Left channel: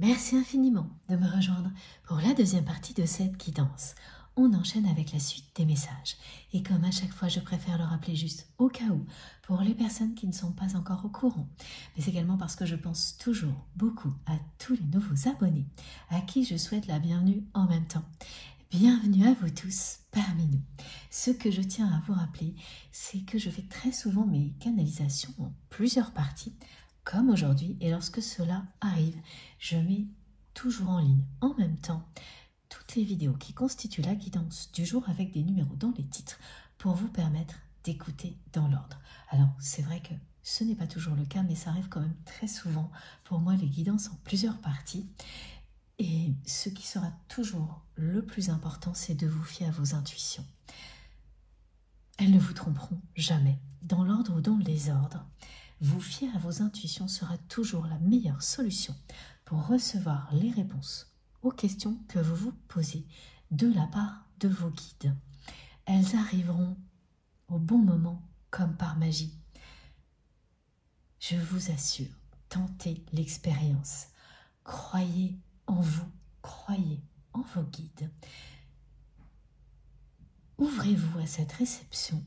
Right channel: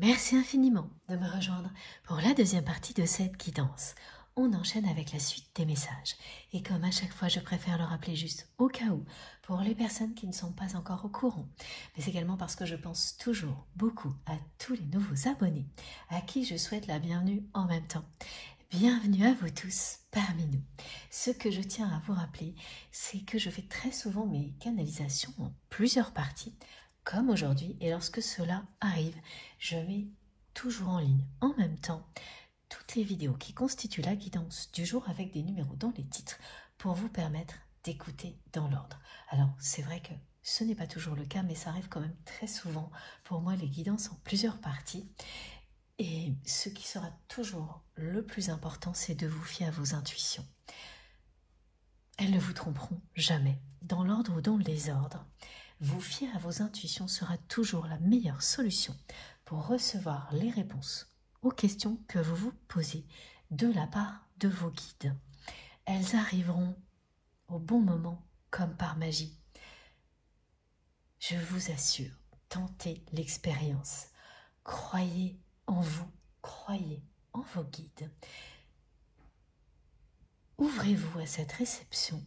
Merci infiniment de me rejoindre pour la deuxième partie de cette guidance. On enchaîne avec la suite des messages. Et comme à chaque fois, je préfère le rappeler juste au cas où, pour les personnes qui ne sont pas encore au courant. Mais également parce que je pense toujours beaucoup à tous les nouveaux abonnés, à qui je souhaite la bienvenue en même temps. Bienvenue à vous tous parmi nous. Ce que je tiens à vous rappeler, c'est que je fais très souvent mes canalisations en plusieurs parties, comme aujourd'hui, et lorsque cela arrive, je mets toujours en ligne en même temps toutes les vidéos qui constituent la guidance du jour avec des numéros dans les titres pour vous permettre d'écouter dans l'ordre. Alors c'est vrai que ce n'est pas toujours le cas, mais ça arrive quand même très souvent pour moi les guidances en plusieurs parties. Et ce qui sera toujours le plus important, c'est de vous fier à vos intuitions. Elles ne vous tromperont jamais, dans l'ordre ou dans le désordre. Vous fier à vos intuitions sera toujours la meilleure solution pour recevoir les réponses aux questions que vous vous posez de la part de vos guides. Elles arriveront au bon moment comme par magie. Je vous assure, tentez l'expérience. Croyez en vous, croyez en vos guides. Ouvrez-vous à cette réception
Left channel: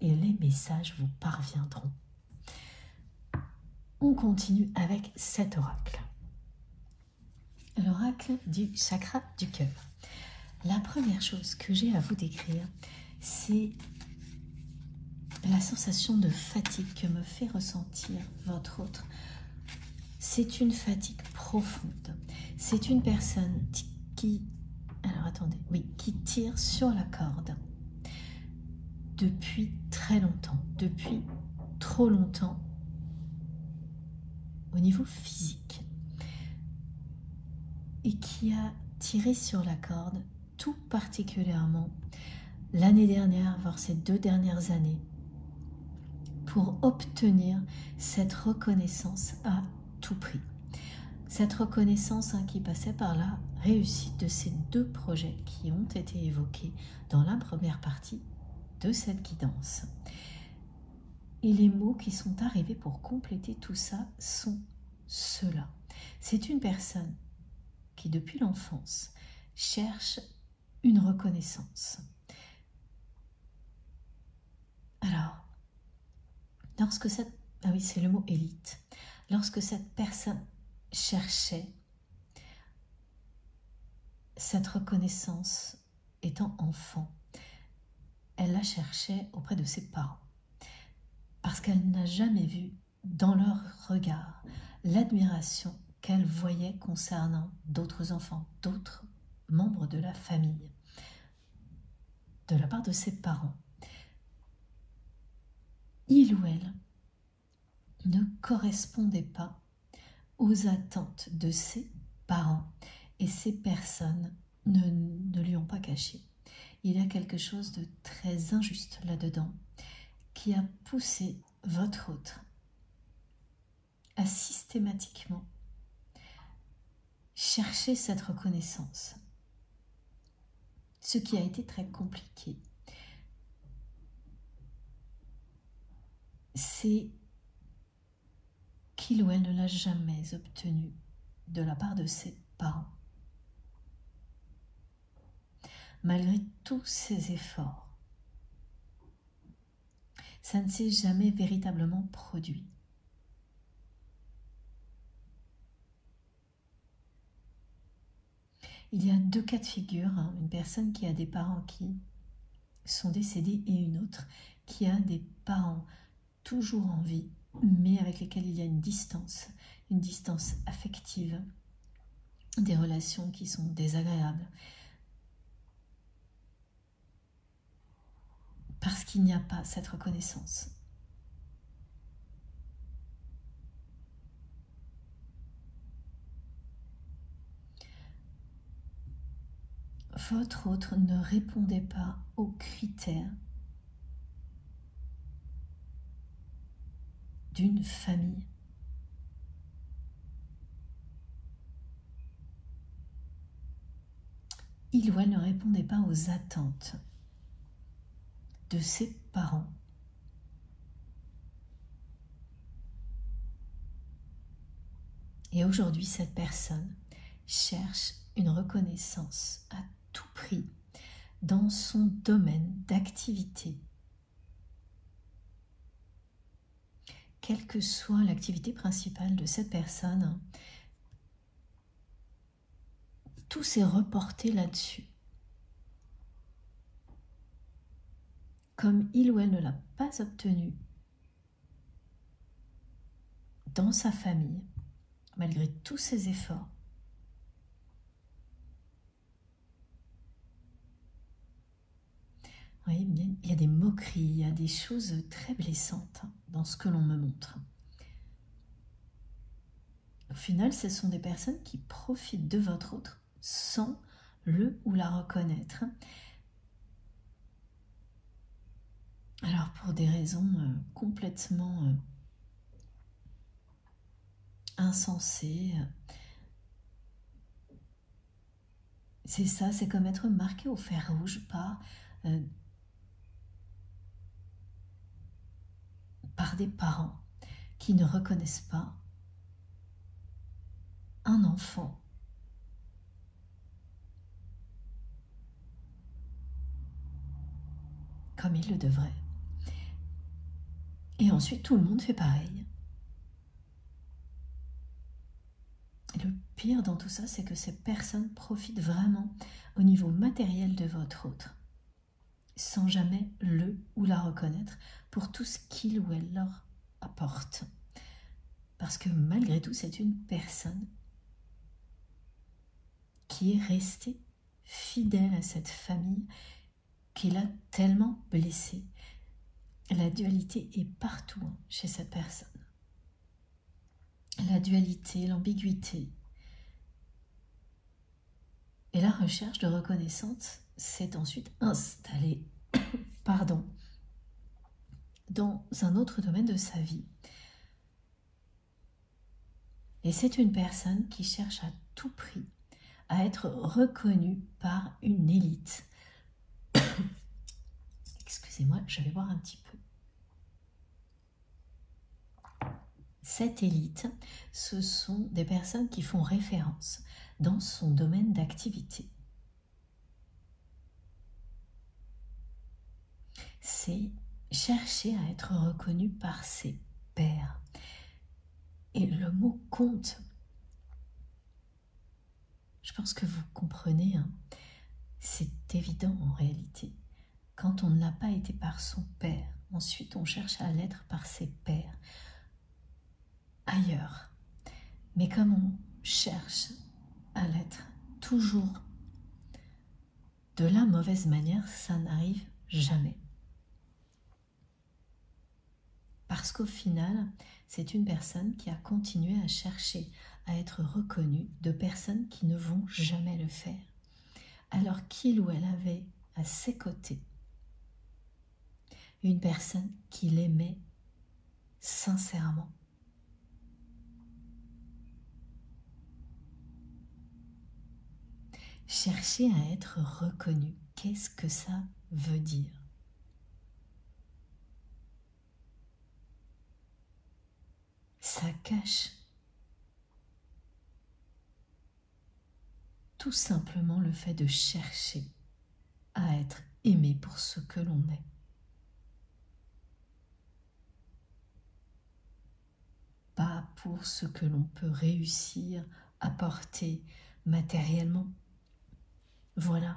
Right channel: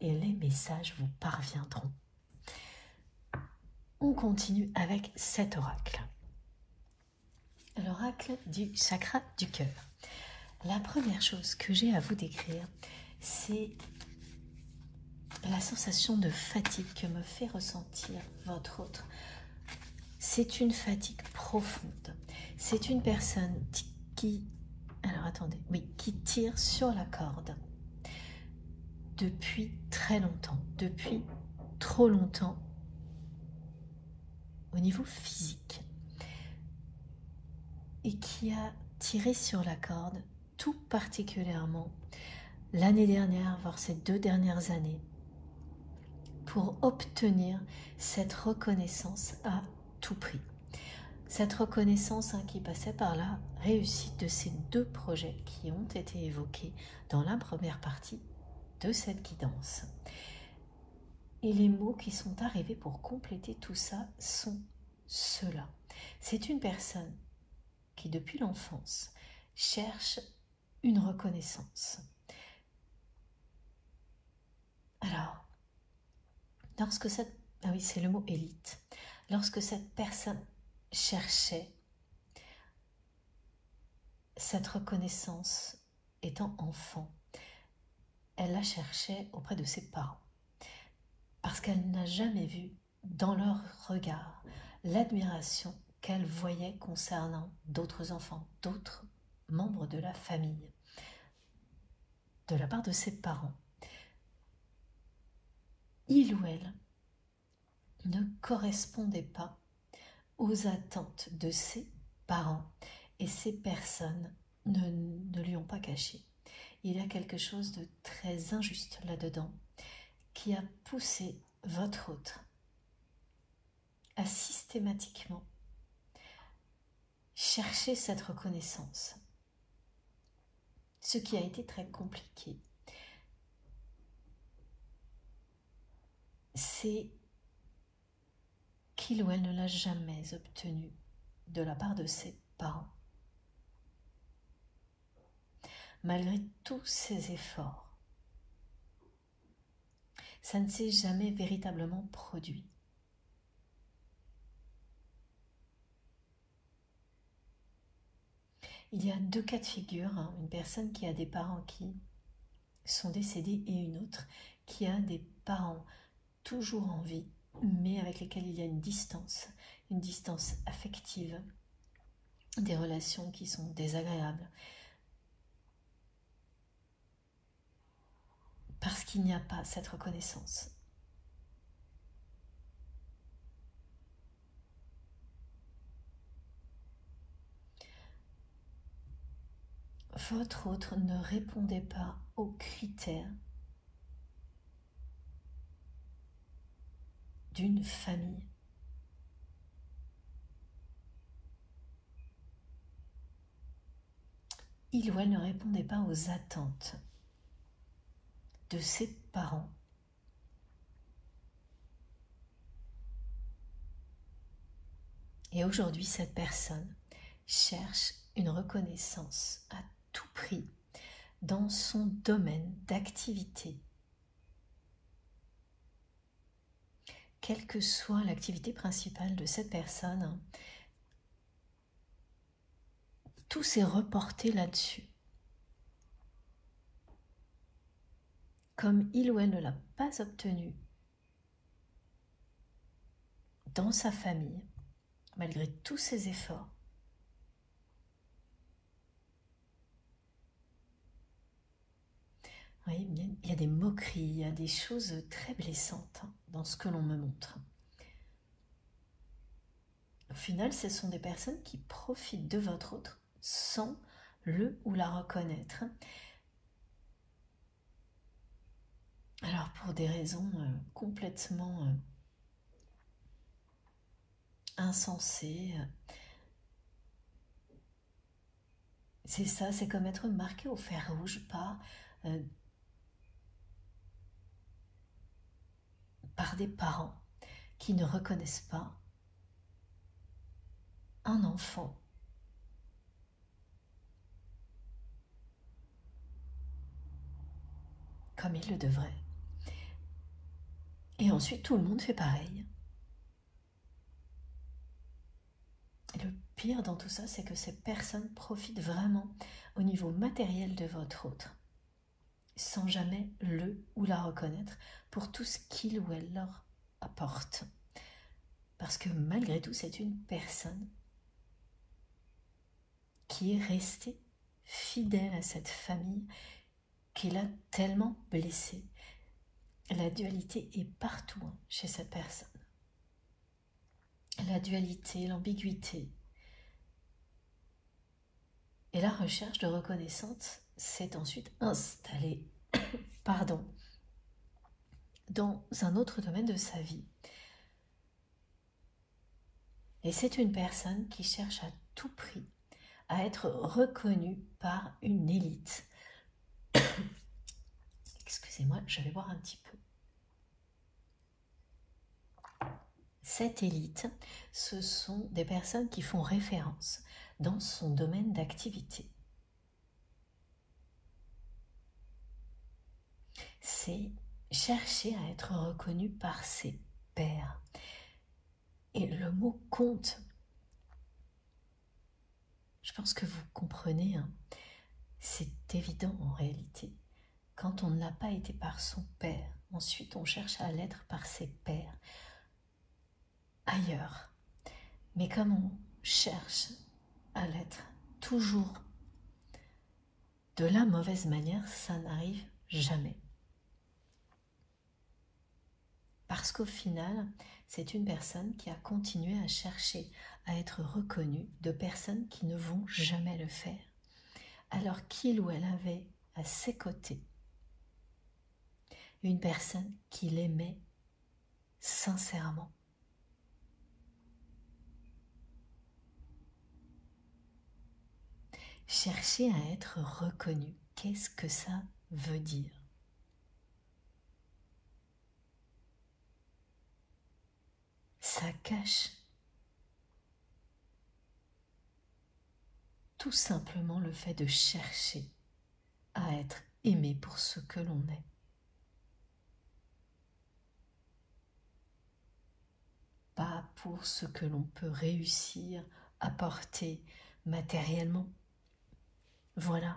et les messages vous parviendront. On continue avec cet oracle. L'oracle du chakra du cœur. La première chose que j'ai à vous décrire, c'est la sensation de fatigue que me fait ressentir votre autre. C'est une fatigue profonde. C'est une personne qui tire sur la corde depuis très longtemps, depuis trop longtemps au niveau physique, et qui a tiré sur la corde tout particulièrement l'année dernière, voire ces 2 dernières années, pour obtenir cette reconnaissance à tout prix. Cette reconnaissance qui passait par la réussite de ces 2 projets qui ont été évoqués dans la première partie de cette guidance. Et les mots qui sont arrivés pour compléter tout ça sont ceux-là. C'est une personne qui, depuis l'enfance, cherche une reconnaissance. Alors, lorsque cette... Ah oui, c'est le mot élite. Lorsque cette personne cherchait cette reconnaissance étant enfant, elle la cherchait auprès de ses parents. Parce qu'elle n'a jamais vu dans leur regard l'admiration qu'elle voyait concernant d'autres enfants, d'autres membres de la famille, de la part de ses parents. Il ou elle ne correspondait pas aux attentes de ses parents, et ces personnes ne lui ont pas caché. Il y a quelque chose de très injuste là-dedans qui a poussé votre autre à systématiquement chercher cette reconnaissance, ce qui a été très compliqué. C'est qu'il ou elle ne l'a jamais obtenu de la part de ses parents. Malgré tous ses efforts, ça ne s'est jamais véritablement produit. Il y a 2 cas de figure, une personne qui a des parents qui sont décédés et une autre qui a des parents toujours en vie, mais avec lesquels il y a une distance affective, des relations qui sont désagréables, parce qu'il n'y a pas cette reconnaissance. Votre autre ne répondait pas aux critères d'une famille. Il ou elle ne répondait pas aux attentes de ses parents. Et aujourd'hui, cette personne cherche une reconnaissance à tout prix dans son domaine d'activité. Quelle que soit l'activité principale de cette personne, tout s'est reporté là-dessus. Comme il ou elle ne l'a pas obtenu dans sa famille, malgré tous ses efforts, oui, il y a des moqueries, il y a des choses très blessantes dans ce que l'on me montre. Au final, ce sont des personnes qui profitent de votre autre sans le ou la reconnaître. Alors pour des raisons complètement insensées, c'est ça, c'est comme être marqué au fer rouge par des parents qui ne reconnaissent pas un enfant comme il le devrait. Et ensuite, tout le monde fait pareil. Et le pire dans tout ça, c'est que ces personnes profitent vraiment au niveau matériel de votre autre, sans jamais le ou la reconnaître pour tout ce qu'il ou elle leur apporte. Parce que malgré tout, c'est une personne qui est restée fidèle à cette famille qui l'a tellement blessée. La dualité est partout chez cette personne. La dualité, l'ambiguïté. Et la recherche de reconnaissance s'est ensuite installée dans un autre domaine de sa vie. Et c'est une personne qui cherche à tout prix à être reconnue par une élite. Excusez-moi, je vais boire un petit peu. Cette élite, ce sont des personnes qui font référence dans son domaine d'activité. C'est chercher à être reconnu par ses pairs. Et le mot compte. Je pense que vous comprenez, hein. C'est évident en réalité. Quand on n'a pas été par son père, ensuite on cherche à l'être par ses pairs ailleurs. Mais comme on cherche à l'être toujours de la mauvaise manière, ça n'arrive jamais. Parce qu'au final, c'est une personne qui a continué à chercher à être reconnue de personnes qui ne vont jamais le faire, alors qu'il ou elle avait à ses côtés une personne qui l'aimait sincèrement. Chercher à être reconnu, qu'est-ce que ça veut dire? Ça cache tout simplement le fait de chercher à être aimé pour ce que l'on est. Pas pour ce que l'on peut réussir à porter matériellement. Voilà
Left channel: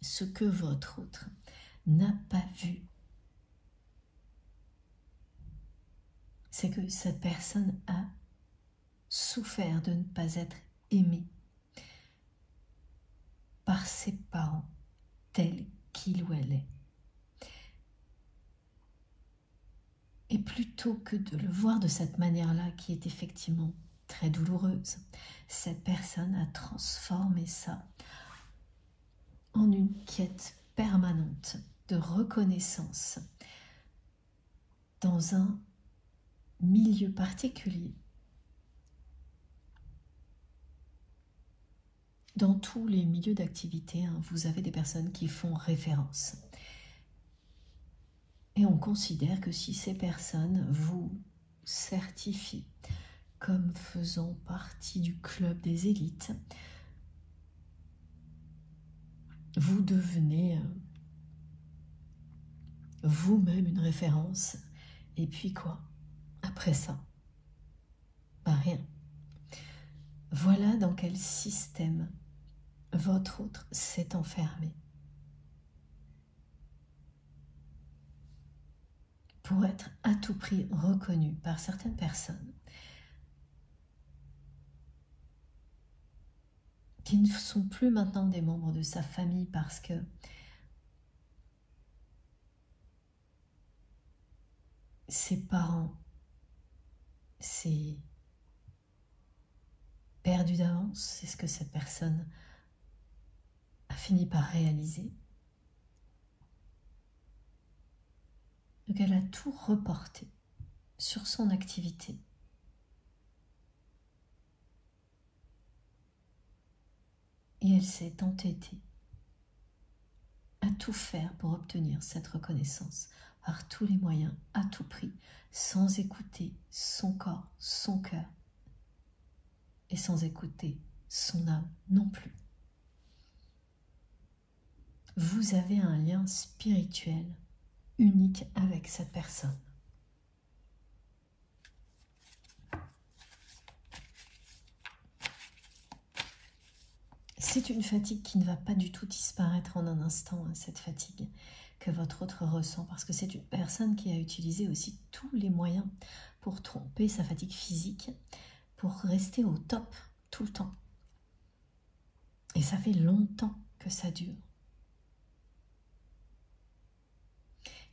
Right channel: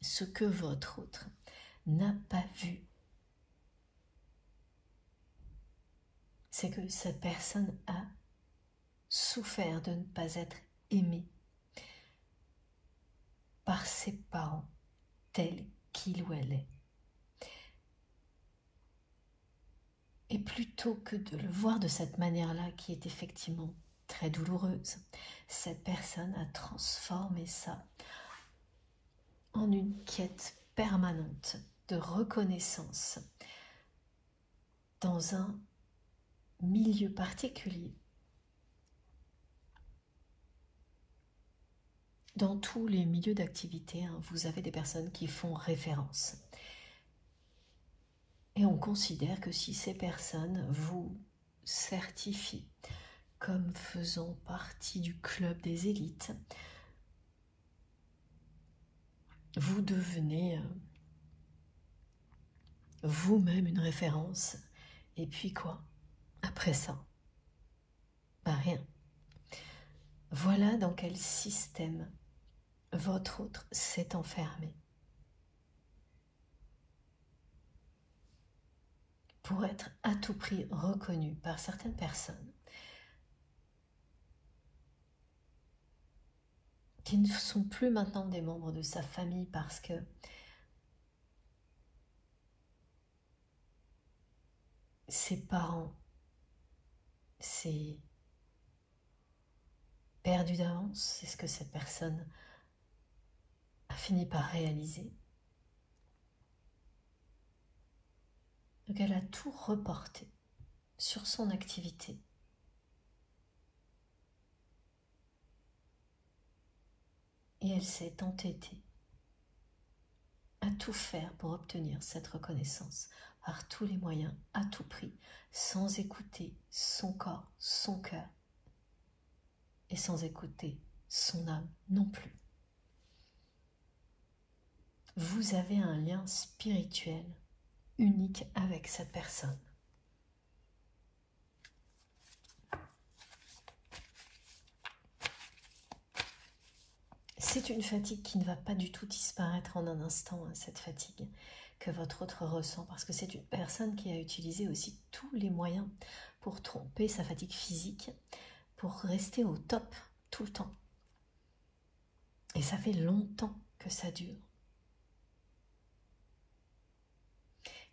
ce que votre autre n'a pas vu. C'est que cette personne a souffert de ne pas être aimée par ses parents tels qu'il ou elle est. Et plutôt que de le voir de cette manière-là, qui est effectivement très douloureuse, cette personne a transformé ça en une quête permanente de reconnaissance dans un milieu particulier. Dans tous les milieux d'activité, hein, vous avez des personnes qui font référence. Et on considère que si ces personnes vous certifient comme faisant partie du club des élites. Vous devenez vous-même une référence. Et puis quoi? Après ça, rien. Voilà dans quel système votre autre s'est enfermé. Pour être à tout prix reconnu par certaines personnes qui ne sont plus maintenant des membres de sa famille parce que ses parents, c'est perdu d'avance, c'est ce que cette personne a fini par réaliser. Donc elle a tout reporté sur son activité. Et elle s'est entêtée à tout faire pour obtenir cette reconnaissance, par tous les moyens, à tout prix, sans écouter son corps, son cœur, et sans écouter son âme non plus. Vous avez un lien spirituel unique avec cette personne. C'est une fatigue qui ne va pas du tout disparaître en un instant, cette fatigue que votre autre ressent, parce que c'est une personne qui a utilisé aussi tous les moyens pour tromper sa fatigue physique, pour rester au top tout le temps. Et ça fait longtemps que ça dure.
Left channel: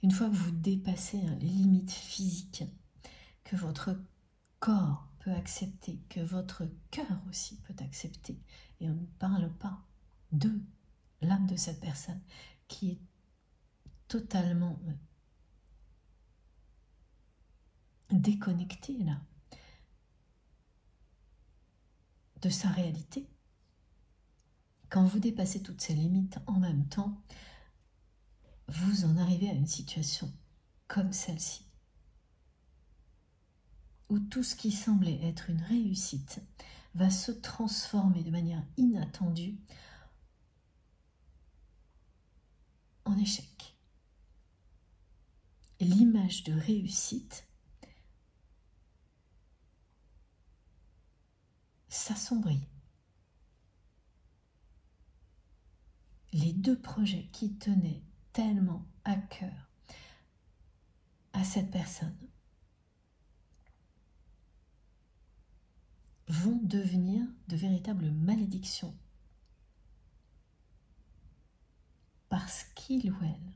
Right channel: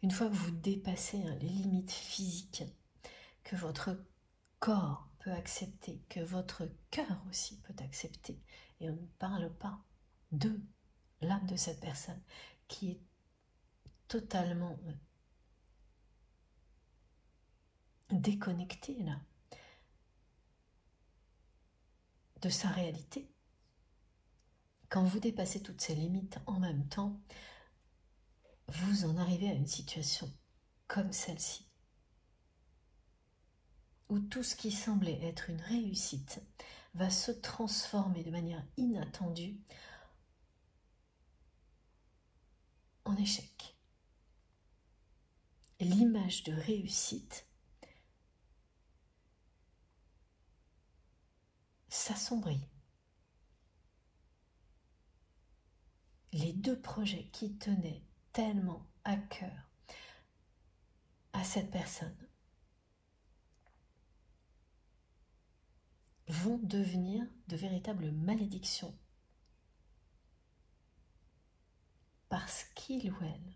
Une fois que vous dépassez les limites physiques que votre corps peut accepter, que votre cœur aussi peut accepter, et on ne parle pas de l'âme de cette personne qui est totalement déconnectée là de sa réalité. Quand vous dépassez toutes ces limites en même temps, vous en arrivez à une situation comme celle-ci, où tout ce qui semblait être une réussite va se transformer de manière inattendue en échec. L'image de réussite s'assombrit. Les deux projets qui tenaient tellement à cœur à cette personne vont devenir de véritables malédictions parce qu'il ou elle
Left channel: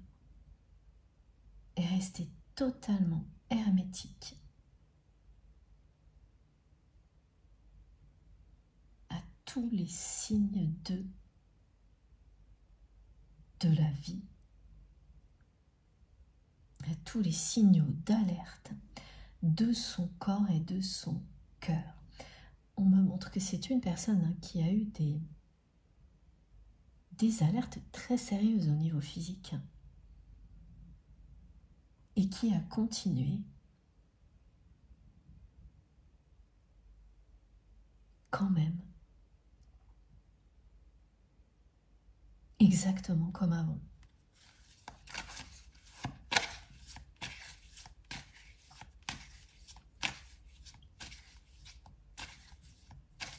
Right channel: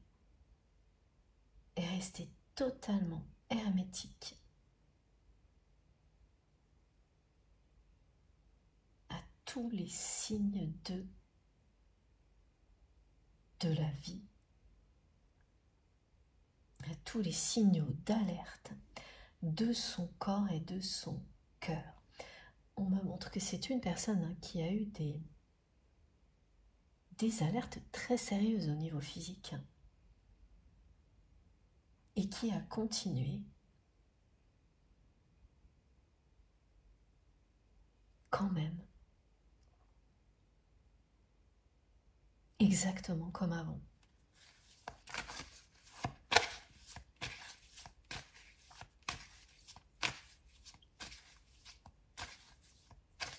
est resté totalement hermétique à tous les signes de la vie, à tous les signaux d'alerte de son corps et de son cœur. On me montre que c'est une personne qui a eu des alertes très sérieuses au niveau physique et qui a continué quand même exactement comme avant.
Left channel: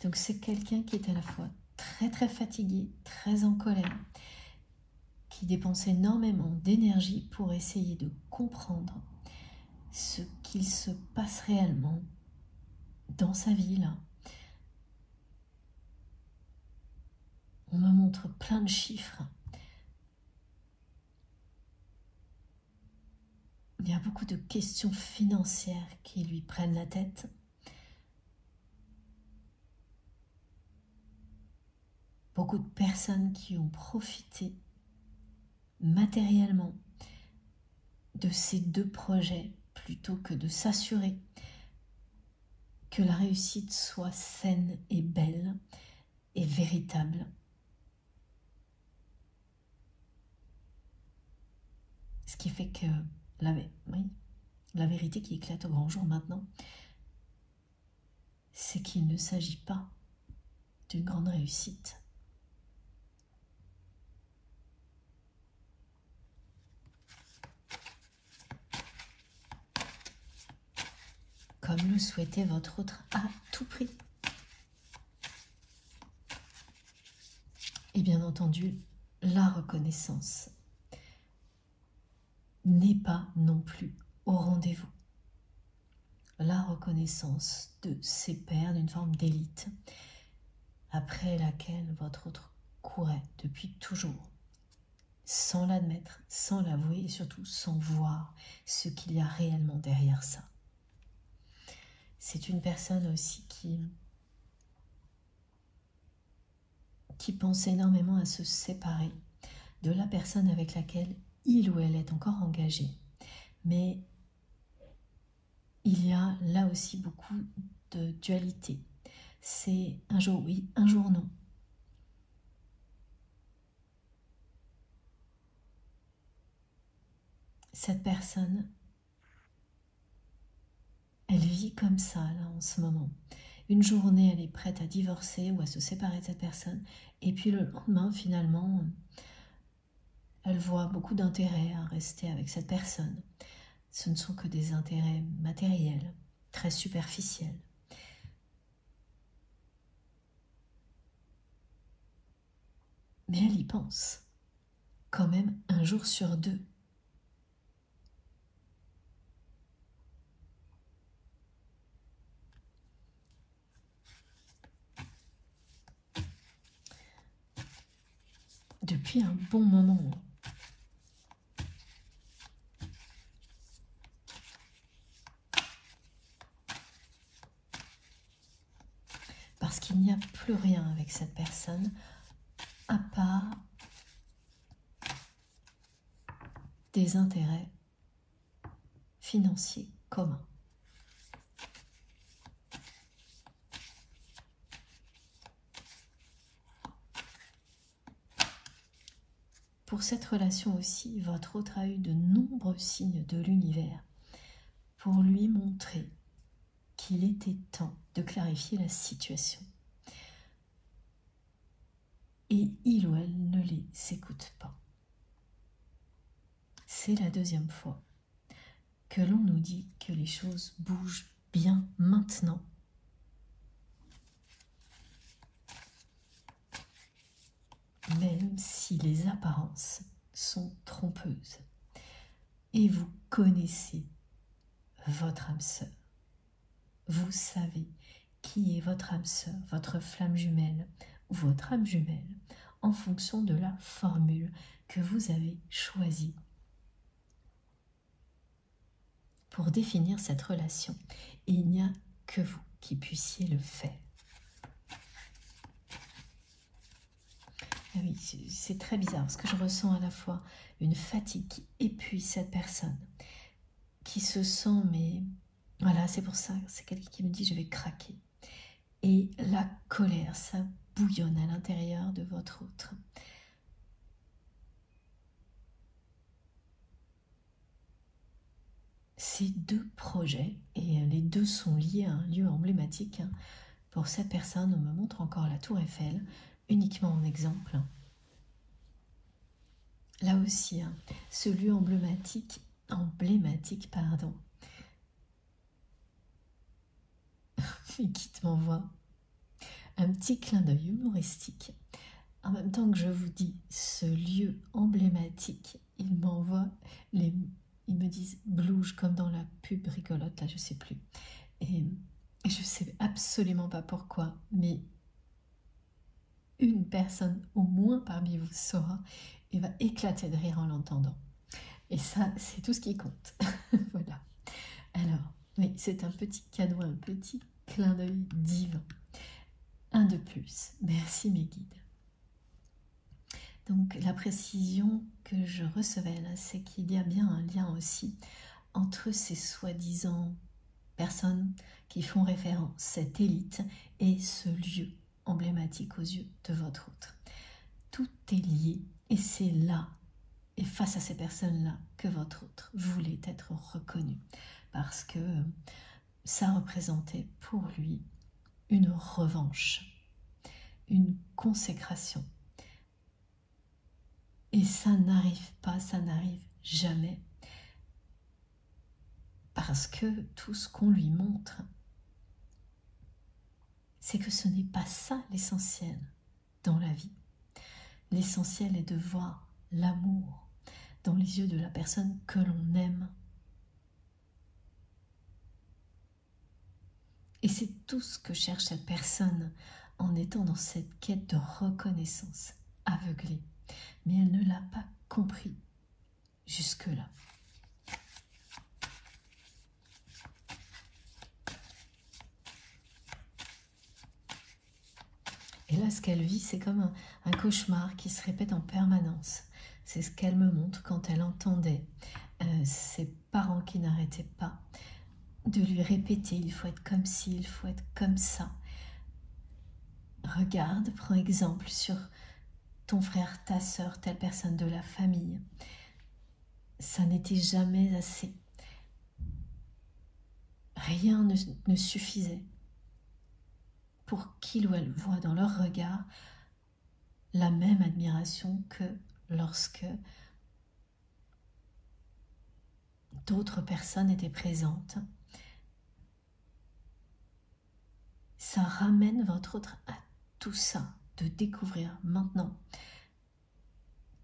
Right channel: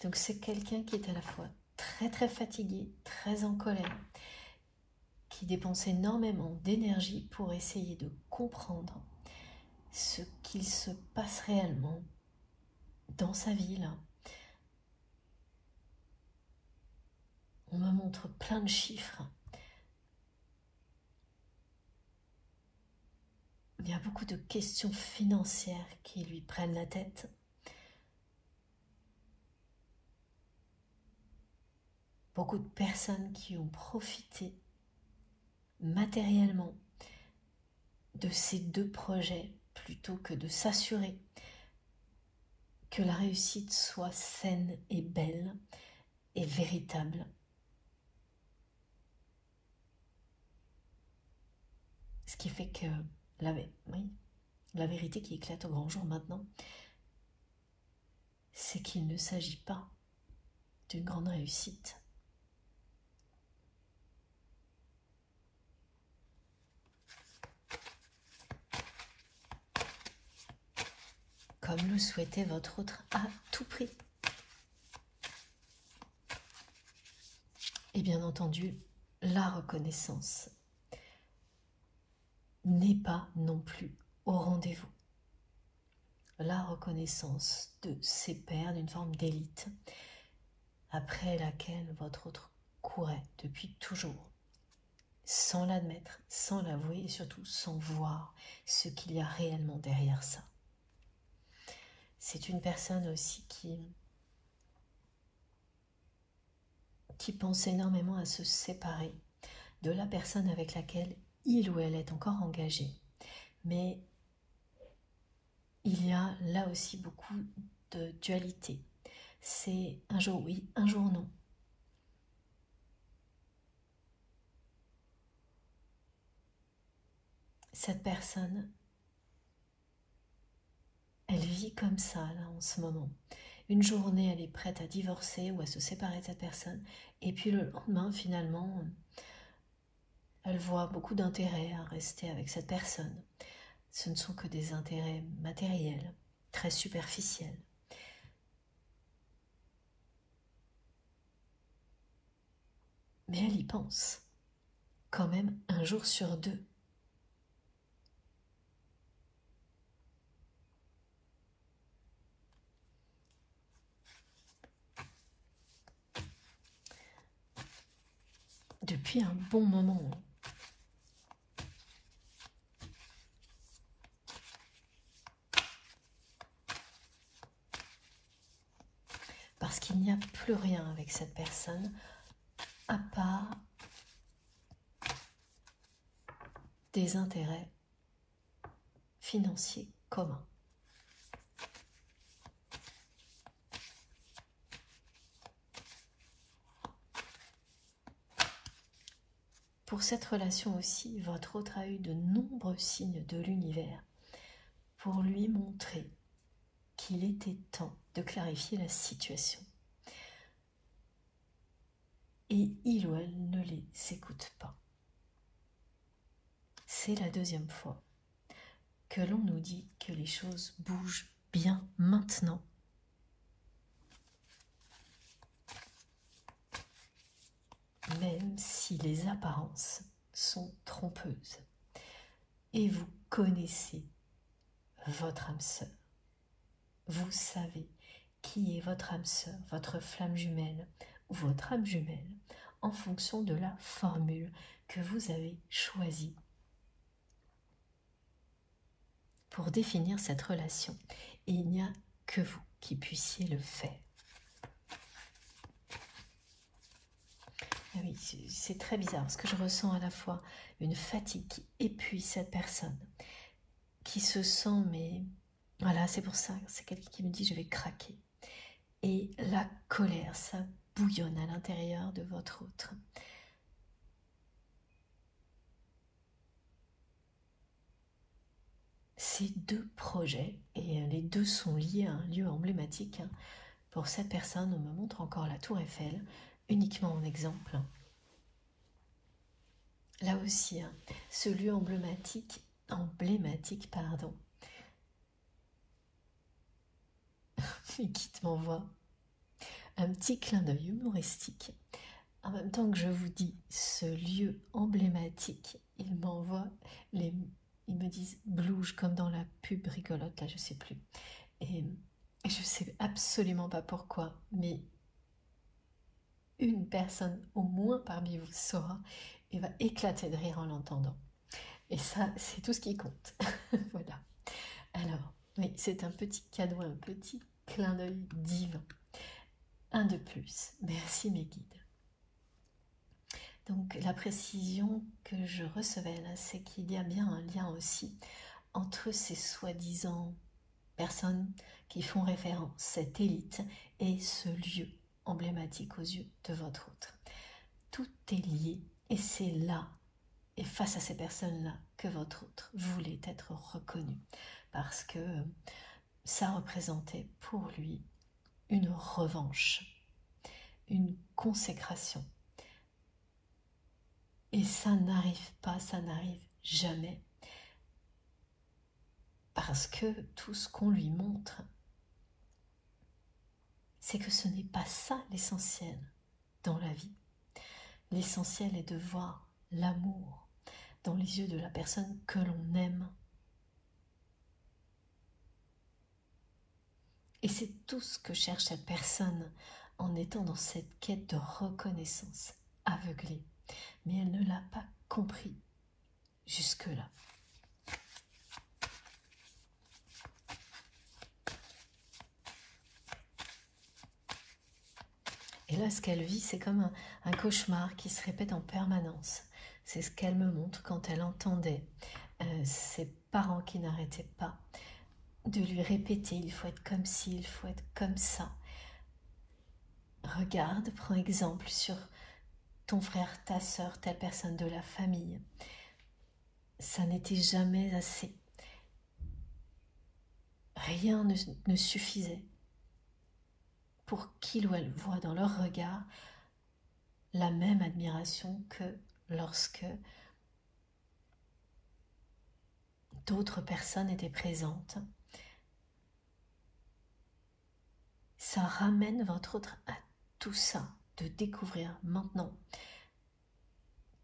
Donc c'est quelqu'un qui est à la fois très très fatigué, très en colère, qui dépense énormément d'énergie pour essayer de comprendre ce qu'il se passe réellement dans sa vie là. On me montre plein de chiffres. Il y a beaucoup de questions financières qui lui prennent la tête. Beaucoup de personnes qui ont profité matériellement de ces deux projets plutôt que de s'assurer que la réussite soit saine et belle et véritable. Ce qui fait que la vérité qui éclate au grand jour maintenant, c'est qu'il ne s'agit pas d'une grande réussite. Comme le souhaitait votre autre à tout prix. Et bien entendu, la reconnaissance n'est pas non plus au rendez-vous. La reconnaissance de ses pairs d'une forme d'élite, après laquelle votre autre courait depuis toujours, sans l'admettre, sans l'avouer et surtout sans voir ce qu'il y a réellement derrière ça. C'est une personne aussi qui pense énormément à se séparer de la personne avec laquelle il ou elle est encore engagé. Mais il y a là aussi beaucoup de dualité. C'est un jour oui, un jour non. Cette personne, elle vit comme ça là en ce moment. Une journée, elle est prête à divorcer ou à se séparer de cette personne. Et puis le lendemain, finalement, elle voit beaucoup d'intérêt à rester avec cette personne. Ce ne sont que des intérêts matériels, très superficiels. Mais elle y pense, quand même un jour sur deux. Depuis un bon moment. Parce qu'il n'y a plus rien avec cette personne, à part des intérêts financiers communs. Pour cette relation aussi, votre autre a eu de nombreux signes de l'univers pour lui montrer qu'il était temps de clarifier la situation. Et il ou elle ne les écoute pas. C'est la deuxième fois que l'on nous dit que les choses bougent bien maintenant. Même si les apparences sont trompeuses. Et vous connaissez votre âme sœur. Vous savez qui est votre âme sœur, votre flamme jumelle ou votre âme jumelle en fonction de la formule que vous avez choisie pour définir cette relation. Et il n'y a que vous qui puissiez le faire. Oui, c'est très bizarre parce que je ressens à la fois une fatigue qui épuise cette personne, qui se sent, mais voilà, c'est pour ça, c'est quelqu'un qui me dit je vais craquer. Et la colère, ça bouillonne à l'intérieur de votre autre. Ces deux projets, et les deux sont liés à un lieu emblématique, pour cette personne, on me montre encore la Tour Eiffel, uniquement en exemple. Là aussi, ce lieu emblématique, et qui m'envoie un petit clin d'œil humoristique. En même temps que je vous dis ce lieu emblématique, il m'envoie ils me disent blouge comme dans la pub rigolote, là je sais plus. Et je sais absolument pas pourquoi, mais une personne au moins parmi vous saura et va éclater de rire en l'entendant. Et ça, c'est tout ce qui compte. Voilà. Alors, oui, c'est un petit cadeau, un petit clin d'œil divin. Un de plus. Merci mes guides. Donc, la précision que je recevais là, c'est qu'il y a bien un lien aussi entre ces soi-disant personnes qui font référence, cette élite, et ce lieu emblématique aux yeux de votre autre. Tout est lié et c'est là, et face à ces personnes-là, que votre autre voulait être reconnu. Parce que ça représentait pour lui une revanche, une consécration. Et ça n'arrive pas, ça n'arrive jamais. Parce que tout ce qu'on lui montre, c'est que ce n'est pas ça l'essentiel dans la vie. L'essentiel est de voir l'amour dans les yeux de la personne que l'on aime. Et c'est tout ce que cherche cette personne en étant dans cette quête de reconnaissance aveuglée. Mais elle ne l'a pas compris jusque-là. Et là, ce qu'elle vit, c'est comme un cauchemar qui se répète en permanence. C'est ce qu'elle me montre quand elle entendait ses parents qui n'arrêtaient pas de lui répéter « il faut être comme ci, il faut être comme ça ». Regarde, prends exemple sur ton frère, ta sœur, telle personne de la famille. Ça n'était jamais assez. Rien ne suffisait pour qu'il ou elle voit dans leur regard la même admiration que lorsque d'autres personnes étaient présentes. Ça ramène votre autre à tout ça, de découvrir maintenant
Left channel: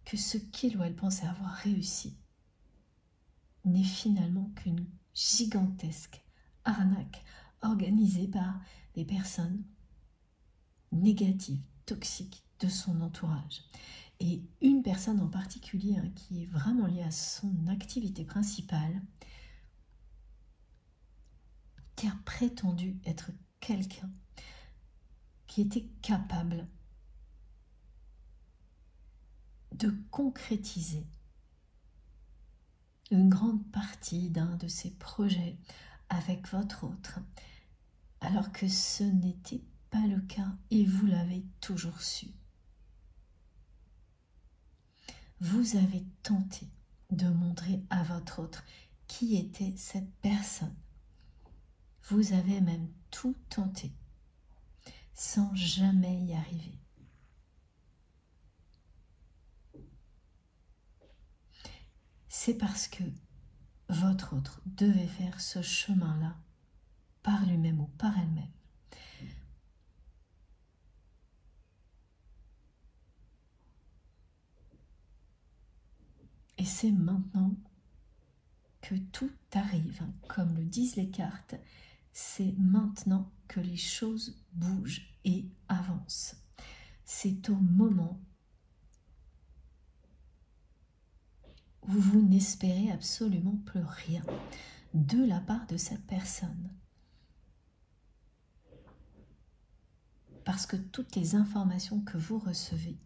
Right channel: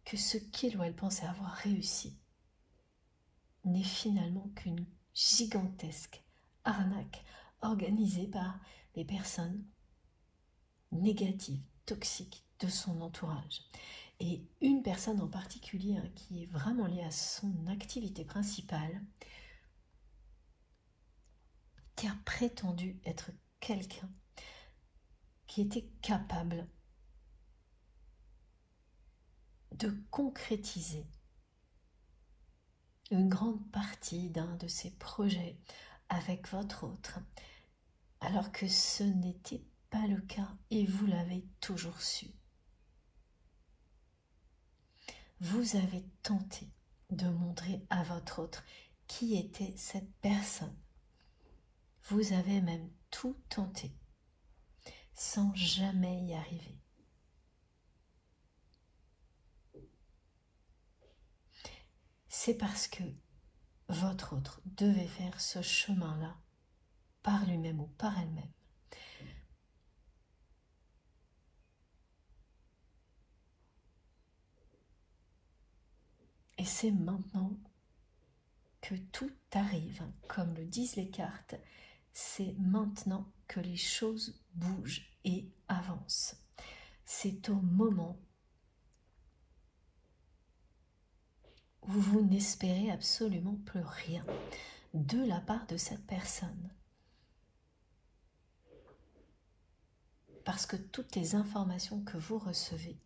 que ce qu'il ou elle pensait avoir réussi n'est finalement qu'une gigantesque arnaque organisée par des personnes négatives, toxiques de son entourage. Et une personne en particulier qui est vraiment liée à son activité principale, qui a prétendu être quelqu'un qui était capable de concrétiser une grande partie d'un de ses projets avec votre autre, alors que ce n'était pas le cas et vous l'avez toujours su. Vous avez tenté de montrer à votre autre qui était cette personne. Vous avez même tout tenté, sans jamais y arriver. C'est parce que votre autre devait faire ce chemin-là par lui-même ou par elle-même. Et c'est maintenant que tout arrive, comme le disent les cartes, c'est maintenant que les choses bougent et avancent. C'est au moment où vous n'espérez absolument plus rien de la part de cette personne. Parce que toutes les informations que vous recevez,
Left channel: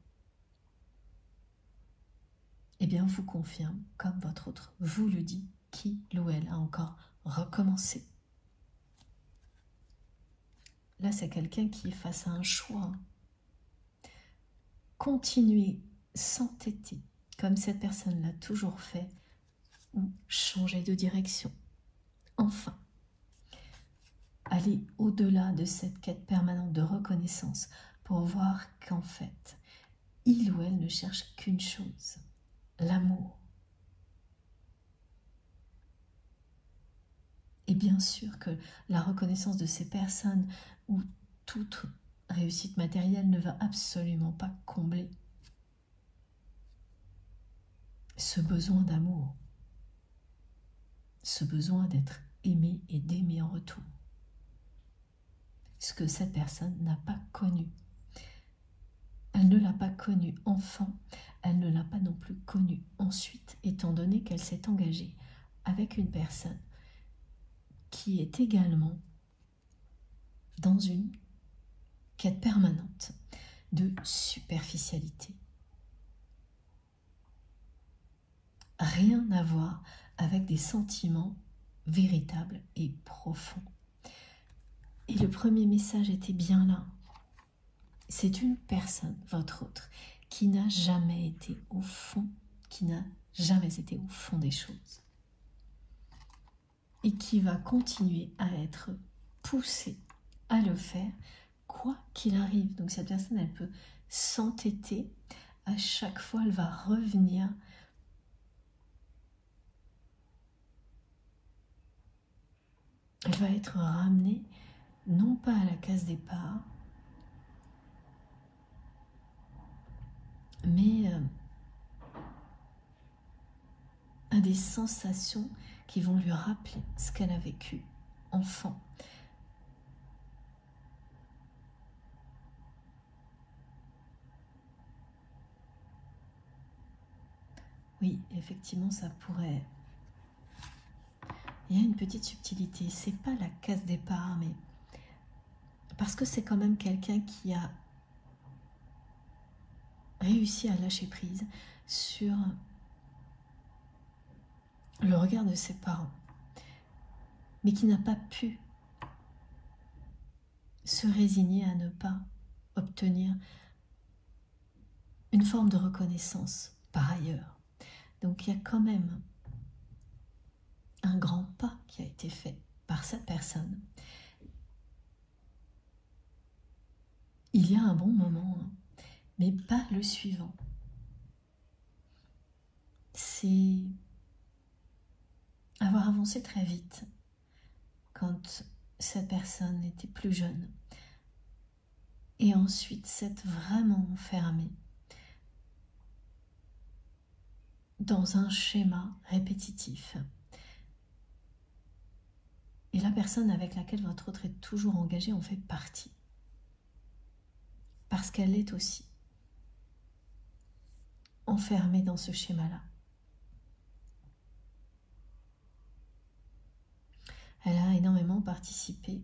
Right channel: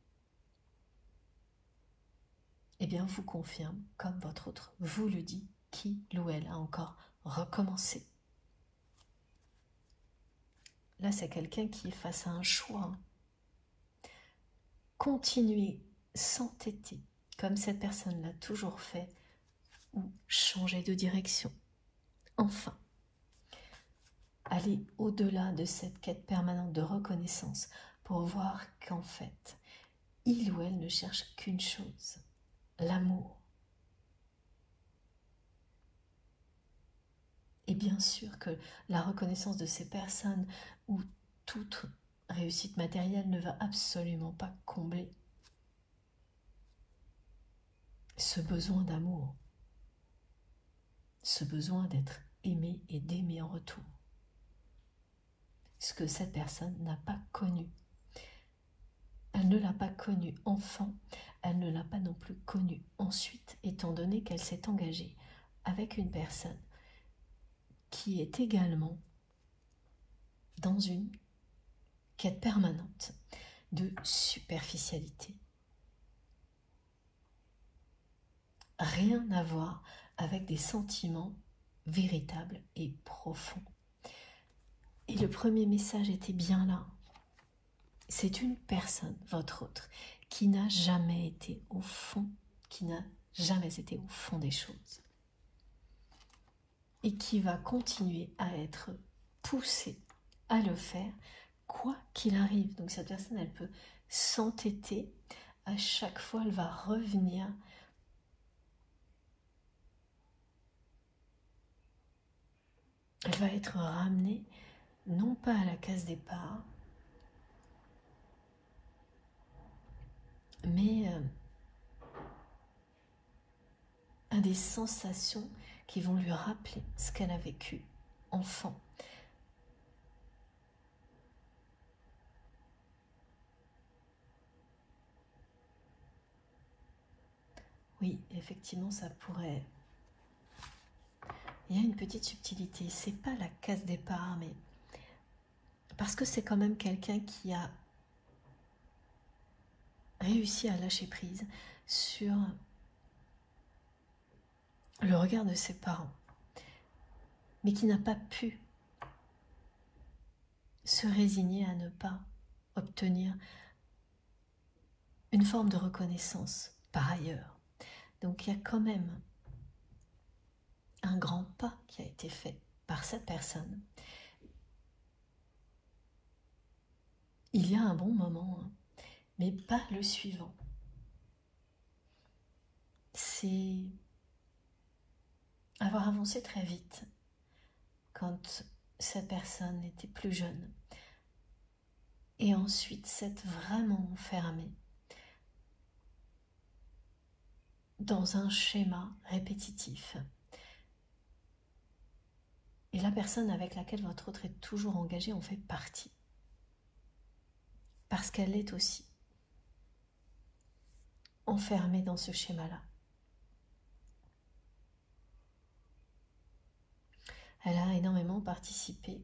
eh bien, vous confirment, comme votre autre vous le dit, qu'il ou elle a encore recommencé. Là, c'est quelqu'un qui est face à un choix. Continuer, s'entêter, comme cette personne l'a toujours fait, ou changer de direction. Enfin, aller au-delà de cette quête permanente de reconnaissance pour voir qu'en fait, il ou elle ne cherche qu'une chose, l'amour. Et bien sûr que la reconnaissance de ces personnes ou toute réussite matérielle ne va absolument pas combler ce besoin d'amour, ce besoin d'être aimé et d'aimer en retour. Ce que cette personne n'a pas connu. Elle ne l'a pas connu enfant, elle ne l'a pas non plus connu ensuite, étant donné qu'elle s'est engagée avec une personne qui est également dans une quête permanente de superficialité. Rien à voir avec des sentiments véritables et profonds. Et le premier message était bien là. C'est une personne, votre autre, qui n'a jamais été au fond, des choses. Et qui va continuer à être poussée à le faire, quoi qu'il arrive. Donc cette personne, elle peut s'entêter. À chaque fois, elle va revenir. Elle va être ramenée, non pas à la case départ, mais à des sensations qui vont lui rappeler ce qu'elle a vécu enfant. Oui, effectivement, ça pourrait... Il y a une petite subtilité, c'est pas la case départ, mais parce que c'est quand même quelqu'un qui a réussi à lâcher prise sur le regard de ses parents, mais qui n'a pas pu se résigner à ne pas obtenir une forme de reconnaissance par ailleurs. Donc il y a quand même un grand pas qui a été fait par cette personne. Il y a un bon moment, mais pas le suivant. C'est avoir avancé très vite quand cette personne était plus jeune. Et ensuite s'être vraiment enfermé dans un schéma répétitif. Et la personne avec laquelle votre autre est toujours engagé en fait partie. Parce qu'elle est aussi enfermée dans ce schéma-là. Elle a énormément participé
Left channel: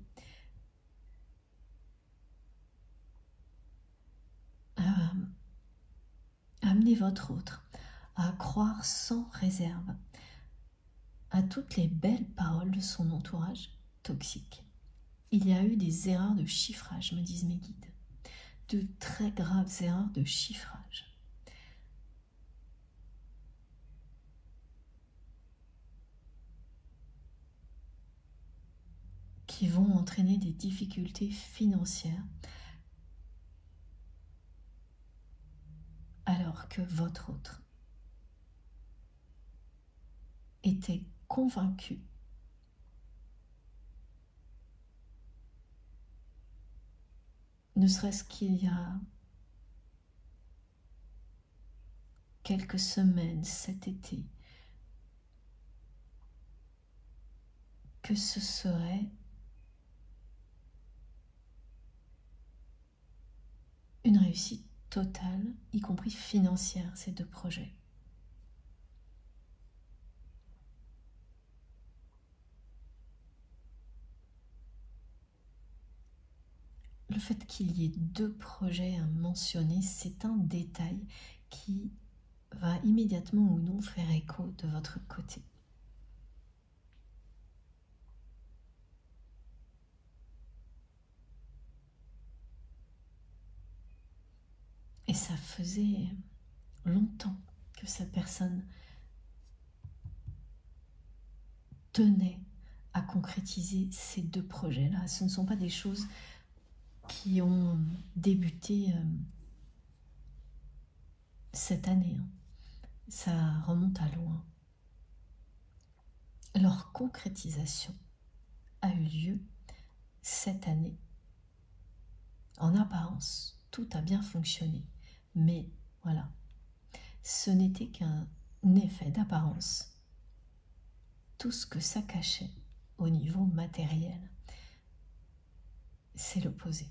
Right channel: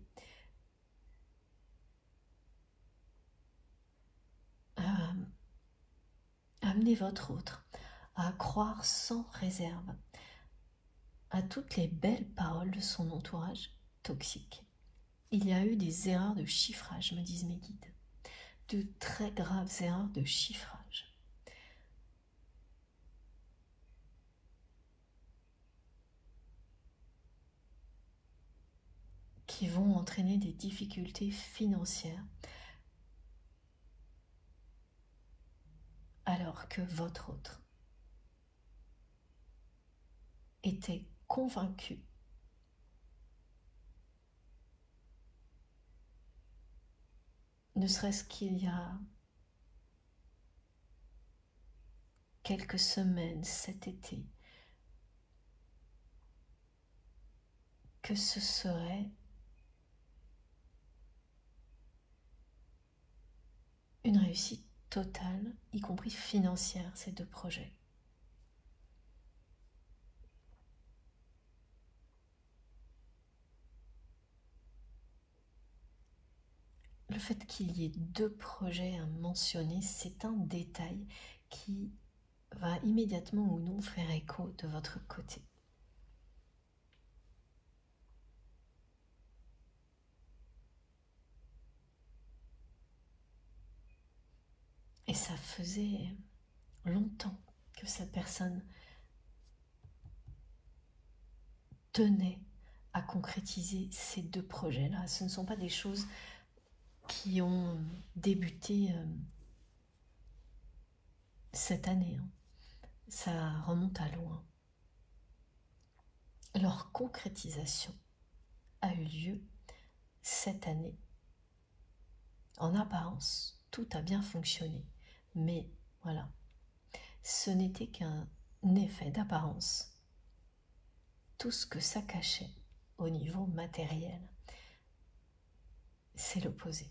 à amener votre autre à croire sans réserve à toutes les belles paroles de son entourage toxique. Il y a eu des erreurs de chiffrage, me disent mes guides. De très graves erreurs de chiffrage. Qui vont entraîner des difficultés financières alors que votre autre était convaincu ne serait-ce qu'il y a quelques semaines cet été que ce serait une réussite totale, y compris financière, ces deux projets. Le fait qu'il y ait deux projets à mentionner, c'est un détail qui va immédiatement ou non faire écho de votre côté. Et ça faisait longtemps que cette personne tenait à concrétiser ces deux projets-là. Ce ne sont pas des choses qui ont débuté cette année. Ça remonte à loin. Leur concrétisation a eu lieu cette année. En apparence, tout a bien fonctionné. Mais voilà, ce n'était qu'un effet d'apparence. Tout ce que ça cachait au niveau matériel, c'est l'opposé.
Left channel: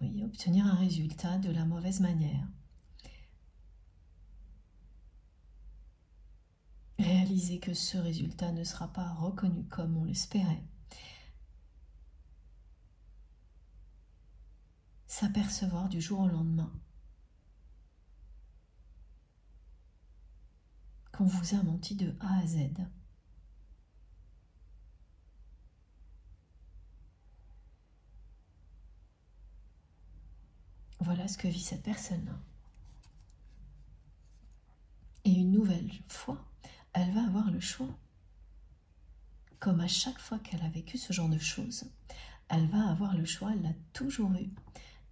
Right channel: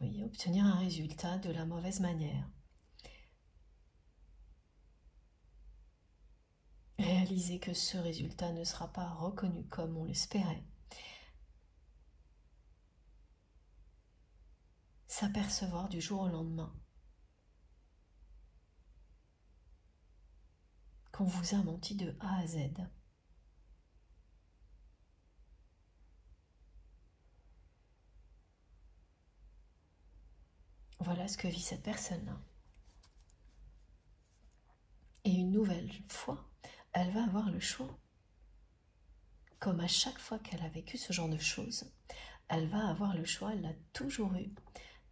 Oui, obtenir un résultat de la mauvaise manière. Réaliser que ce résultat ne sera pas reconnu comme on l'espérait. S'apercevoir du jour au lendemain qu'on vous a menti de A à Z. Voilà ce que vit cette personne-là. Et une nouvelle fois, elle va avoir le choix comme à chaque fois qu'elle a vécu ce genre de choses, elle va avoir le choix, elle l'a toujours eu,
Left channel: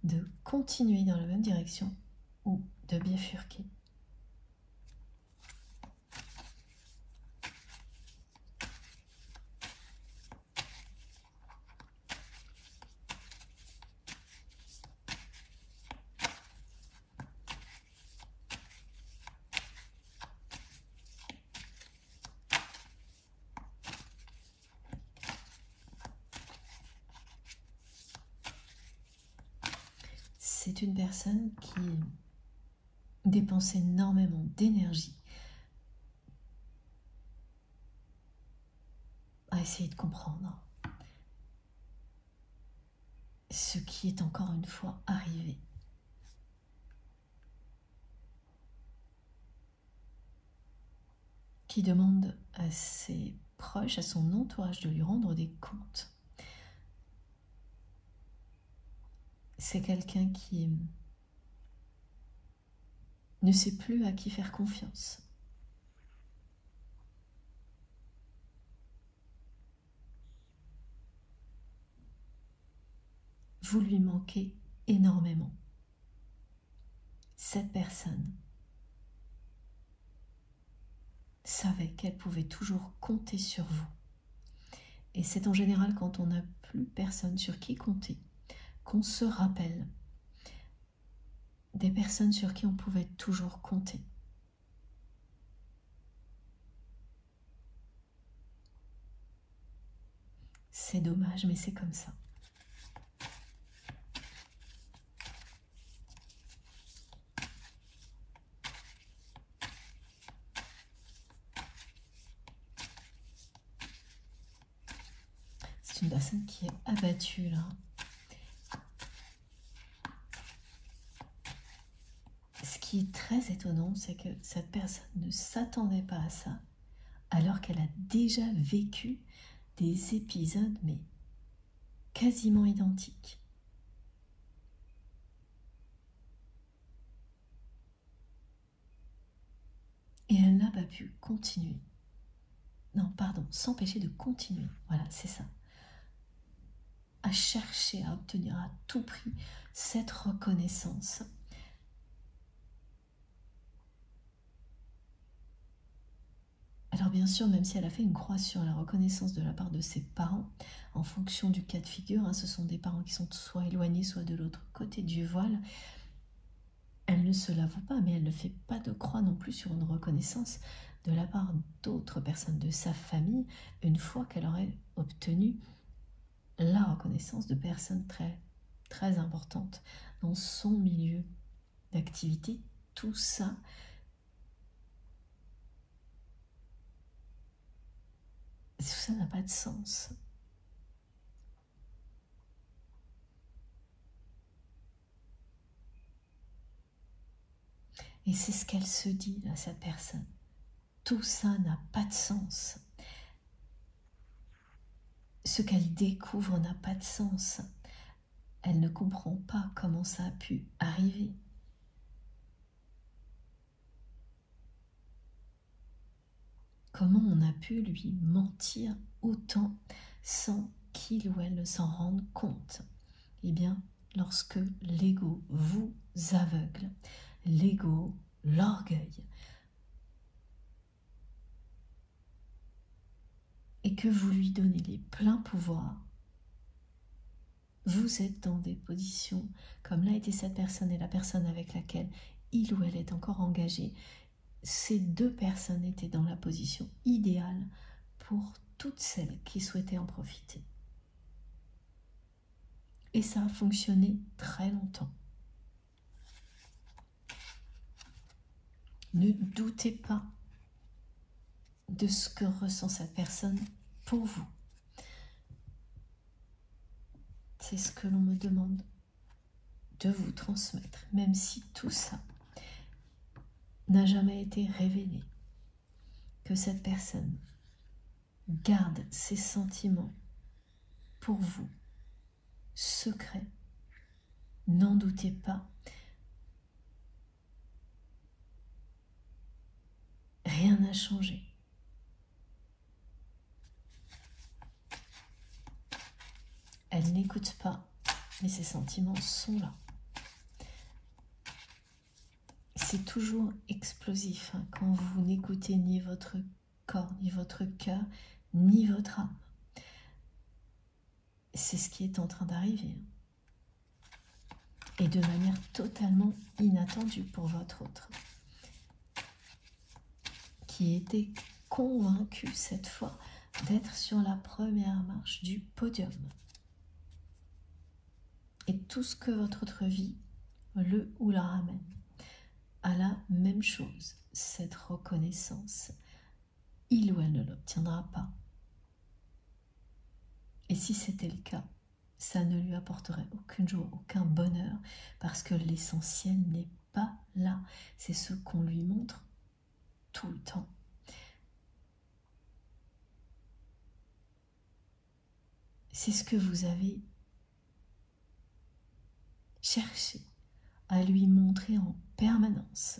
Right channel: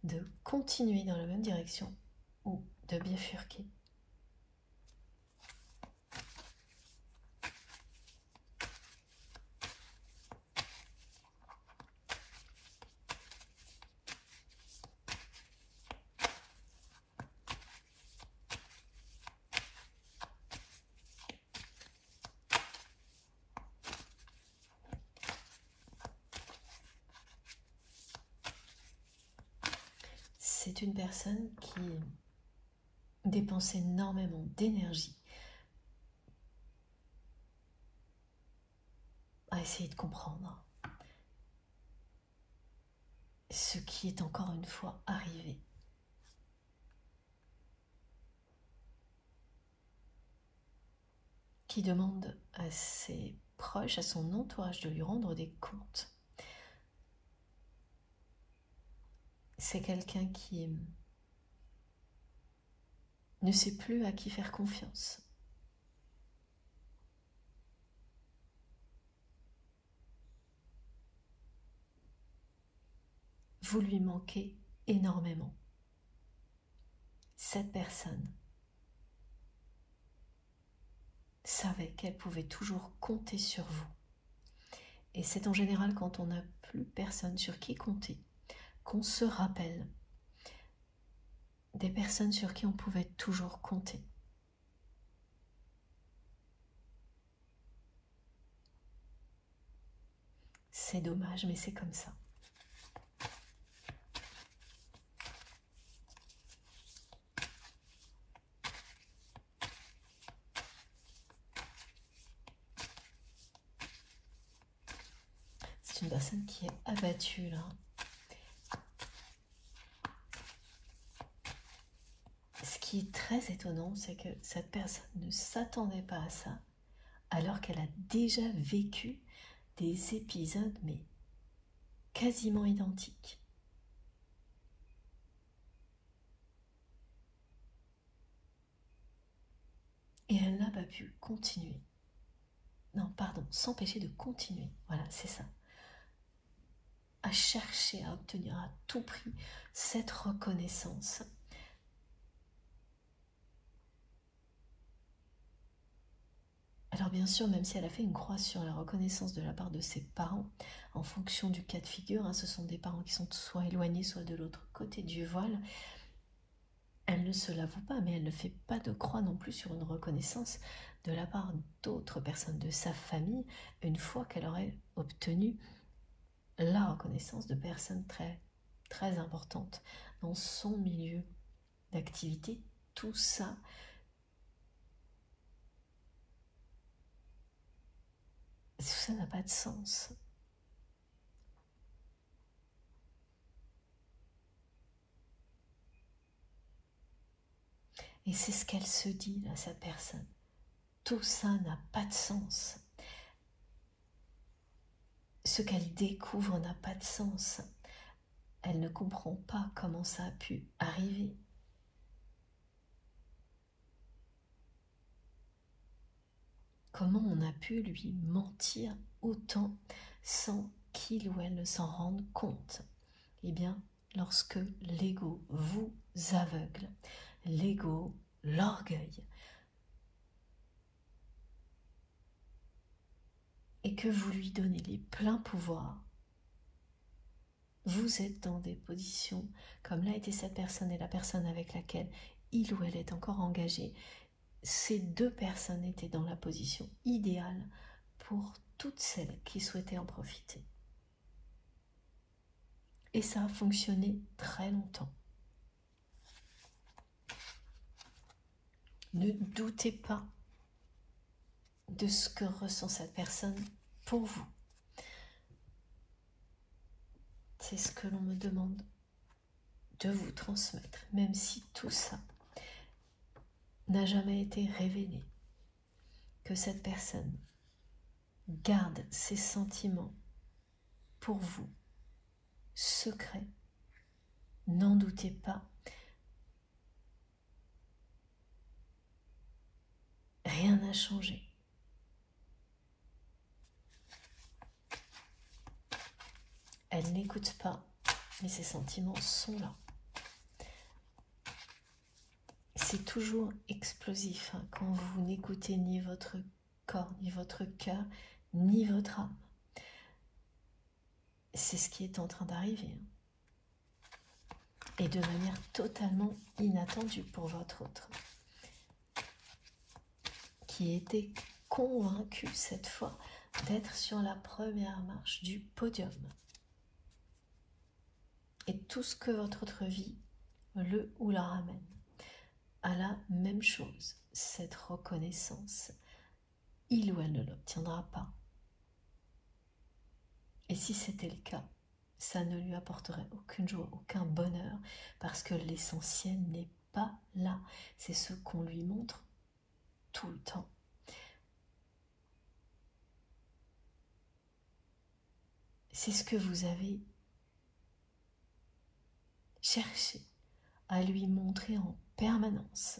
de continuer dans la même direction ou de bifurquer. C'est une personne qui dépense énormément d'énergie à essayer de comprendre ce qui est encore une fois arrivé. Qui demande à ses proches, à son entourage de lui rendre des comptes. C'est quelqu'un qui ne sait plus à qui faire confiance. Vous lui manquez énormément. Cette personne savait qu'elle pouvait toujours compter sur vous. Et c'est en général quand on n'a plus personne sur qui compter qu'on se rappelle des personnes sur qui on pouvait toujours compter. C'est dommage, mais c'est comme ça. C'est une personne qui est abattue là. Ce qui est très étonnant, c'est que cette personne ne s'attendait pas à ça, alors qu'elle a déjà vécu des épisodes, mais quasiment identiques. Et elle n'a pas pu continuer. Non, pardon, s'empêcher de continuer. Voilà, c'est ça. À chercher à obtenir à tout prix cette reconnaissance. Alors bien sûr, même si elle a fait une croix sur la reconnaissance de la part de ses parents, en fonction du cas de figure, hein, ce sont des parents qui sont soit éloignés, soit de l'autre côté du voile, elle ne se l'avoue pas, mais elle ne fait pas de croix non plus sur une reconnaissance de la part d'autres personnes de sa famille, une fois qu'elle aurait obtenu la reconnaissance de personnes très, très importantes dans son milieu d'activité. Tout ça n'a pas de sens. Et c'est ce qu'elle se dit, là, cette personne. Tout ça n'a pas de sens. Ce qu'elle découvre n'a pas de sens. Elle ne comprend pas comment ça a pu arriver. Comment on a pu lui mentir autant sans qu'il ou elle ne s'en rende compte? Eh bien, lorsque l'ego vous aveugle, l'ego, l'orgueil, et que vous lui donnez les pleins pouvoirs, vous êtes dans des positions, comme l'a été cette personne et la personne avec laquelle il ou elle est encore engagé. Ces deux personnes étaient dans la position idéale pour toutes celles qui souhaitaient en profiter. Et ça a fonctionné très longtemps. Ne doutez pas de ce que ressent cette personne pour vous. C'est ce que l'on me demande de vous transmettre, même si tout ça n'a jamais été révélé, que cette personne garde ses sentiments pour vous, secrets. N'en doutez pas. Rien n'a changé. elle n'écoute pas, mais ses sentiments sont là. C'est toujours explosif hein, quand vous n'écoutez ni votre corps, ni votre cœur, ni votre âme. C'est ce qui est en train d'arriver. Et de manière totalement inattendue pour votre autre. Qui était convaincu cette fois d'être sur la première marche du podium. Et tout ce que votre autre vie le ou la ramène à la même chose, cette reconnaissance. Il ou elle ne l'obtiendra pas. Et si c'était le cas, ça ne lui apporterait aucune joie, aucun bonheur, parce que l'essentiel n'est pas là. C'est ce qu'on lui montre tout le temps. C'est ce que vous avez cherché à lui montrer en permanence,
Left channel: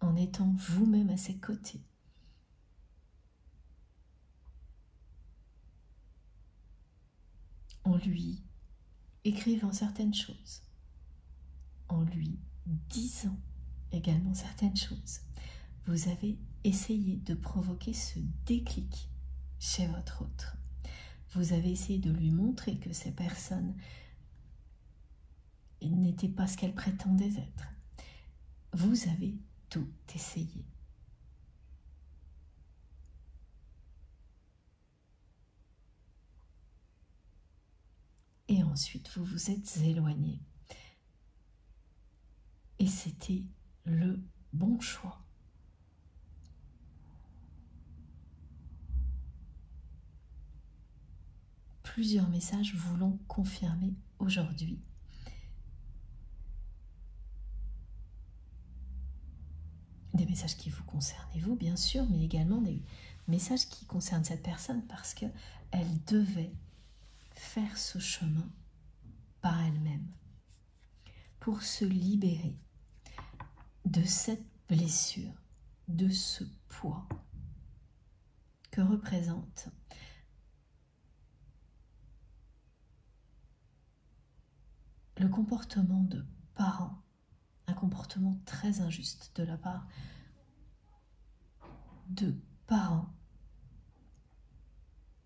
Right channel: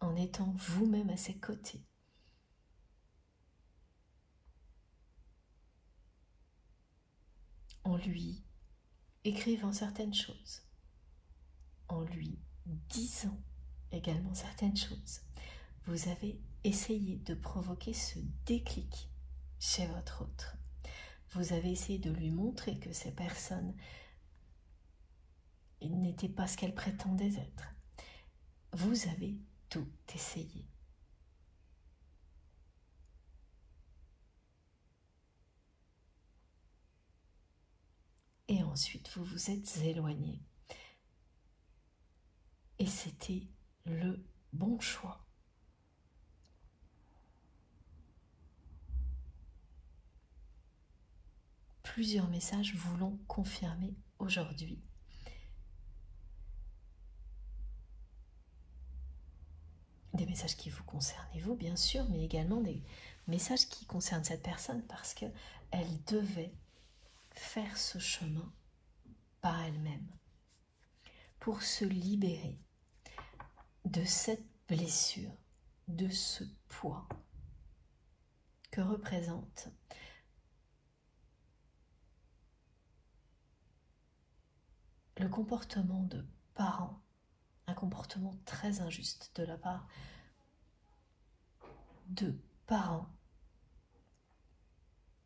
en étant vous-même à ses côtés. En lui écrivant certaines choses, en lui disant également certaines choses. Vous avez essayé de provoquer ce déclic chez votre autre. Vous avez essayé de lui montrer que ces personnes n'étaient pas ce qu'elles prétendaient être. Vous avez tout essayé. Et ensuite, vous vous êtes éloigné. Et c'était le bon choix. Plusieurs messages vous l'ont confirmé aujourd'hui. Des messages qui vous concernent vous, bien sûr, mais également des messages qui concernent cette personne parce qu'elle devait faire ce chemin par elle-même pour se libérer de cette blessure, de ce poids que représente le comportement de parents, un comportement très injuste de la part de parents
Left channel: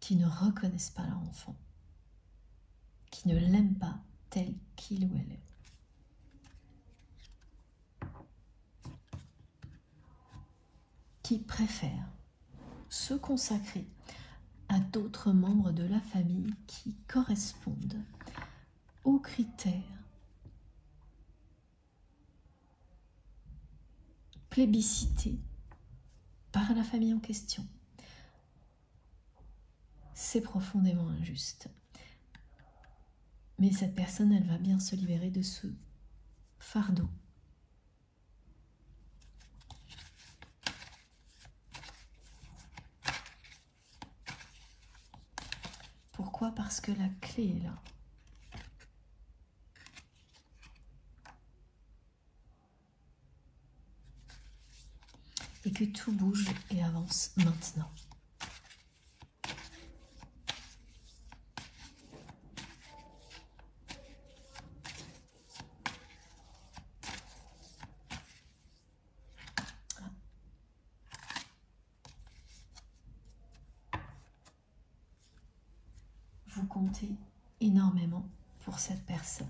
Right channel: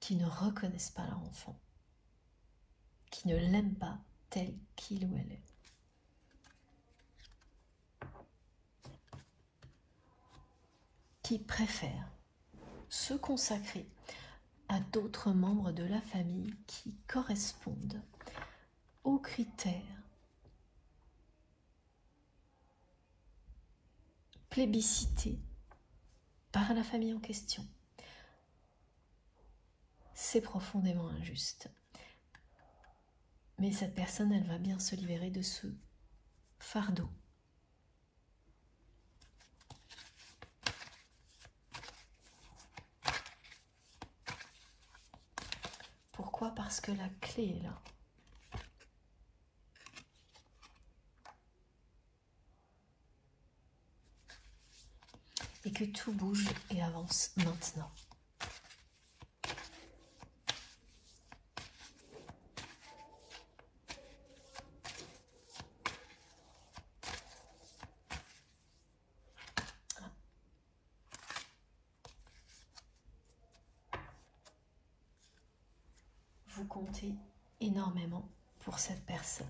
qui ne reconnaissent pas leur enfant, qui ne l'aiment pas tel qu'il ou elle est. Qui préfèrent se consacrer à d'autres membres de la famille qui correspondent aux critères plébiscités par la famille en question. C'est profondément injuste. Mais cette personne, elle va bien se libérer de ce fardeau. Pourquoi? Parce que la clé est là. Et que tout bouge et avance maintenant. Vous comptez énormément pour cette personne.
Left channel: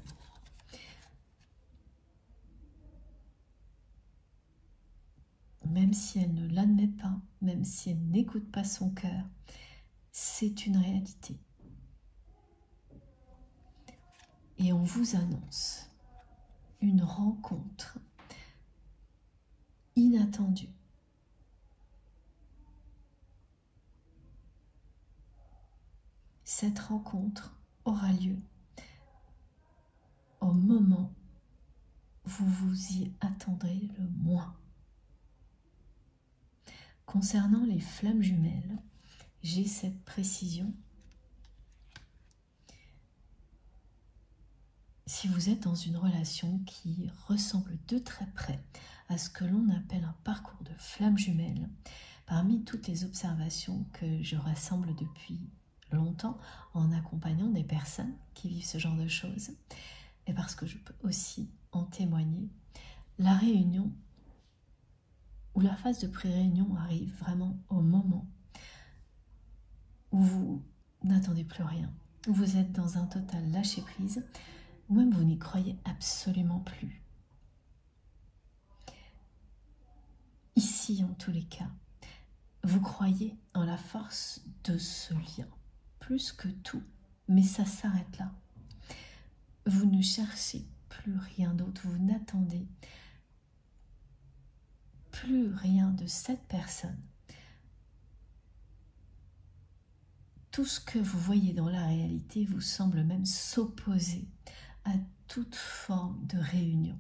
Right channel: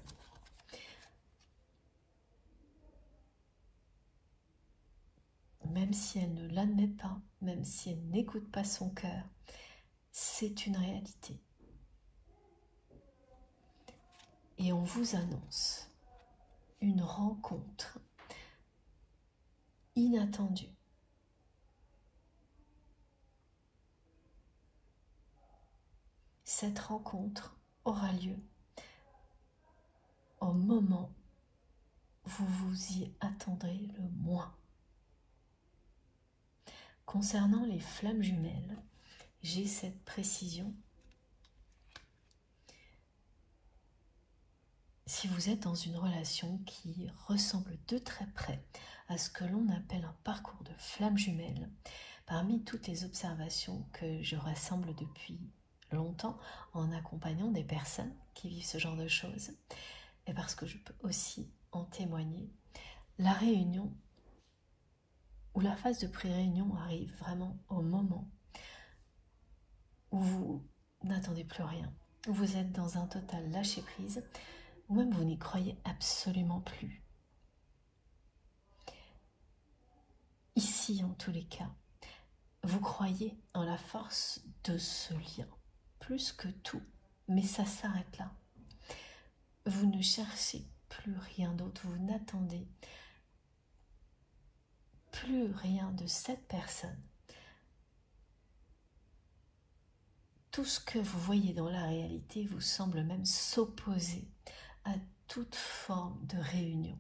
Même si elle ne l'admet pas, même si elle n'écoute pas son cœur, c'est une réalité. Et on vous annonce une rencontre inattendue. Cette rencontre aura lieu au moment où vous vous y attendrez le moins. Concernant les flammes jumelles, j'ai cette précision. Si vous êtes dans une relation qui ressemble de très près à ce que l'on appelle un parcours de flammes jumelles, parmi toutes les observations que je rassemble depuis longtemps en accompagnant des personnes qui vivent ce genre de choses, et parce que je peux aussi en témoigner, la réunion ou la phase de pré-réunion arrive vraiment au moment où vous n'attendez plus rien, où vous êtes dans un total lâcher-prise, ou même vous n'y croyez absolument plus. Ici, en tous les cas, vous croyez en la force de ce lien, plus que tout, mais ça s'arrête là. Vous ne cherchez plus rien d'autre, vous n'attendez plus rien de cette personne. Tout ce que vous voyez dans la réalité vous semble même s'opposer à toute forme de réunion.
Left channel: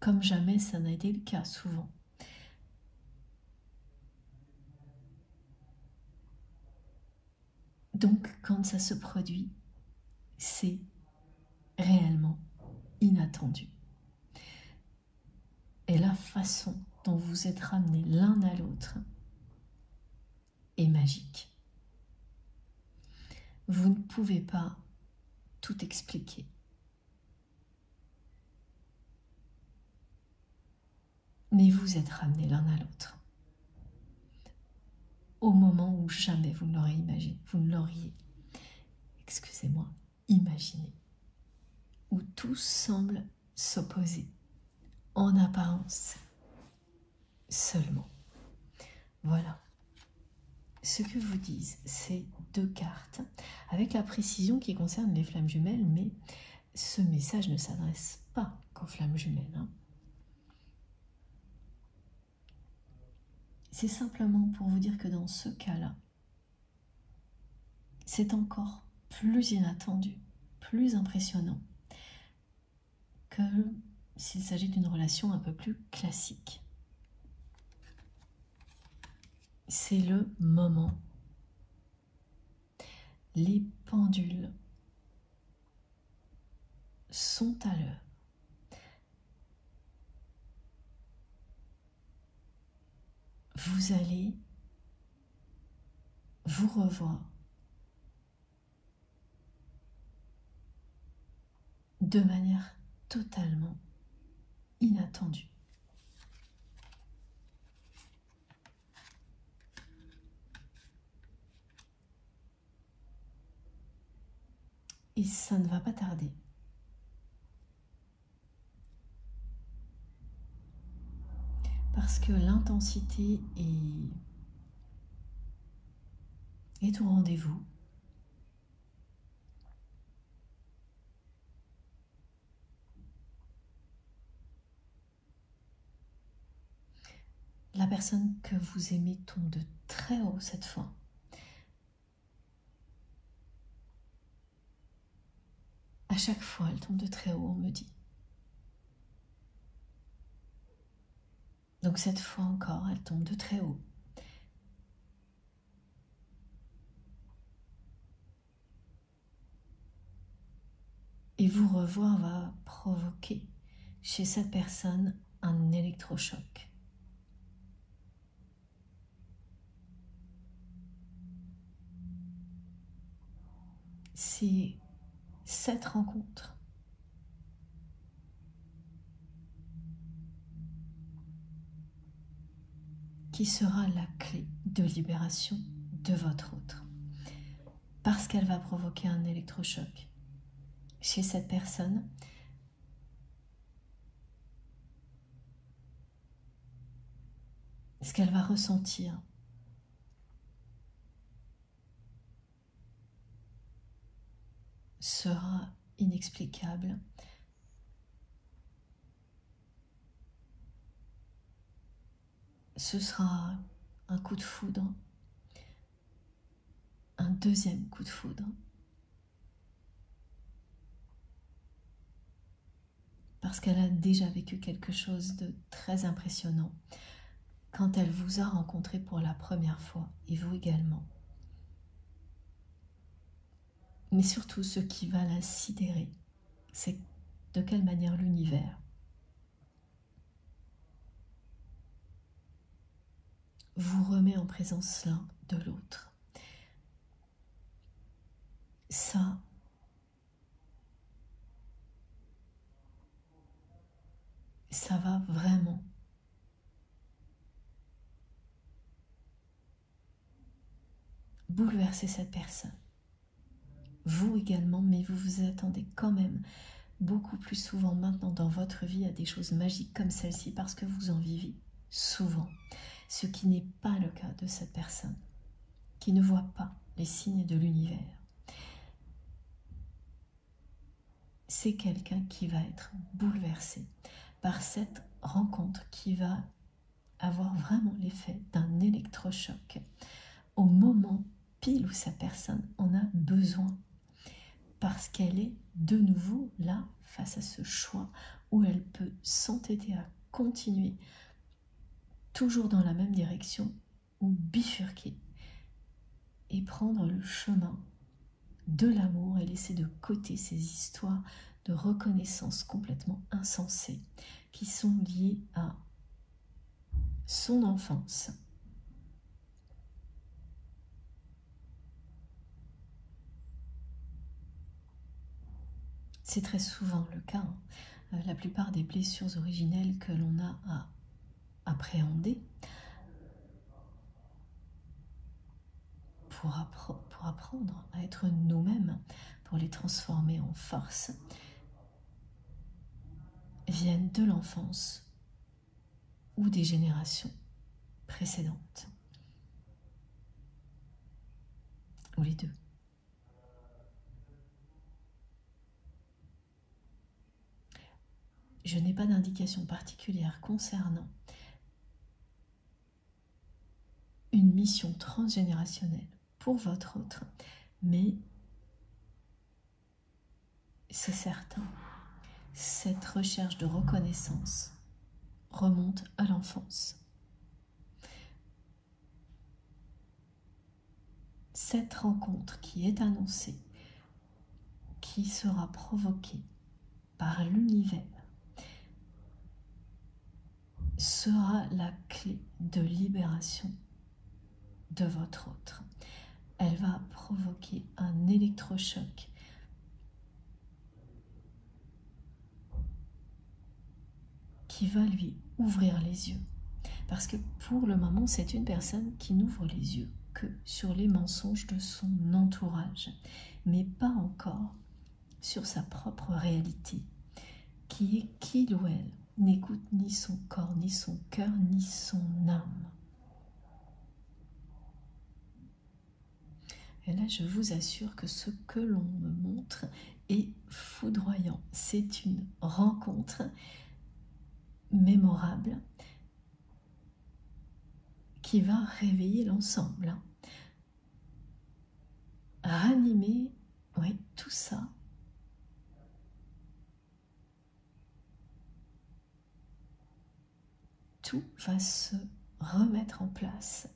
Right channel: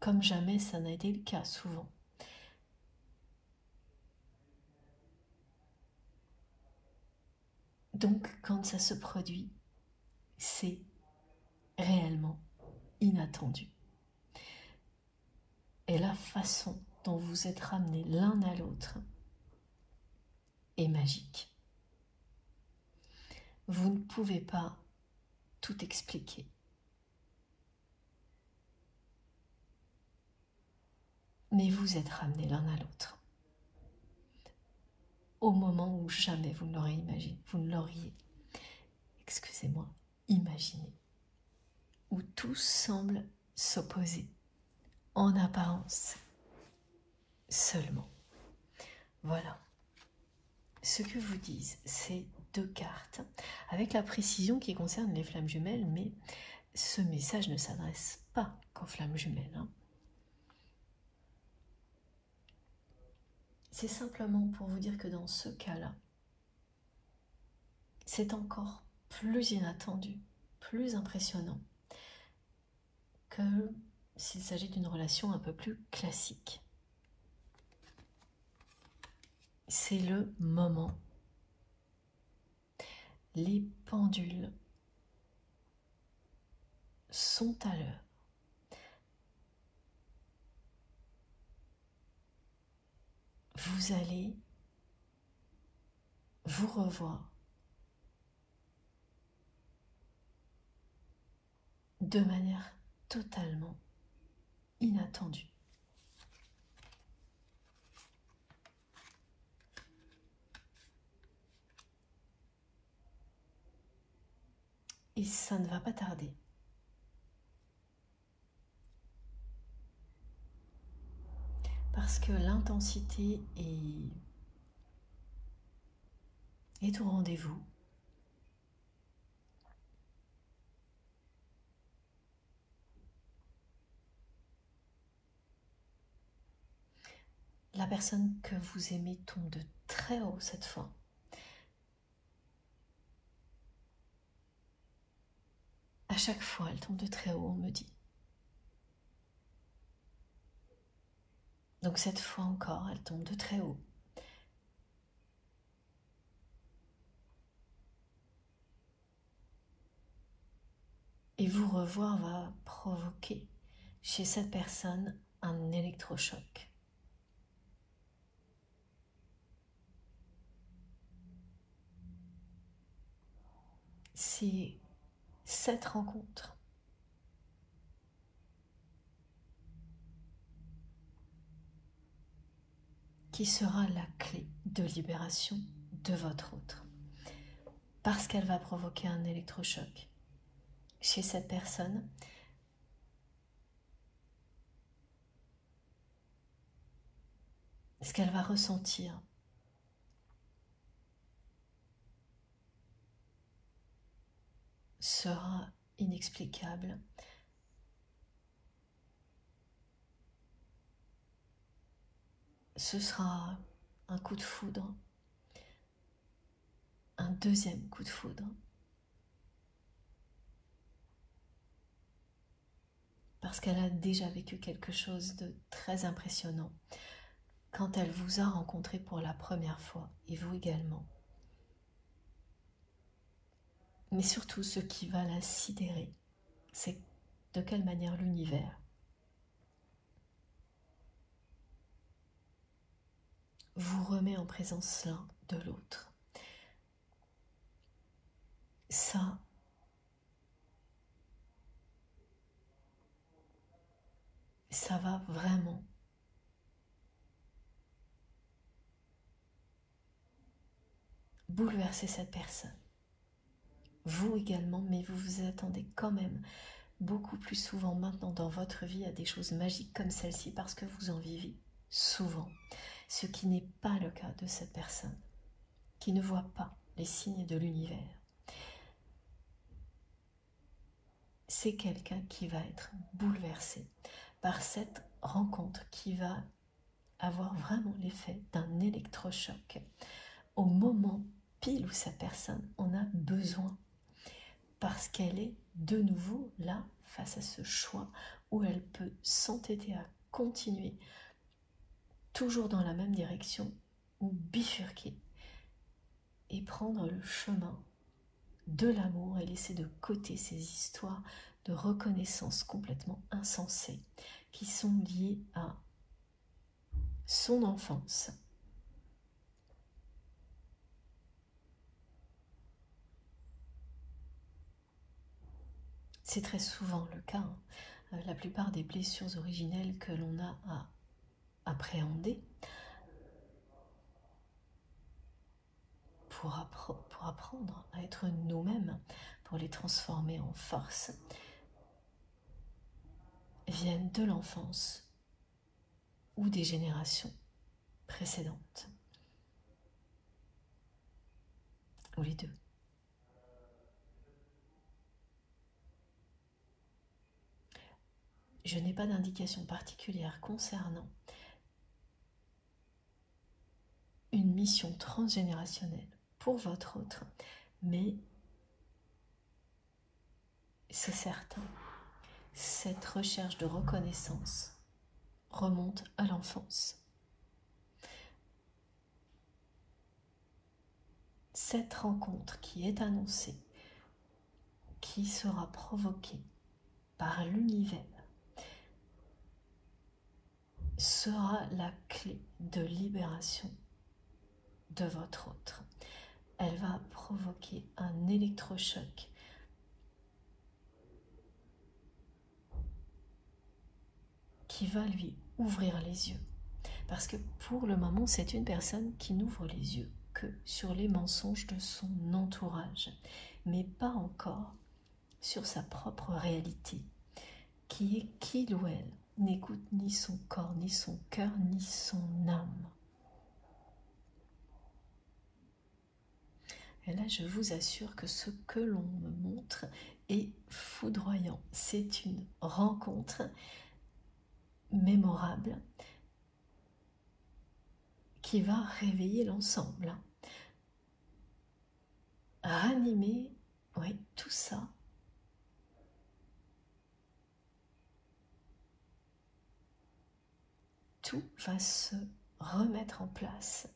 Comme jamais ça n'a été le cas souvent. Donc quand ça se produit, c'est réellement inattendu. Et la façon dont vous êtes ramenés l'un à l'autre est magique. Vous ne pouvez pas tout expliquer. Mais vous êtes ramenés l'un à l'autre. Au moment où jamais vous ne l'auriez imaginé, vous ne l'auriez, excusez-moi, imaginé. Où tout semble s'opposer, en apparence seulement. Voilà. Ce que vous disent ces deux cartes, avec la précision qui concerne les flammes jumelles, mais ce message ne s'adresse pas qu'aux flammes jumelles. Hein. C'est simplement pour vous dire que dans ce cas-là, c'est encore plus inattendu, plus impressionnant que s'il s'agit d'une relation un peu plus classique. C'est le moment. Les pendules sont à l'heure. Vous allez vous revoir de manière totalement inattendue. Et ça ne va pas tarder. Parce que l'intensité est au rendez-vous. La personne que vous aimez tombe de très haut cette fois. À chaque fois, elle tombe de très haut, on me dit. Donc cette fois encore, elle tombe de très haut. Et vous revoir va provoquer chez cette personne un électrochoc. C'est cette rencontre qui sera la clé de libération de votre autre. Parce qu'elle va provoquer un électrochoc chez cette personne. Ce qu'elle va ressentir sera inexplicable. Ce sera un coup de foudre, un deuxième coup de foudre. Parce qu'elle a déjà vécu quelque chose de très impressionnant quand elle vous a rencontré pour la première fois, et vous également. Mais surtout, ce qui va la sidérer, c'est de quelle manière l'univers vous remet en présence l'un de l'autre. Ça va vraiment bouleverser cette personne. Vous également, mais vous vous attendez quand même beaucoup plus souvent maintenant dans votre vie à des choses magiques comme celle-ci parce que vous en vivez souvent. Ce qui n'est pas le cas de cette personne qui ne voit pas les signes de l'univers. C'est quelqu'un qui va être bouleversé par cette rencontre qui va avoir vraiment l'effet d'un électrochoc au moment pile où cette personne en a besoin, parce qu'elle est de nouveau là face à ce choix où elle peut s'entêter à continuer toujours dans la même direction ou bifurquer et prendre le chemin de l'amour et laisser de côté ces histoires de reconnaissance complètement insensées qui sont liées à son enfance. C'est très souvent le cas. La plupart des blessures originelles que l'on a à appréhender pour apprendre à être nous-mêmes, pour les transformer en force, viennent de l'enfance ou des générations précédentes, ou les deux. Je n'ai pas d'indication particulière concernant une mission transgénérationnelle pour votre autre, mais c'est certain, cette recherche de reconnaissance remonte à l'enfance. Cette rencontre qui est annoncée, qui sera provoquée par l'univers, sera la clé de libération de votre autre. Elle va provoquer un électrochoc qui va lui ouvrir les yeux. Parce que pour le moment, c'est une personne qui n'ouvre les yeux que sur les mensonges de son entourage, mais pas encore sur sa propre réalité, qui est qu'il ou elle n'écoute ni son corps, ni son cœur, ni son âme. Et là, je vous assure que ce que l'on me montre est foudroyant. C'est une rencontre mémorable qui va réveiller l'ensemble. Ranimer, oui, tout ça. Tout va se remettre en place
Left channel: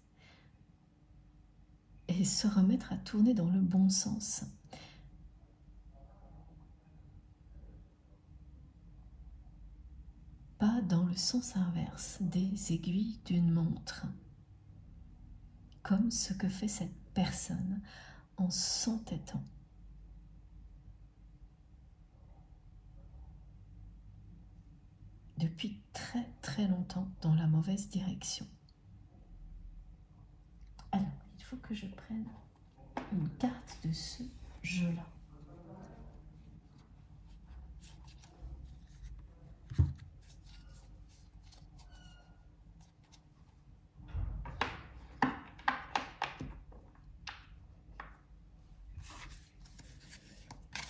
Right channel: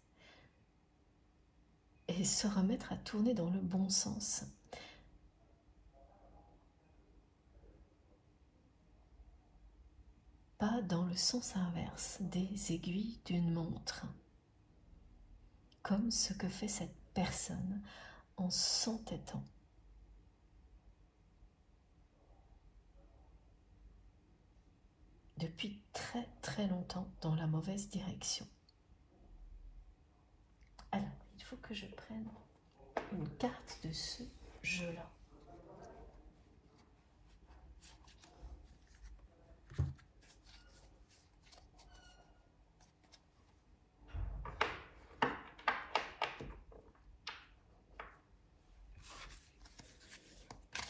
et se remettre à tourner dans le bon sens. Pas dans le sens inverse des aiguilles d'une montre, comme ce que fait cette personne en s'entêtant. Depuis très très longtemps dans la mauvaise direction. Alors, il faut que je prenne une carte de ce jeu-là.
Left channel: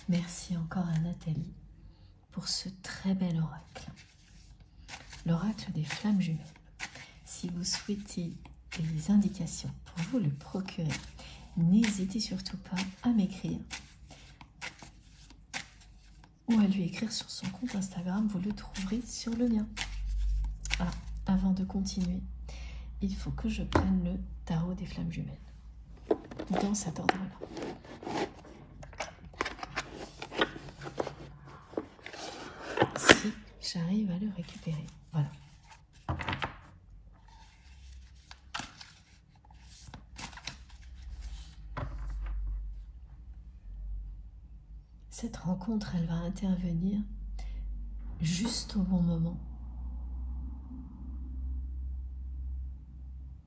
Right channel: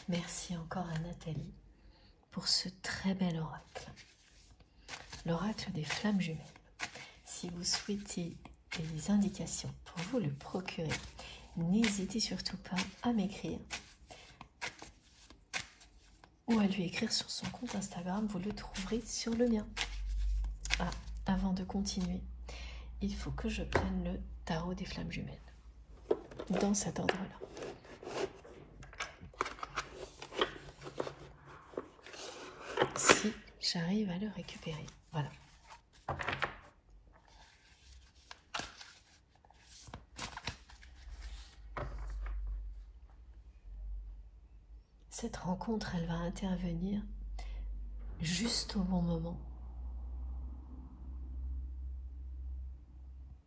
Merci encore à Nathalie pour ce très bel oracle. L'oracle des flammes jumelles. Si vous souhaitez des indications pour vous le procurer, n'hésitez surtout pas à m'écrire ou à lui écrire sur son compte Instagram, vous le trouverez sur le mien. Ah, avant de continuer, il faut que je prenne le tarot des flammes jumelles, dans cet ordre-là. Si j'arrive à le récupérer, voilà. Cette rencontre, elle va intervenir juste au bon moment.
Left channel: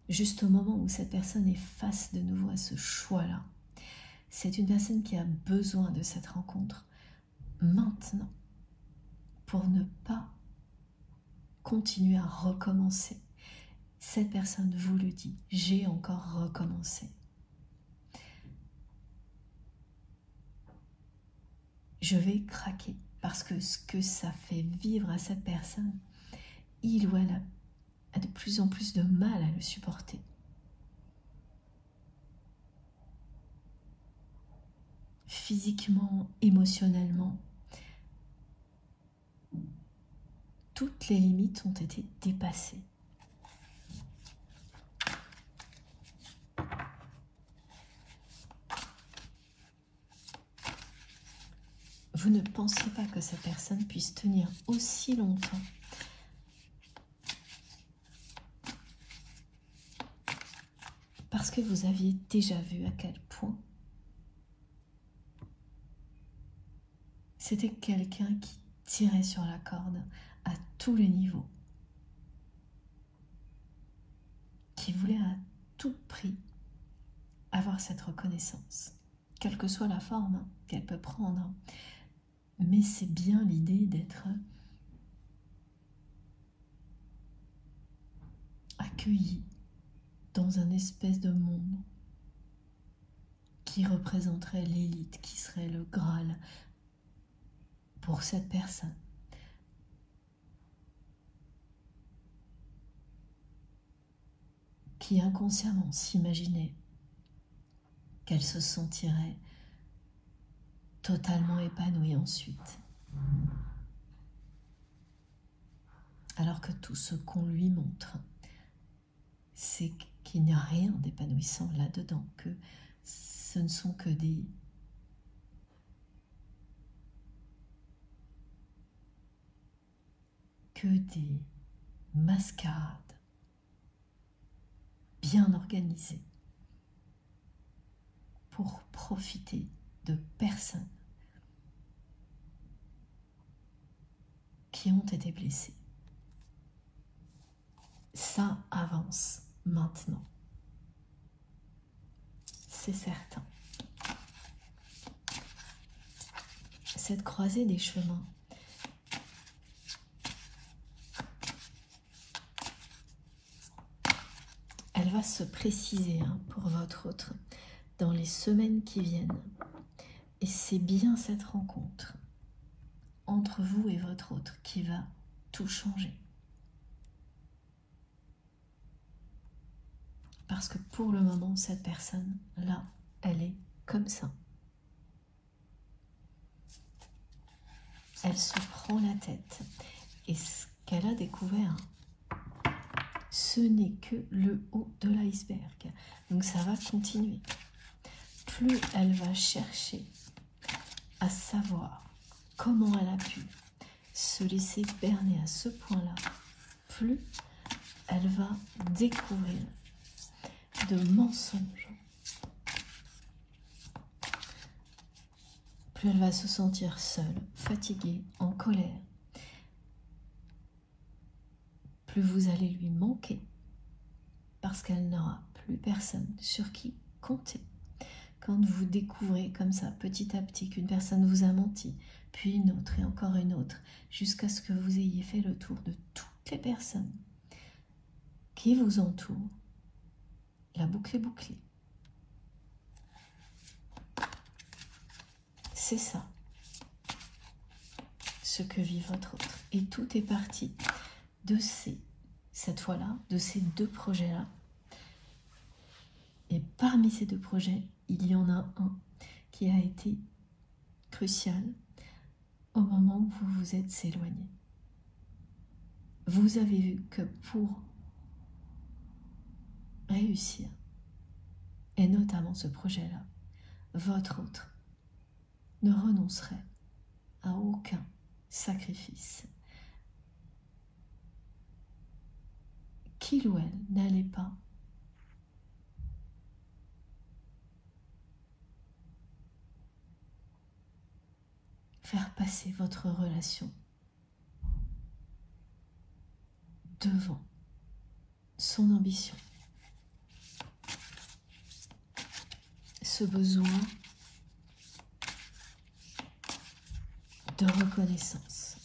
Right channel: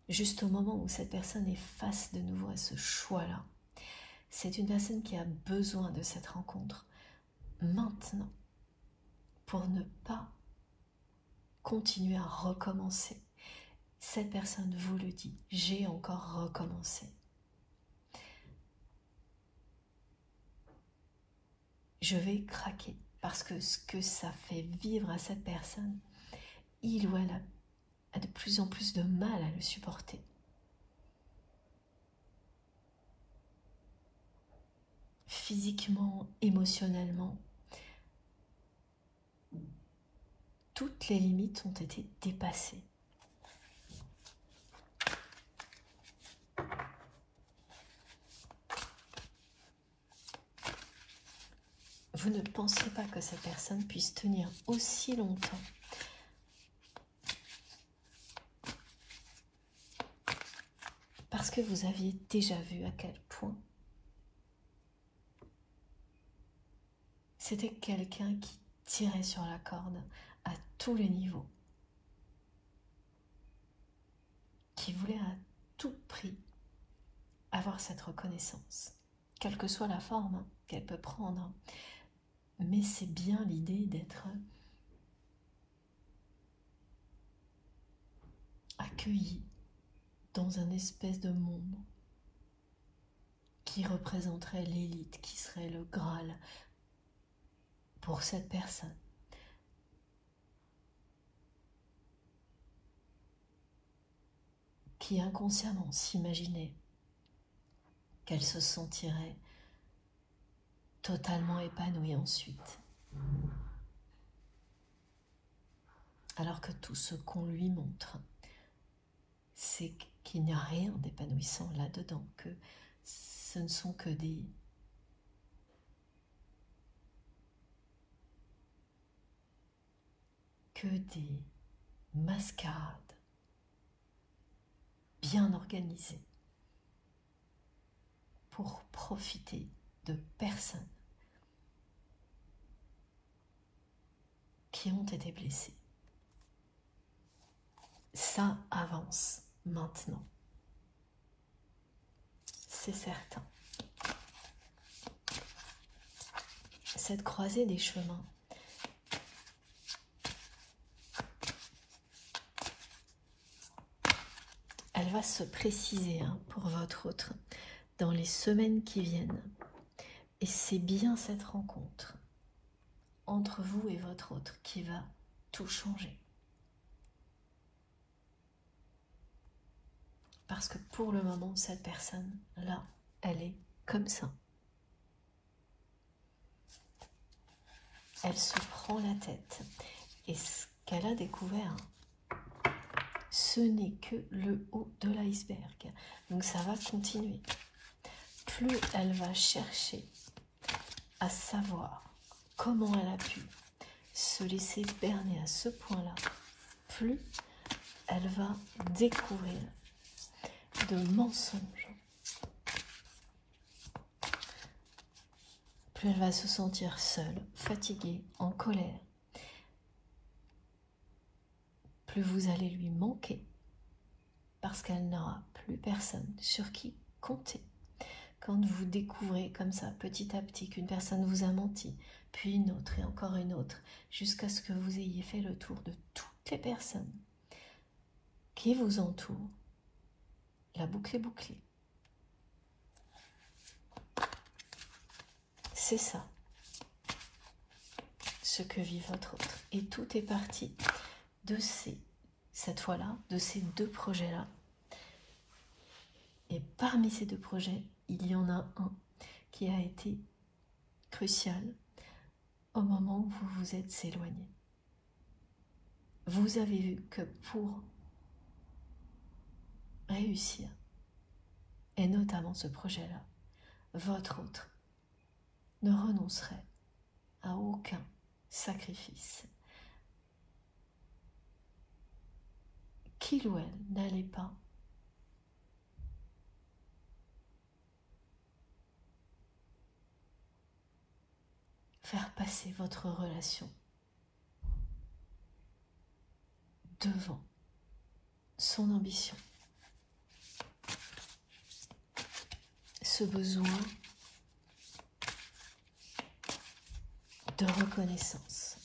Juste au moment où cette personne est face de nouveau à ce choix-là. C'est une personne qui a besoin de cette rencontre maintenant pour ne pas continuer à recommencer. Cette personne vous le dit, j'ai encore recommencé. Je vais craquer parce que ce que ça fait vivre à cette personne, il ou elle a de plus en plus de mal à le supporter. Physiquement, émotionnellement, toutes les limites ont été dépassées. Vous ne pensez pas que cette personne puisse tenir aussi longtemps parce que vous aviez déjà vu à quel point c'était quelqu'un qui tirait sur la corde à tous les niveaux, qui voulait à tout prix avoir cette reconnaissance, quelle que soit la forme qu'elle peut prendre. Mais c'est bien l'idée d'être accueilli dans un espèce de monde qui représenterait l'élite, qui serait le Graal pour cette personne. Qui inconsciemment s'imaginait qu'elle se sentirait totalement épanouie ensuite. Alors que tout ce qu'on lui montre, c'est qu'il n'y a rien d'épanouissant là-dedans, que ce ne sont que des mascarades bien organisées pour profiter de personnes qui ont été blessées. Ça avance maintenant. C'est certain. Cette croisée des chemins, elle va se préciser pour votre autre dans les semaines qui viennent. Et c'est bien cette rencontre entre vous et votre autre qui va tout changer. Parce que pour le moment, cette personne-là, elle est comme ça. Elle se prend la tête. Et ce qu'elle a découvert, ce n'est que le haut de l'iceberg. Donc ça va continuer. Plus elle va chercher à savoir comment elle a pu se laisser berner à ce point-là, plus elle va découvrir de mensonges. Plus elle va se sentir seule, fatiguée, en colère. Plus vous allez lui manquer parce qu'elle n'aura plus personne sur qui compter. Quand vous découvrez comme ça, petit à petit, qu'une personne vous a menti, puis une autre et encore une autre, jusqu'à ce que vous ayez fait le tour de toutes les personnes qui vous entourent, la boucle est bouclée. C'est ça, ce que vit votre autre. Et tout est parti de cette fois-là, de ces deux projets-là. Et parmi ces deux projets, il y en a un qui a été crucial au moment où vous vous êtes éloigné. Vous avez vu que pour réussir, et notamment ce projet-là, votre autre ne renoncerait à aucun sacrifice. Qu'il ou elle n'allait pas faire passer votre relation devant son ambition, ce besoin de reconnaissance.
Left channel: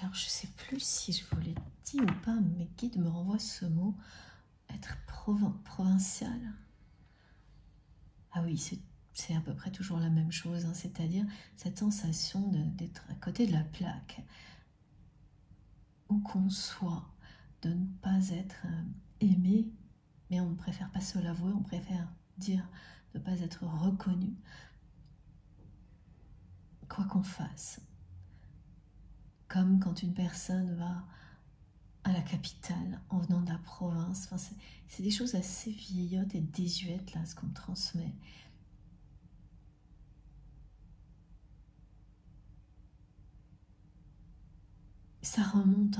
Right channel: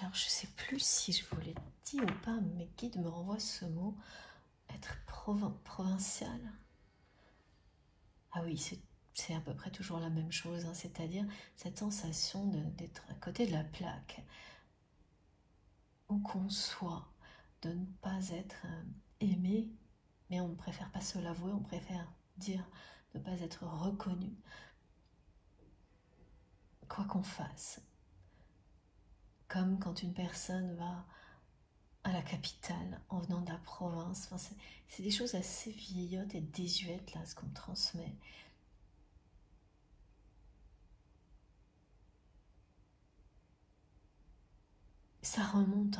Alors, je ne sais plus si je vous l'ai dit ou pas, mes guides me renvoient ce mot, être provincial. Ah oui, c'est à peu près toujours la même chose, hein, c'est-à-dire cette sensation d'être à côté de la plaque, où qu'on soit, de ne pas être aimé, mais on ne préfère pas se l'avouer, on préfère dire ne pas être reconnu, quoi qu'on fasse. Comme quand une personne va à la capitale en venant de la province, enfin, c'est des choses assez vieillottes et désuètes là, ce qu'on me transmet. Ça remonte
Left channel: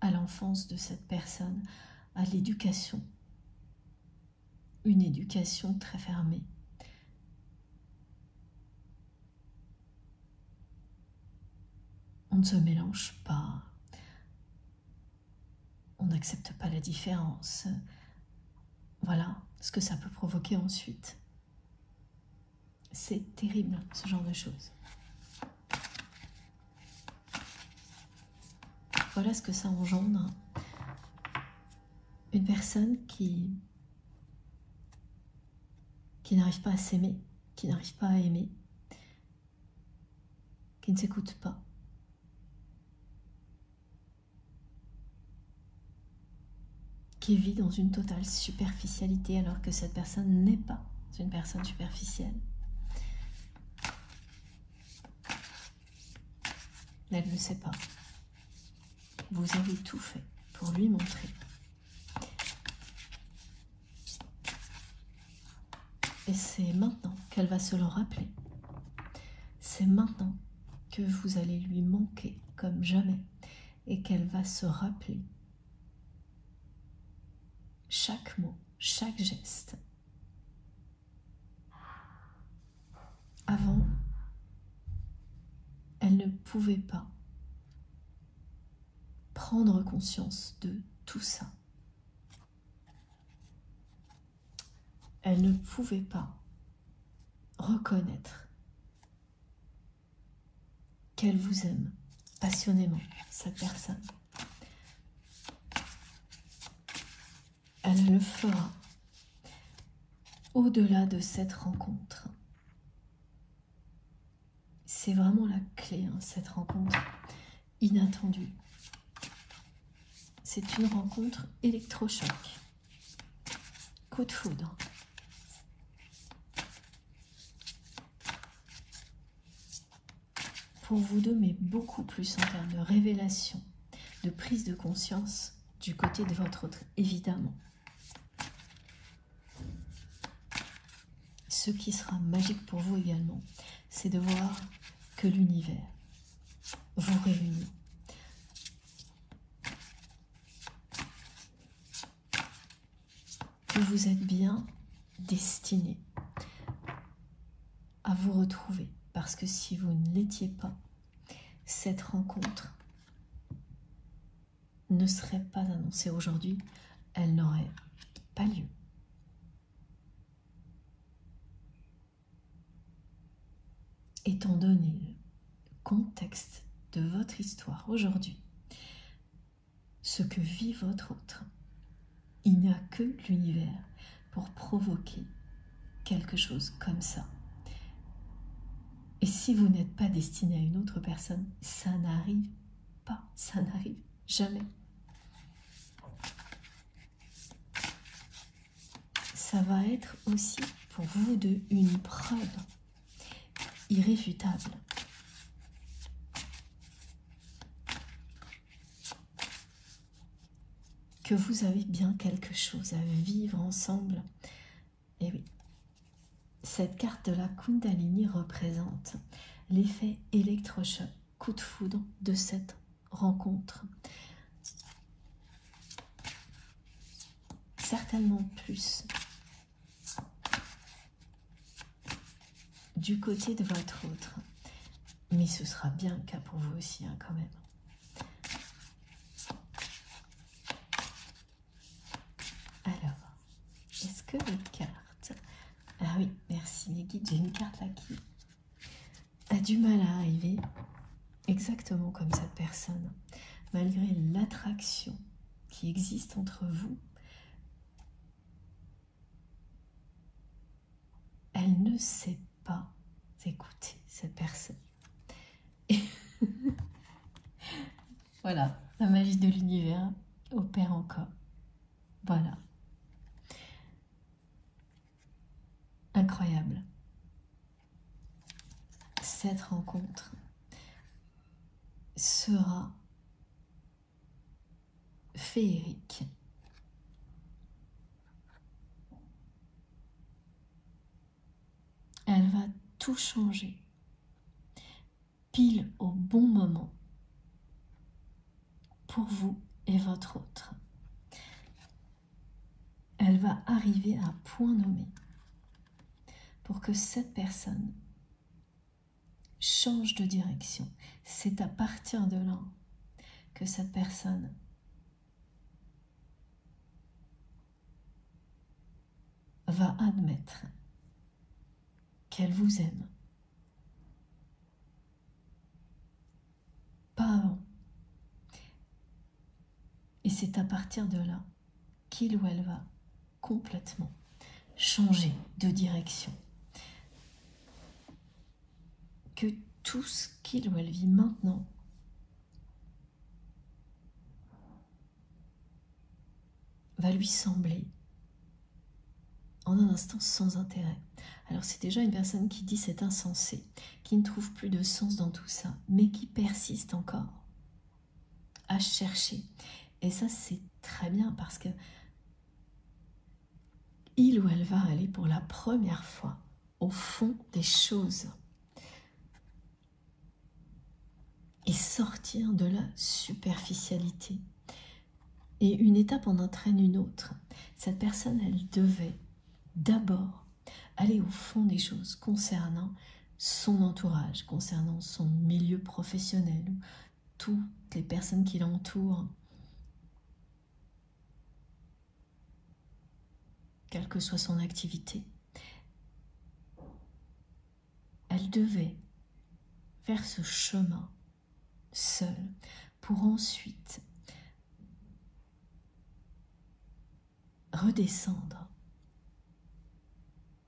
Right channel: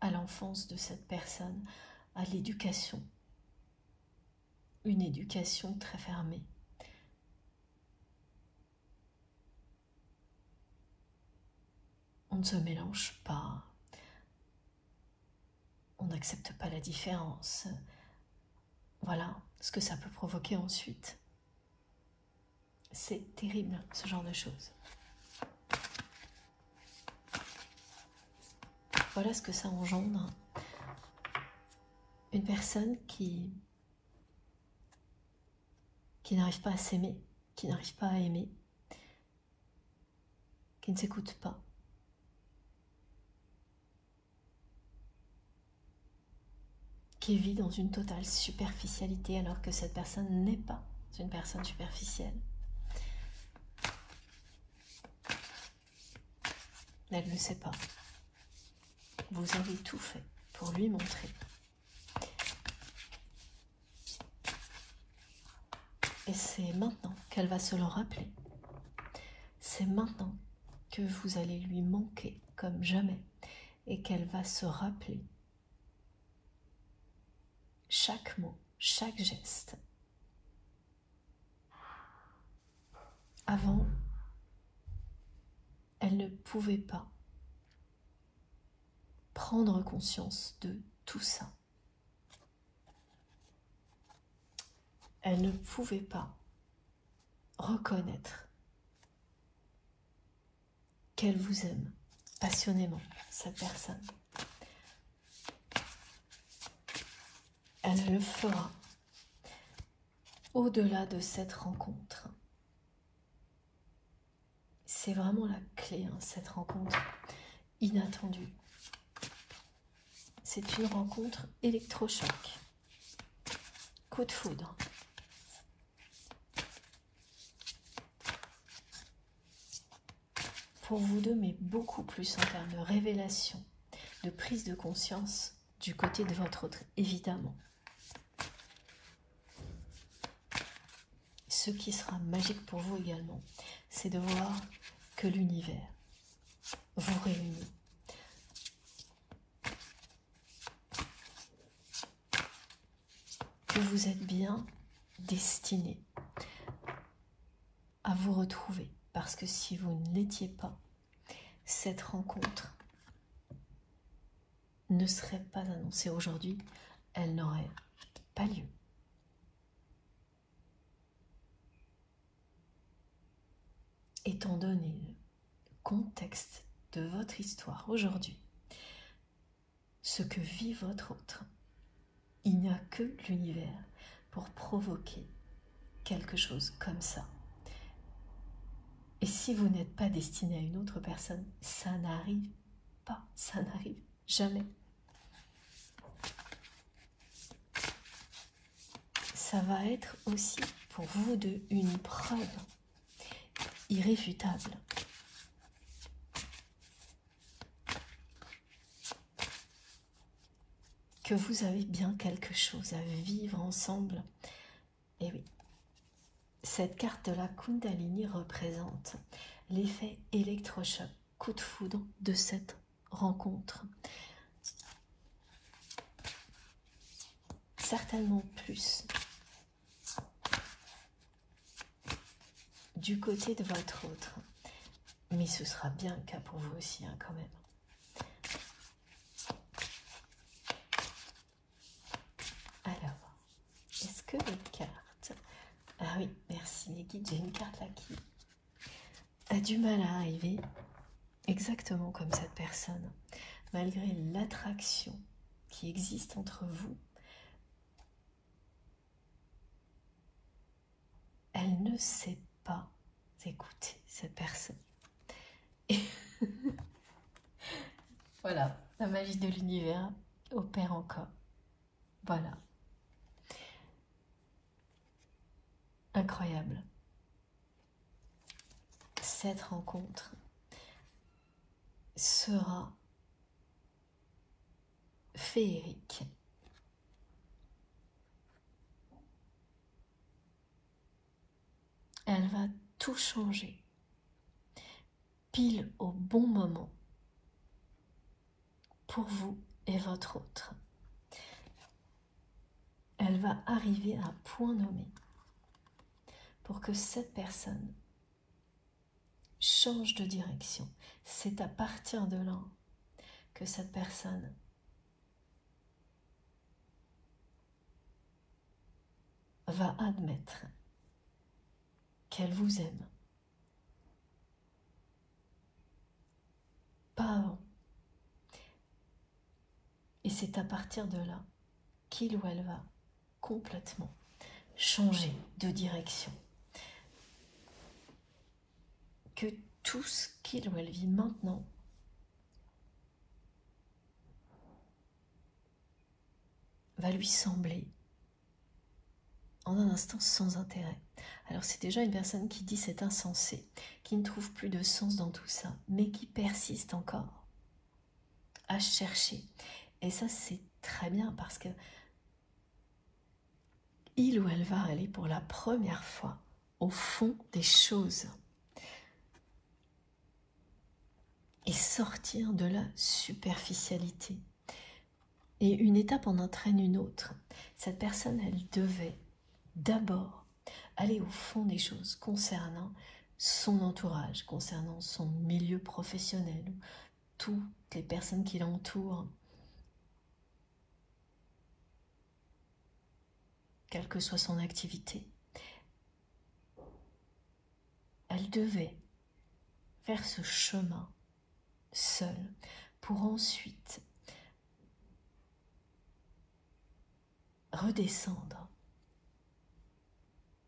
à l'enfance de cette personne, à l'éducation. Une éducation très fermée. On ne se mélange pas. On n'accepte pas la différence. Voilà ce que ça peut provoquer ensuite. C'est terrible, ce genre de choses. Voilà ce que ça engendre. Une personne qui n'arrive pas à s'aimer, qui n'arrive pas à aimer, qui ne s'écoute pas. Qui vit dans une totale superficialité alors que cette personne n'est pas une personne superficielle. Elle ne le sait pas. Vous avez tout fait pour lui montrer. Et c'est maintenant qu'elle va se le rappeler. C'est maintenant que vous allez lui manquer comme jamais et qu'elle va se rappeler chaque mot, chaque geste. Avant, elle ne pouvait pas prendre conscience de tout ça. Elle ne pouvait pas reconnaître qu'elle vous aime passionnément, cette personne. Elle le fera au-delà de cette rencontre. C'est vraiment la clé, hein, cette rencontre inattendue. C'est une rencontre électrochoc. Coup de foudre. Pour vous deux, mais beaucoup plus en termes de révélation, de prise de conscience du côté de votre autre, évidemment. Ce qui sera magique pour vous également, c'est de voir que l'univers vous réunit. Que vous êtes bien destinés à vous retrouver. Parce que si vous ne l'étiez pas, cette rencontre ne serait pas annoncée aujourd'hui, elle n'aurait pas lieu. Étant donné le contexte de votre histoire aujourd'hui, ce que vit votre autre, il n'y a que l'univers pour provoquer quelque chose comme ça. Et si vous n'êtes pas destiné à une autre personne, ça n'arrive pas, ça n'arrive jamais. Ça va être aussi pour vous deux une preuve irréfutable que vous avez bien quelque chose à vivre ensemble. Et oui, cette carte de la Kundalini représente l'effet électrochoc, coup de foudre de cette rencontre. certainement plus du côté de votre autre. Mais ce sera bien le cas pour vous aussi, hein, quand même. Alors, est-ce que les cartes... Ah oui, merci les guides, j'ai une carte là qui a du mal à arriver exactement comme cette personne. Malgré l'attraction qui existe entre vous, elle ne sait pas écouter cette personne. Et voilà, la magie de l'univers opère encore. Voilà. Incroyable. Cette rencontre sera féerique. Elle va tout changer, pile au bon moment, pour vous et votre autre. Elle va arriver à point nommé pour que cette personne change de direction. C'est à partir de là que cette personne va admettre qu'elle vous aime. Pas avant. Et c'est à partir de là qu'il ou elle va complètement changer de direction. Que tout ce qu'il ou elle vit maintenant va lui sembler en un instant sans intérêt. Alors c'est déjà une personne qui dit c'est insensé, qui ne trouve plus de sens dans tout ça, mais qui persiste encore à chercher. Et ça c'est très bien parce que il ou elle va aller pour la première fois au fond des choses et sortir de la superficialité. Et une étape en entraîne une autre. Cette personne, elle devait d'abord aller au fond des choses concernant son entourage, concernant son milieu professionnel, toutes les personnes qui l'entourent, quelle que soit son activité. Elle devait faire ce chemin seule pour ensuite redescendre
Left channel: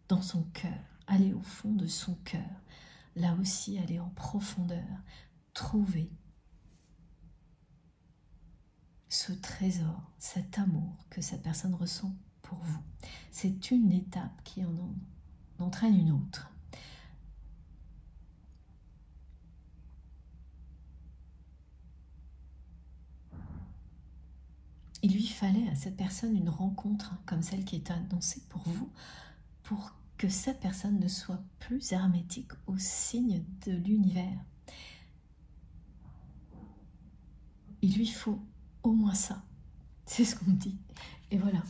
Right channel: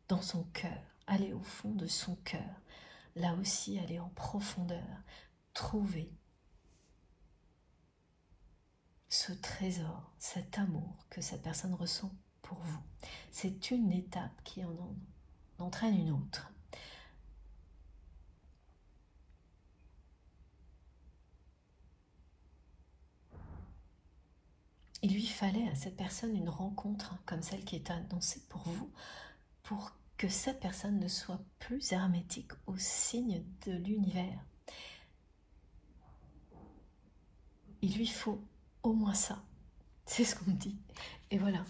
dans son cœur, aller au fond de son cœur, là aussi aller en profondeur, trouver ce trésor, cet amour que cette personne ressent pour vous. C'est une étape qui en entraîne une autre. Il lui fallait à cette personne une rencontre comme celle qui est annoncée pour vous, pour que cette personne ne soit plus hermétique aux signes de l'univers. Il lui faut au moins ça, c'est ce qu'on me dit. Et voilà,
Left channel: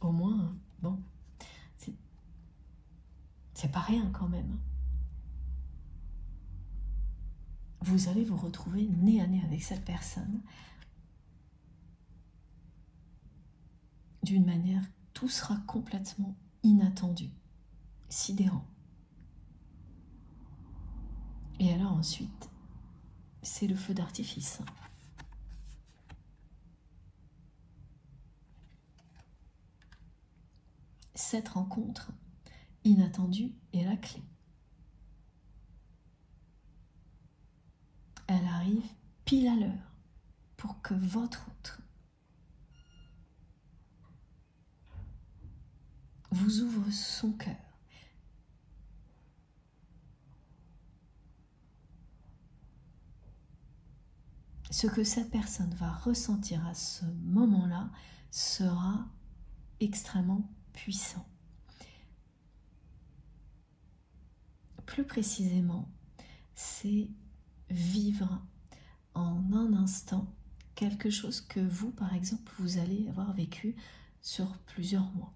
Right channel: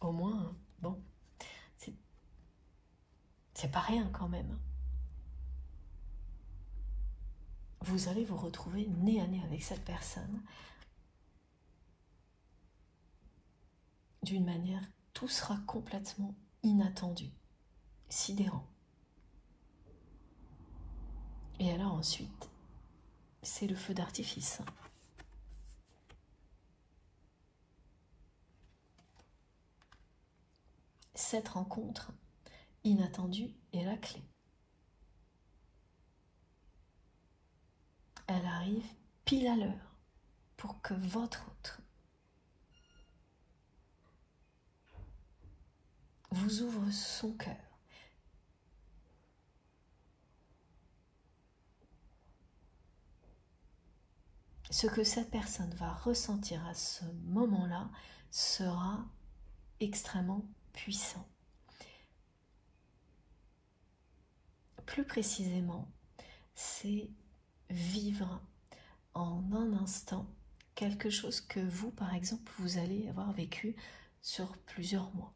au moins, bon, c'est pas rien quand même. Vous allez vous retrouver nez à nez avec cette personne d'une manière, tout sera complètement inattendu, sidérant. Et alors ensuite, c'est le feu d'artifice. Cette rencontre inattendue est la clé. Elle arrive pile à l'heure pour que votre autre vous ouvre son cœur. Ce que cette personne va ressentir à ce moment-là sera extrêmement puissant. Plus précisément, c'est vivre en un instant quelque chose que vous, par exemple, vous allez avoir vécu sur plusieurs mois,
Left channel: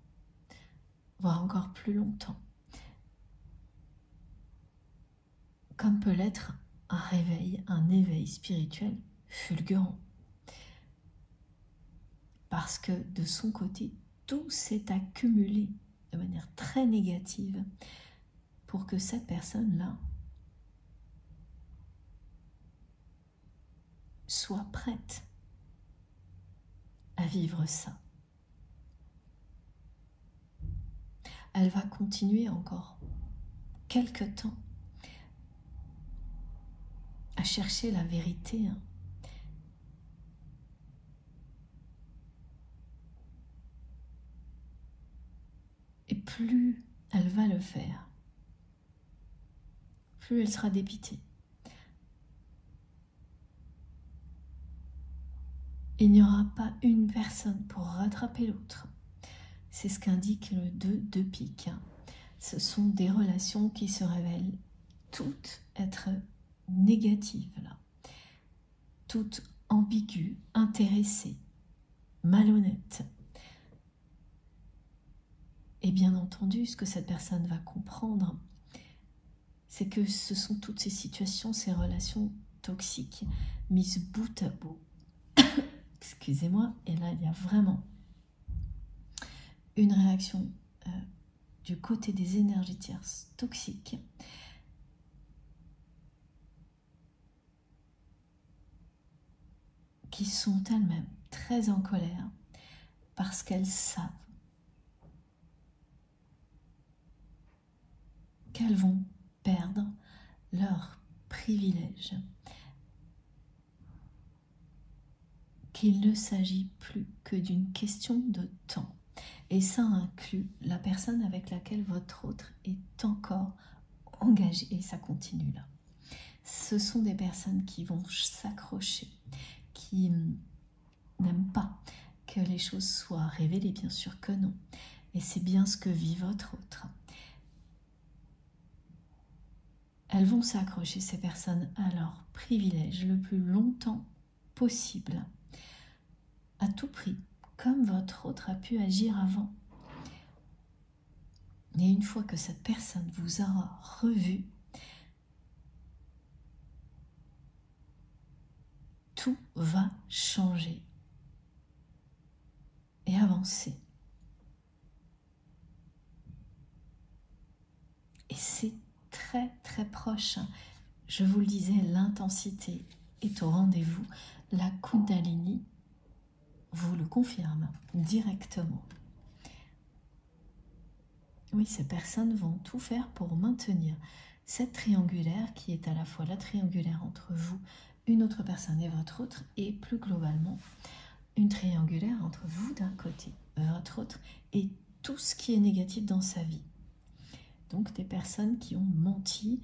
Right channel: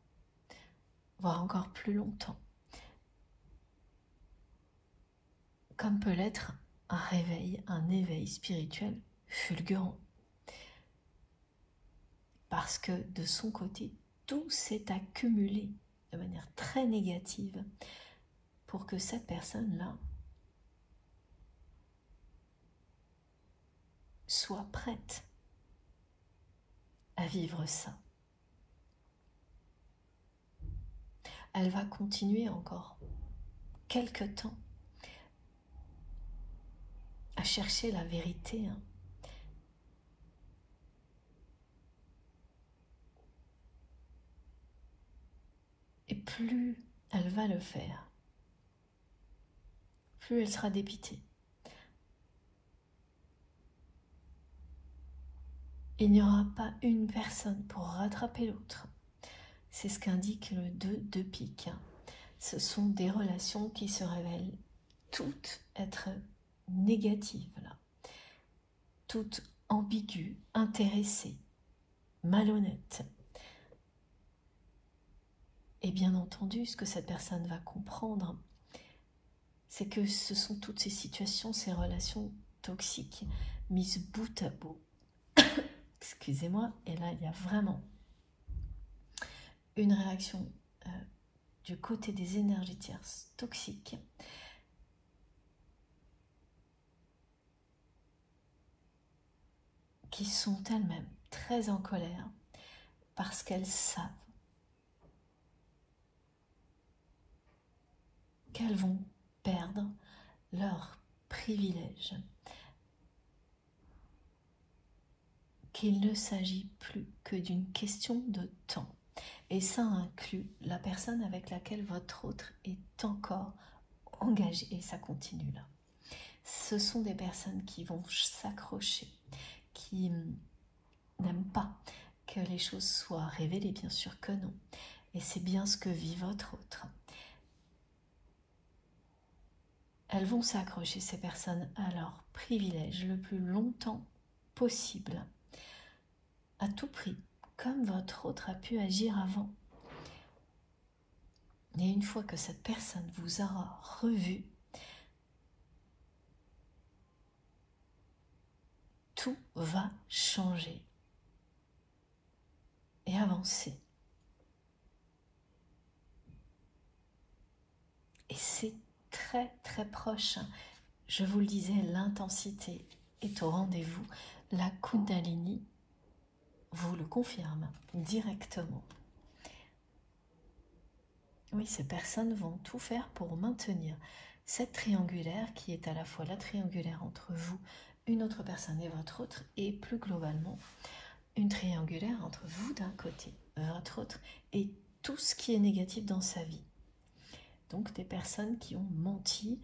voire encore plus longtemps. Comme peut l'être un réveil, un éveil spirituel fulgurant. Parce que de son côté, tout s'est accumulé de manière très négative pour que cette personne-là soit prête à vivre ça. Elle va continuer encore quelque temps à chercher la vérité. Et plus elle va le faire, plus elle sera dépitée. Il n'y aura pas une personne pour rattraper l'autre. C'est ce qu'indique le 2 de pique. Ce sont des relations qui se révèlent toutes être négatives, là. Toutes ambiguës, intéressées, malhonnêtes. Et bien entendu, ce que cette personne va comprendre, c'est que ce sont toutes ces situations, ces relations toxiques, mises bout à bout. Excusez-moi, et là il y a vraiment une réaction du côté des énergies tierces toxiques qui sont elles-mêmes très en colère parce qu'elles savent qu'elles vont perdre leur privilège, qu'il ne s'agit plus que d'une question de temps. Et ça inclut la personne avec laquelle votre autre est encore engagé, et ça continue là. Ce sont des personnes qui vont s'accrocher, qui n'aiment pas que les choses soient révélées, bien sûr que non. Et c'est bien ce que vit votre autre. Elles vont s'accrocher, ces personnes, à leur privilège le plus longtemps possible, à tout prix, comme votre autre a pu agir avant. Et une fois que cette personne vous aura revu, tout va changer et avancer. Et c'est très très proche. Je vous le disais, l'intensité est au rendez-vous. La Kundalini vous le confirme directement. Oui, ces personnes vont tout faire pour maintenir cette triangulaire qui est à la fois la triangulaire entre vous, une autre personne et votre autre, et plus globalement, une triangulaire entre vous d'un côté, votre autre, et tout ce qui est négatif dans sa vie. Donc des personnes qui ont menti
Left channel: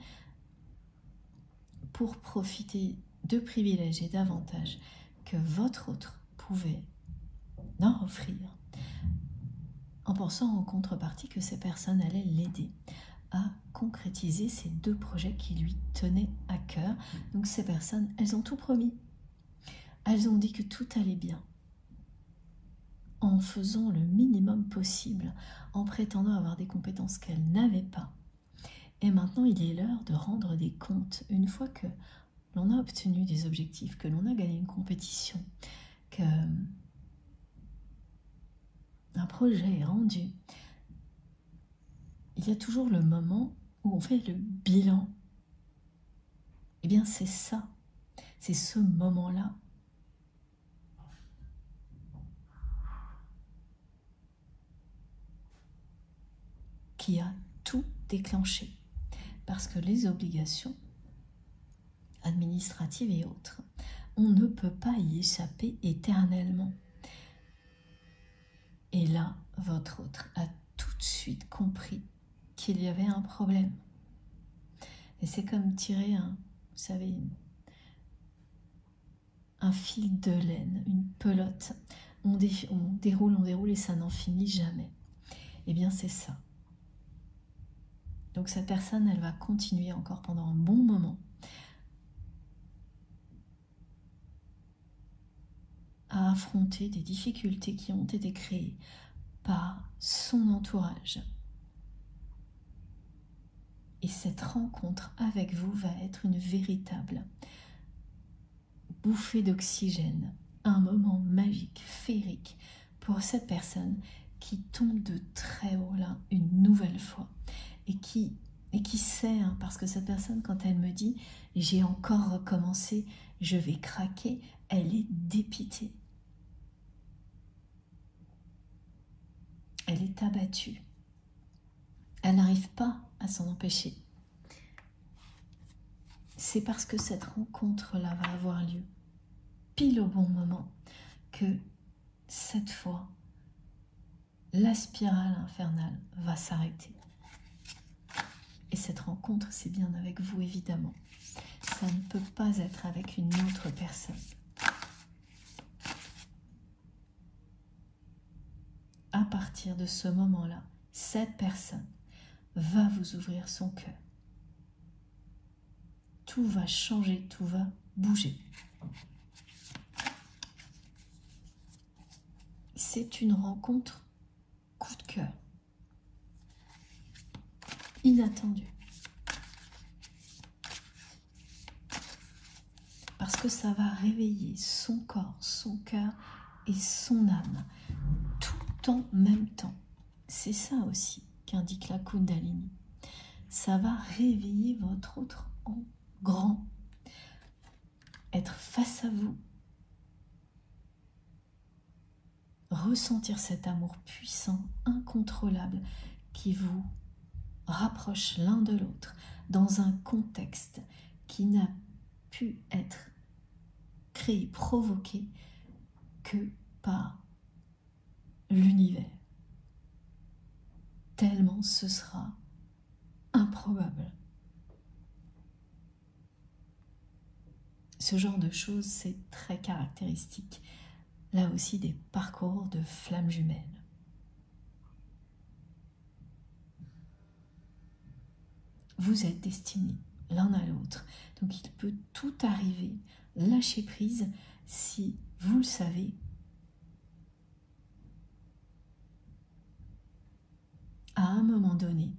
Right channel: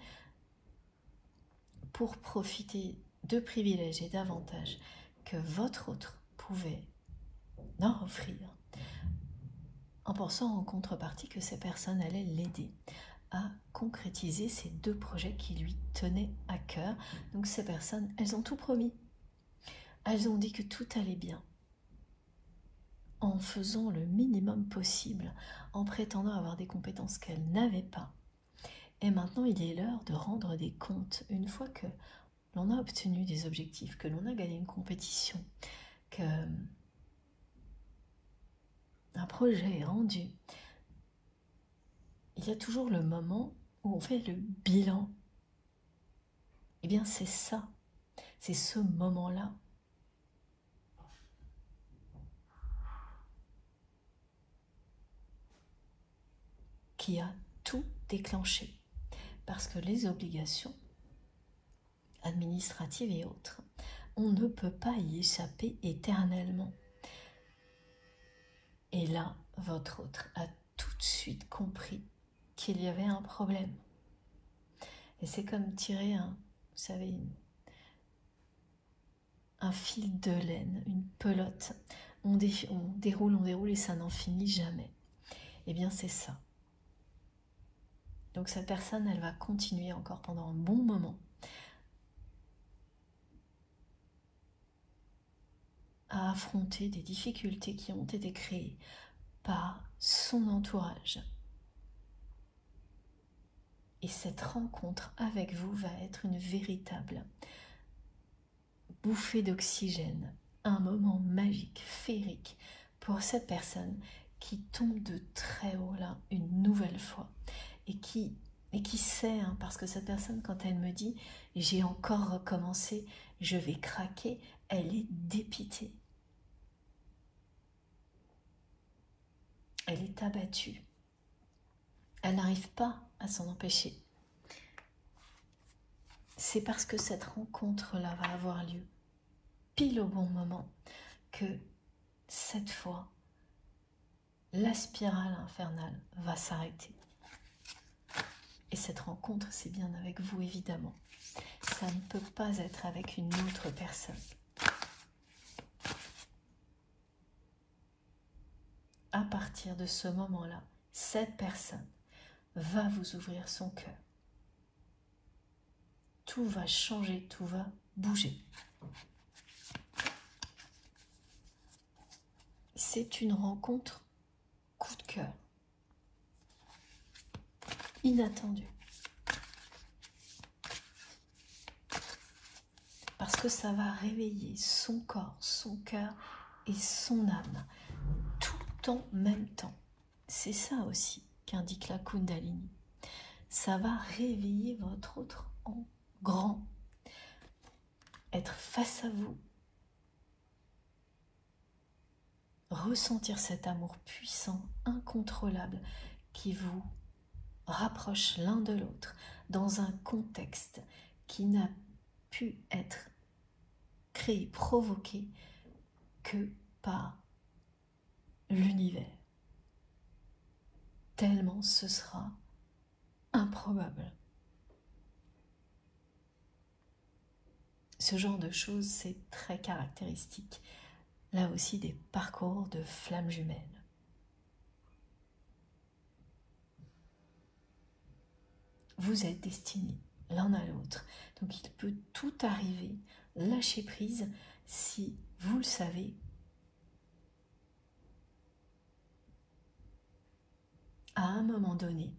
pour profiter de privilèges et d'avantages que votre autre pouvait leur offrir, en pensant en contrepartie que ces personnes allaient l'aider à concrétiser ces deux projets qui lui tenaient à cœur. Donc ces personnes, elles ont tout promis. Elles ont dit que tout allait bien, en faisant le minimum possible, en prétendant avoir des compétences qu'elles n'avaient pas. Et maintenant, il est l'heure de rendre des comptes. Une fois que l'on a obtenu des objectifs, que l'on a gagné une compétition, que un projet est rendu, il y a toujours le moment où on fait le bilan. Eh bien, c'est ça, c'est ce moment-là qui a tout déclenché. Parce que les obligations administratives et autres, on ne peut pas y échapper éternellement. Et là, votre autre a tout de suite compris qu'il y avait un problème. Et c'est comme tirer vous savez, un fil de laine, une pelote. On déroule et ça n'en finit jamais. Eh bien, c'est ça. Donc cette personne, elle va continuer encore pendant un bon moment à affronter des difficultés qui ont été créées par son entourage. Et cette rencontre avec vous va être une véritable bouffée d'oxygène, un moment magique, féerique pour cette personne qui tombe de très haut là une nouvelle fois et qui sait, hein, parce que cette personne, quand elle me dit « j'ai encore recommencé, je vais craquer », elle est dépitée. Elle est abattue. Elle n'arrive pas à s'en empêcher. C'est parce que cette rencontre-là va avoir lieu pile au bon moment que cette fois, la spirale infernale va s'arrêter. Et cette rencontre, c'est bien avec vous, évidemment. Ça ne peut pas être avec une autre personne. À partir de ce moment-là, cette personne va vous ouvrir son cœur. Tout va changer, tout va bouger. C'est une rencontre coup de cœur, inattendue. Parce que ça va réveiller son corps, son cœur et son âme, tout en même temps. C'est ça aussi qu'indique la Kundalini. Ça va réveiller votre autre en grand, être face à vous, ressentir cet amour puissant, incontrôlable, qui vous rapproche l'un de l'autre dans un contexte qui n'a pu être créé, provoqué que par l'univers. Tellement ce sera improbable. Ce genre de choses, c'est très caractéristique, là aussi, des parcours de flammes jumelles. Vous êtes destinés l'un à l'autre, donc il peut tout arriver. Lâchez prise si vous le savez. À un moment donné,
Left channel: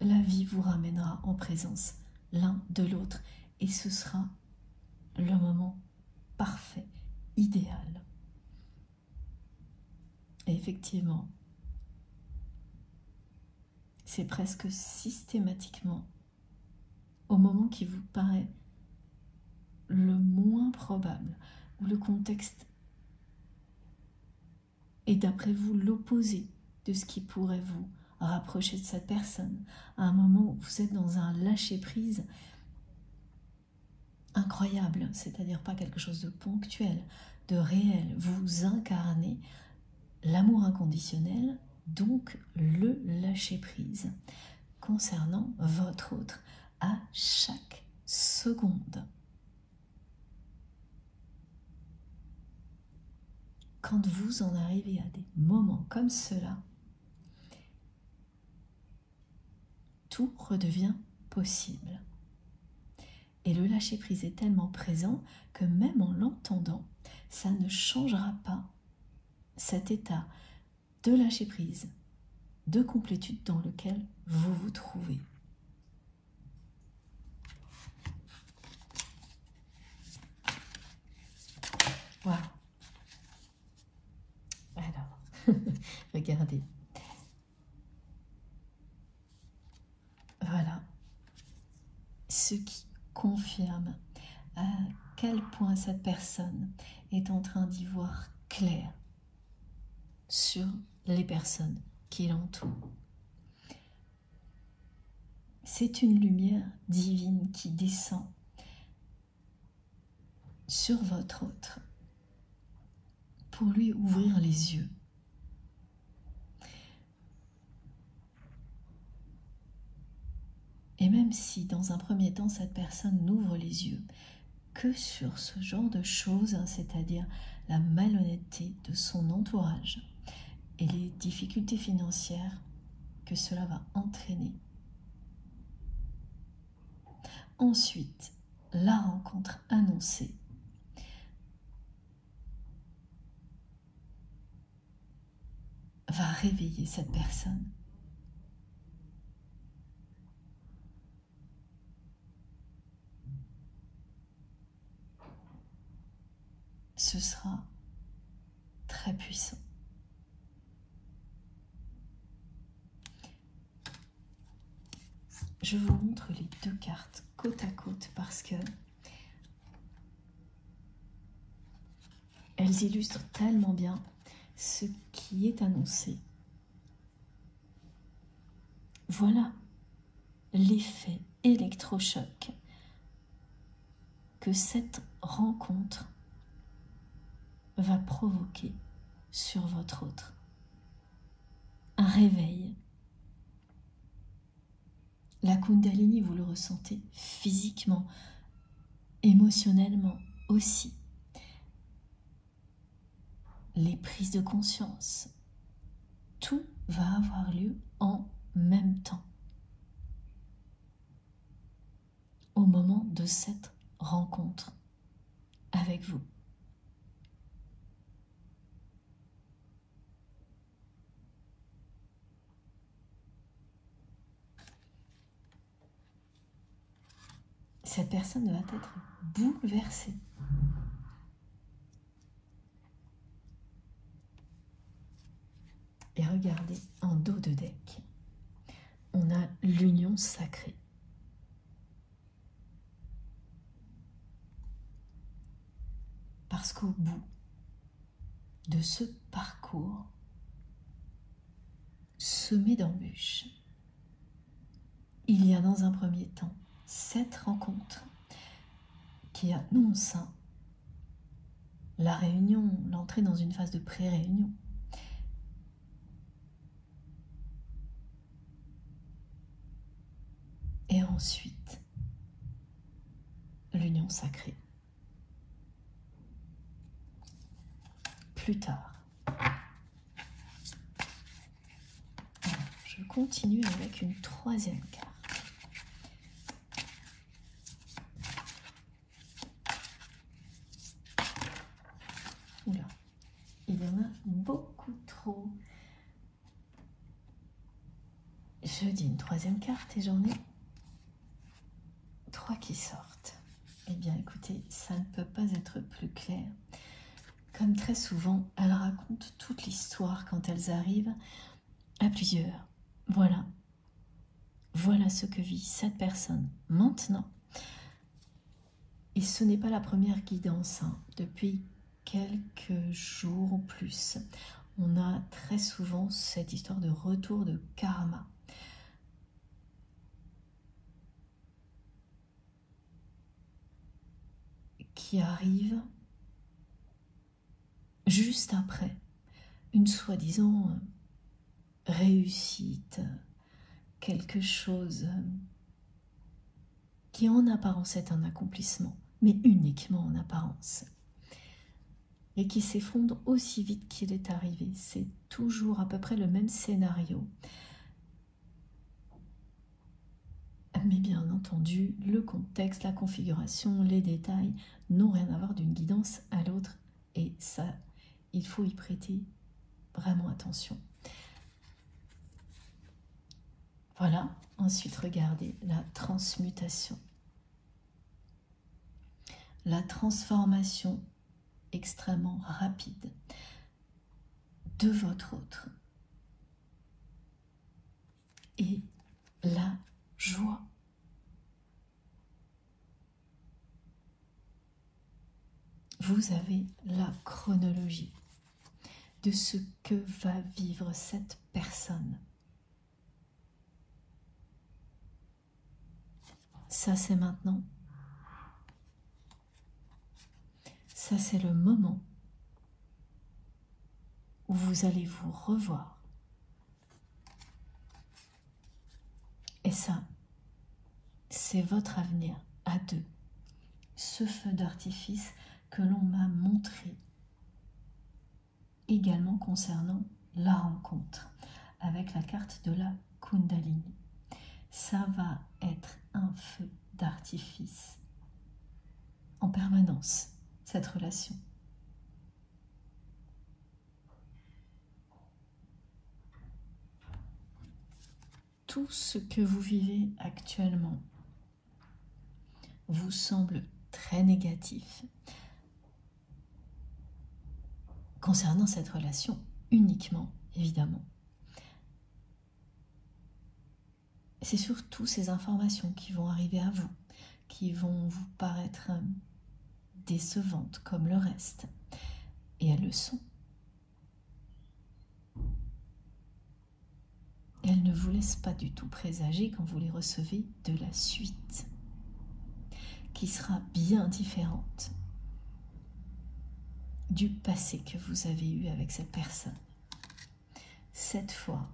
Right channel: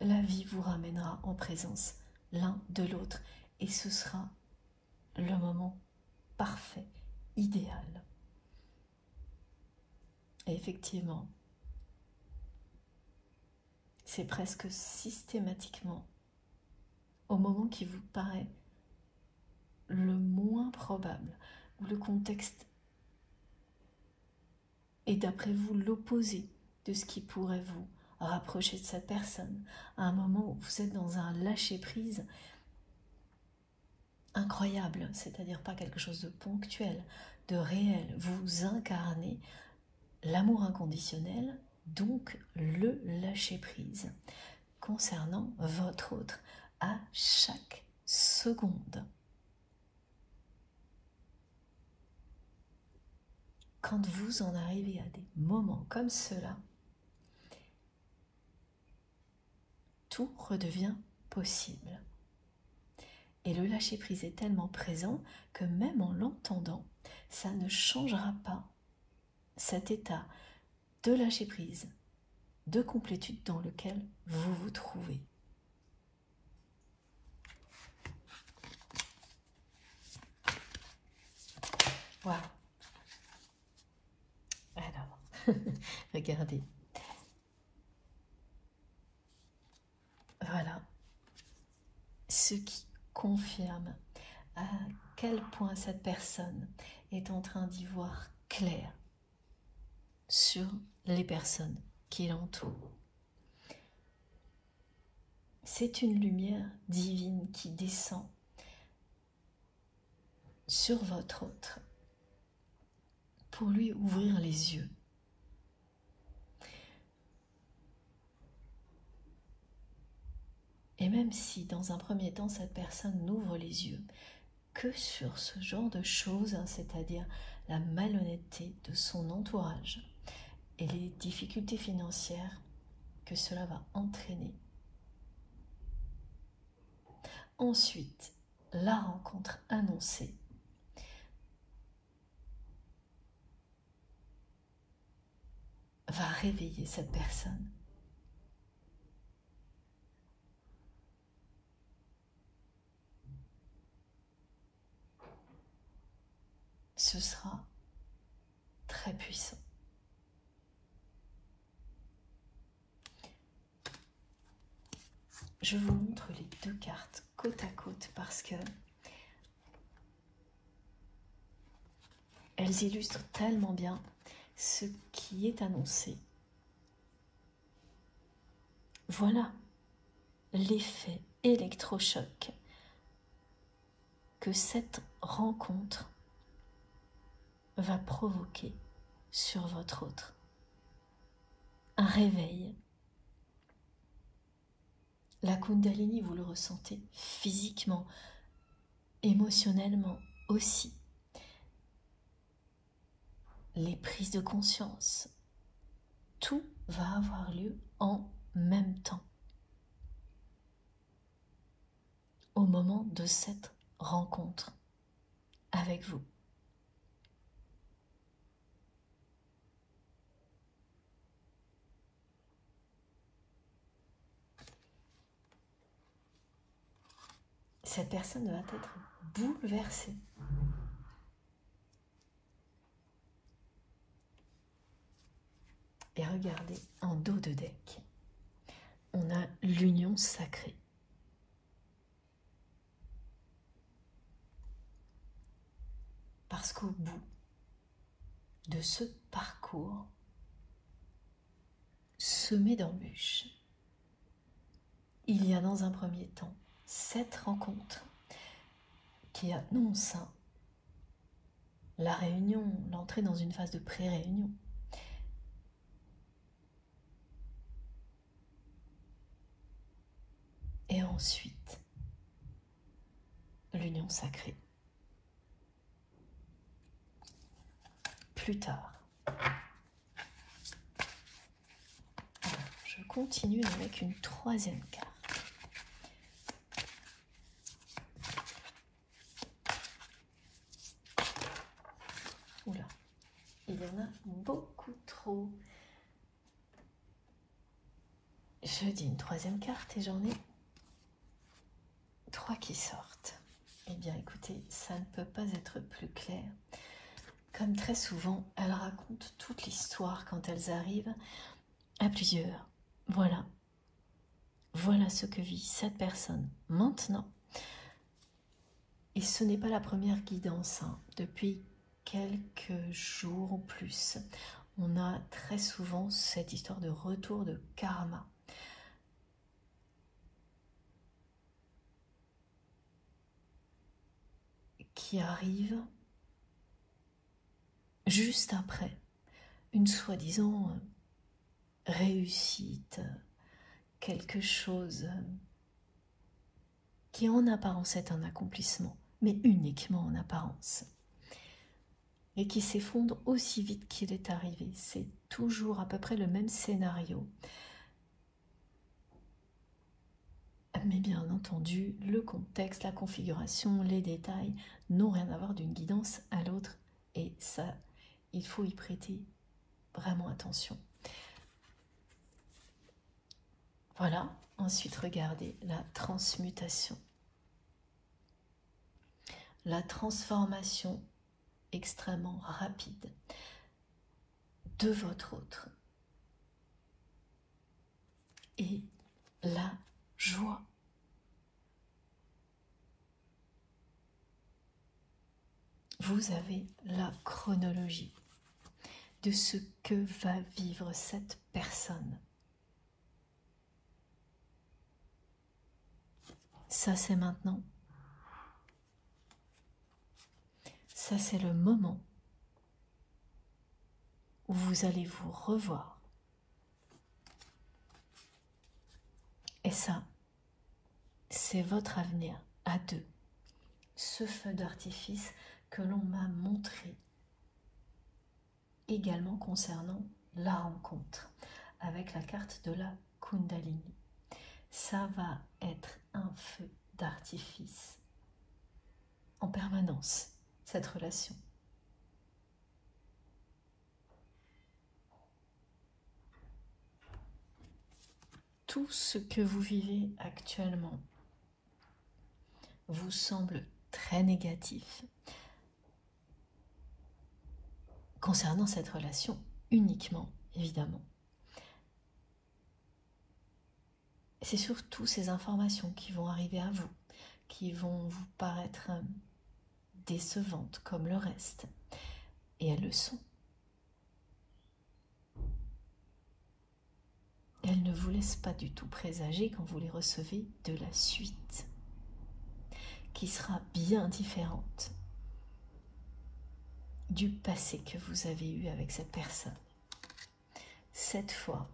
la vie vous ramènera en présence l'un de l'autre et ce sera le moment parfait, idéal. Et effectivement, c'est presque systématiquement au moment qui vous paraît le moins probable, où le contexte est d'après vous l'opposé de ce qui pourrait vous rapprocher de cette personne, à un moment où vous êtes dans un lâcher-prise incroyable, c'est-à-dire pas quelque chose de ponctuel, de réel. Vous incarnez l'amour inconditionnel, donc le lâcher-prise, concernant votre autre à chaque seconde. Quand vous en arrivez à des moments comme cela, tout redevient possible. Et le lâcher-prise est tellement présent que même en l'entendant, ça ne changera pas cet état de lâcher-prise, de complétude dans lequel vous vous trouvez. Voilà. Alors, regardez. Voilà. Ce qui confirme à quel point cette personne est en train d'y voir clair sur les personnes qui l'entourent. C'est une lumière divine qui descend sur votre autre pour lui ouvrir les yeux. Et même si dans un premier temps cette personne n'ouvre les yeux que sur ce genre de choses, hein, c'est-à-dire la malhonnêteté de son entourage et les difficultés financières que cela va entraîner. Ensuite, la rencontre annoncée. réveiller cette personne. Ce sera très puissant. Je vous montre les deux cartes côte à côte parce que elles illustrent tellement bien ce qui est annoncé. Voilà l'effet électrochoc que cette rencontre va provoquer sur votre autre. Un réveil. La Kundalini, vous le ressentez physiquement, émotionnellement aussi. Les prises de conscience, tout va avoir lieu en même temps. Au moment de cette rencontre avec vous. Cette personne va être bouleversée. Et regardez, en dos de deck, on a l'union sacrée. Parce qu'au bout de ce parcours semé d'embûches, il y a dans un premier temps cette rencontre qui annonce la réunion, l'entrée dans une phase de pré-réunion. Et ensuite, l'union sacrée. Plus tard. Alors, je continue avec une troisième carte. Oula, il y en a beaucoup trop. Je dis une troisième carte et j'en ai 3 qui sortent. Eh bien, écoutez, ça ne peut pas être plus clair. Comme très souvent, elles racontent toute l'histoire quand elles arrivent à plusieurs. Voilà. Voilà ce que vit cette personne maintenant. Et ce n'est pas la première guidance. Depuis quelques jours ou plus, on a très souvent cette histoire de retour de karma. Qui arrive juste après une soi-disant réussite, quelque chose qui en apparence est un accomplissement, mais uniquement en apparence, et qui s'effondre aussi vite qu'il est arrivé. C'est toujours à peu près le même scénario. Mais bien entendu, le contexte, la configuration, les détails n'ont rien à voir d'une guidance à l'autre. Et ça, il faut y prêter vraiment attention. Voilà, ensuite regardez la transmutation. La transformation extrêmement rapide de votre autre. Et la joie. Vous avez la chronologie de ce que va vivre cette personne. Ça, c'est maintenant. Ça, c'est le moment où vous allez vous revoir. Et ça, c'est votre avenir à deux. Ce feu d'artifice que l'on m'a montré également concernant la rencontre avec la carte de la Kundalini. Ça va être un feu d'artifice en permanence, cette relation. tout ce que vous vivez actuellement vous semble très négatif concernant cette relation uniquement, évidemment. C'est surtout ces informations qui vont arriver à vous, qui vont vous paraître décevantes comme le reste. Et elles le sont. Et elles ne vous laissent pas du tout présager quand vous les recevez de la suite, qui sera bien différente du passé que vous avez eu avec cette personne. Cette fois,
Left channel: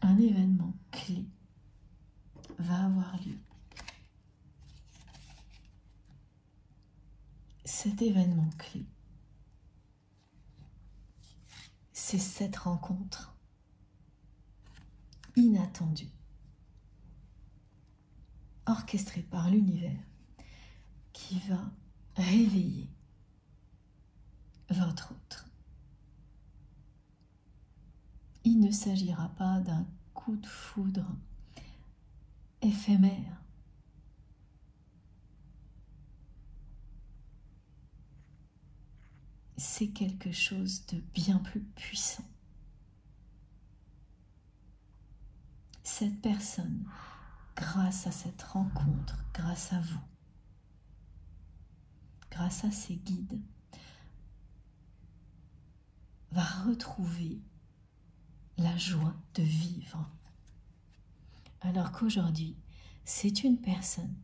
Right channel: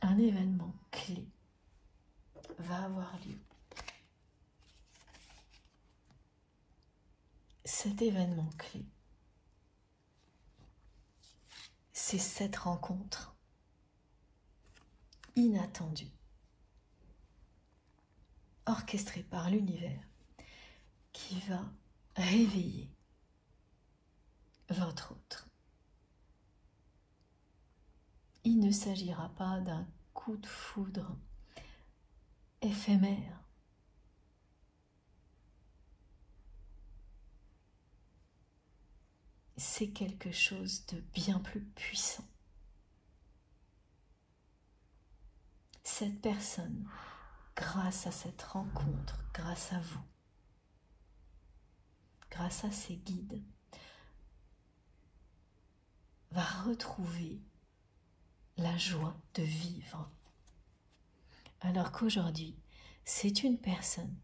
un événement clé va avoir lieu. Cet événement clé, c'est cette rencontre inattendue, orchestrée par l'univers, qui va réveiller votre autre. Il ne s'agira pas d'un coup de foudre éphémère. C'est quelque chose de bien plus puissant. Cette personne, grâce à cette rencontre, grâce à vous, grâce à ses guides, va retrouver la joie de vivre. Alors qu'aujourd'hui, c'est une personne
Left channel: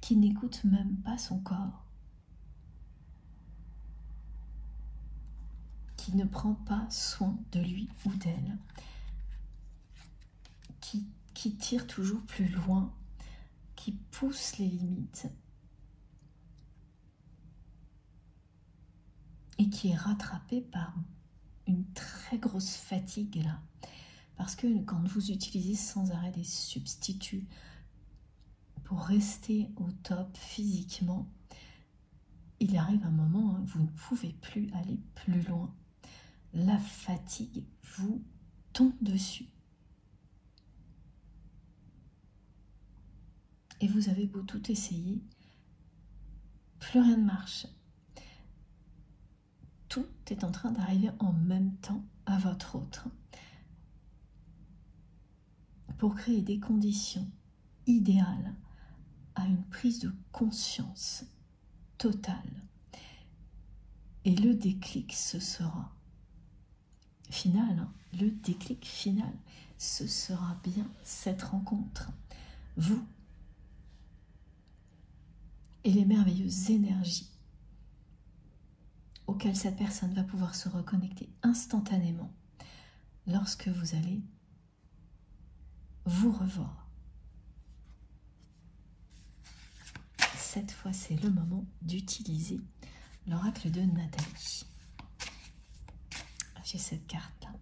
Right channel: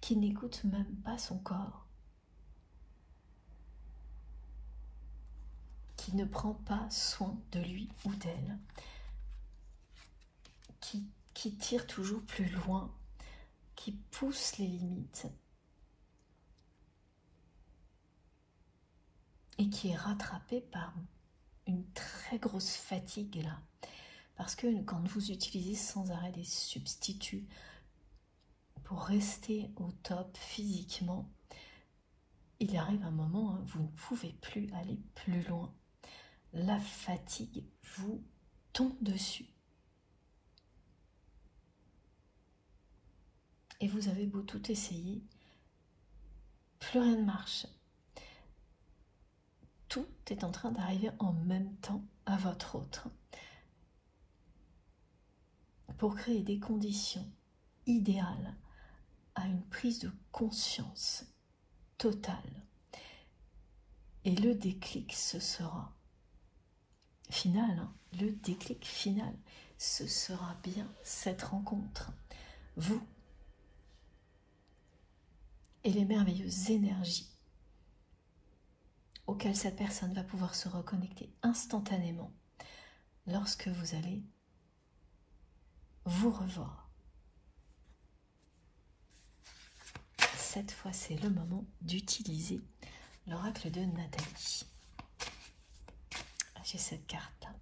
qui n'écoute même pas son corps, qui ne prend pas soin de lui ou d'elle, qui tire toujours plus loin, qui pousse les limites et qui est rattrapé par une très grosse fatigue là. Parce que quand vous utilisez sans arrêt des substituts pour rester au top physiquement, il arrive un moment, vous ne pouvez plus aller plus loin. La fatigue vous tombe dessus. Et vous avez beau tout essayer, plus rien ne marche. Tout est en train d'arriver en même temps à votre autre pour créer des conditions idéales à une prise de conscience totale. Et le déclic, ce sera final, le déclic final, ce sera bien cette rencontre. Vous et les merveilleuses énergies auxquelles cette personne va pouvoir se reconnecter instantanément lorsque vous allez vous revoir. Cette fois, c'est le moment d'utiliser l'oracle de Nathalie. J'ai cette carte-là.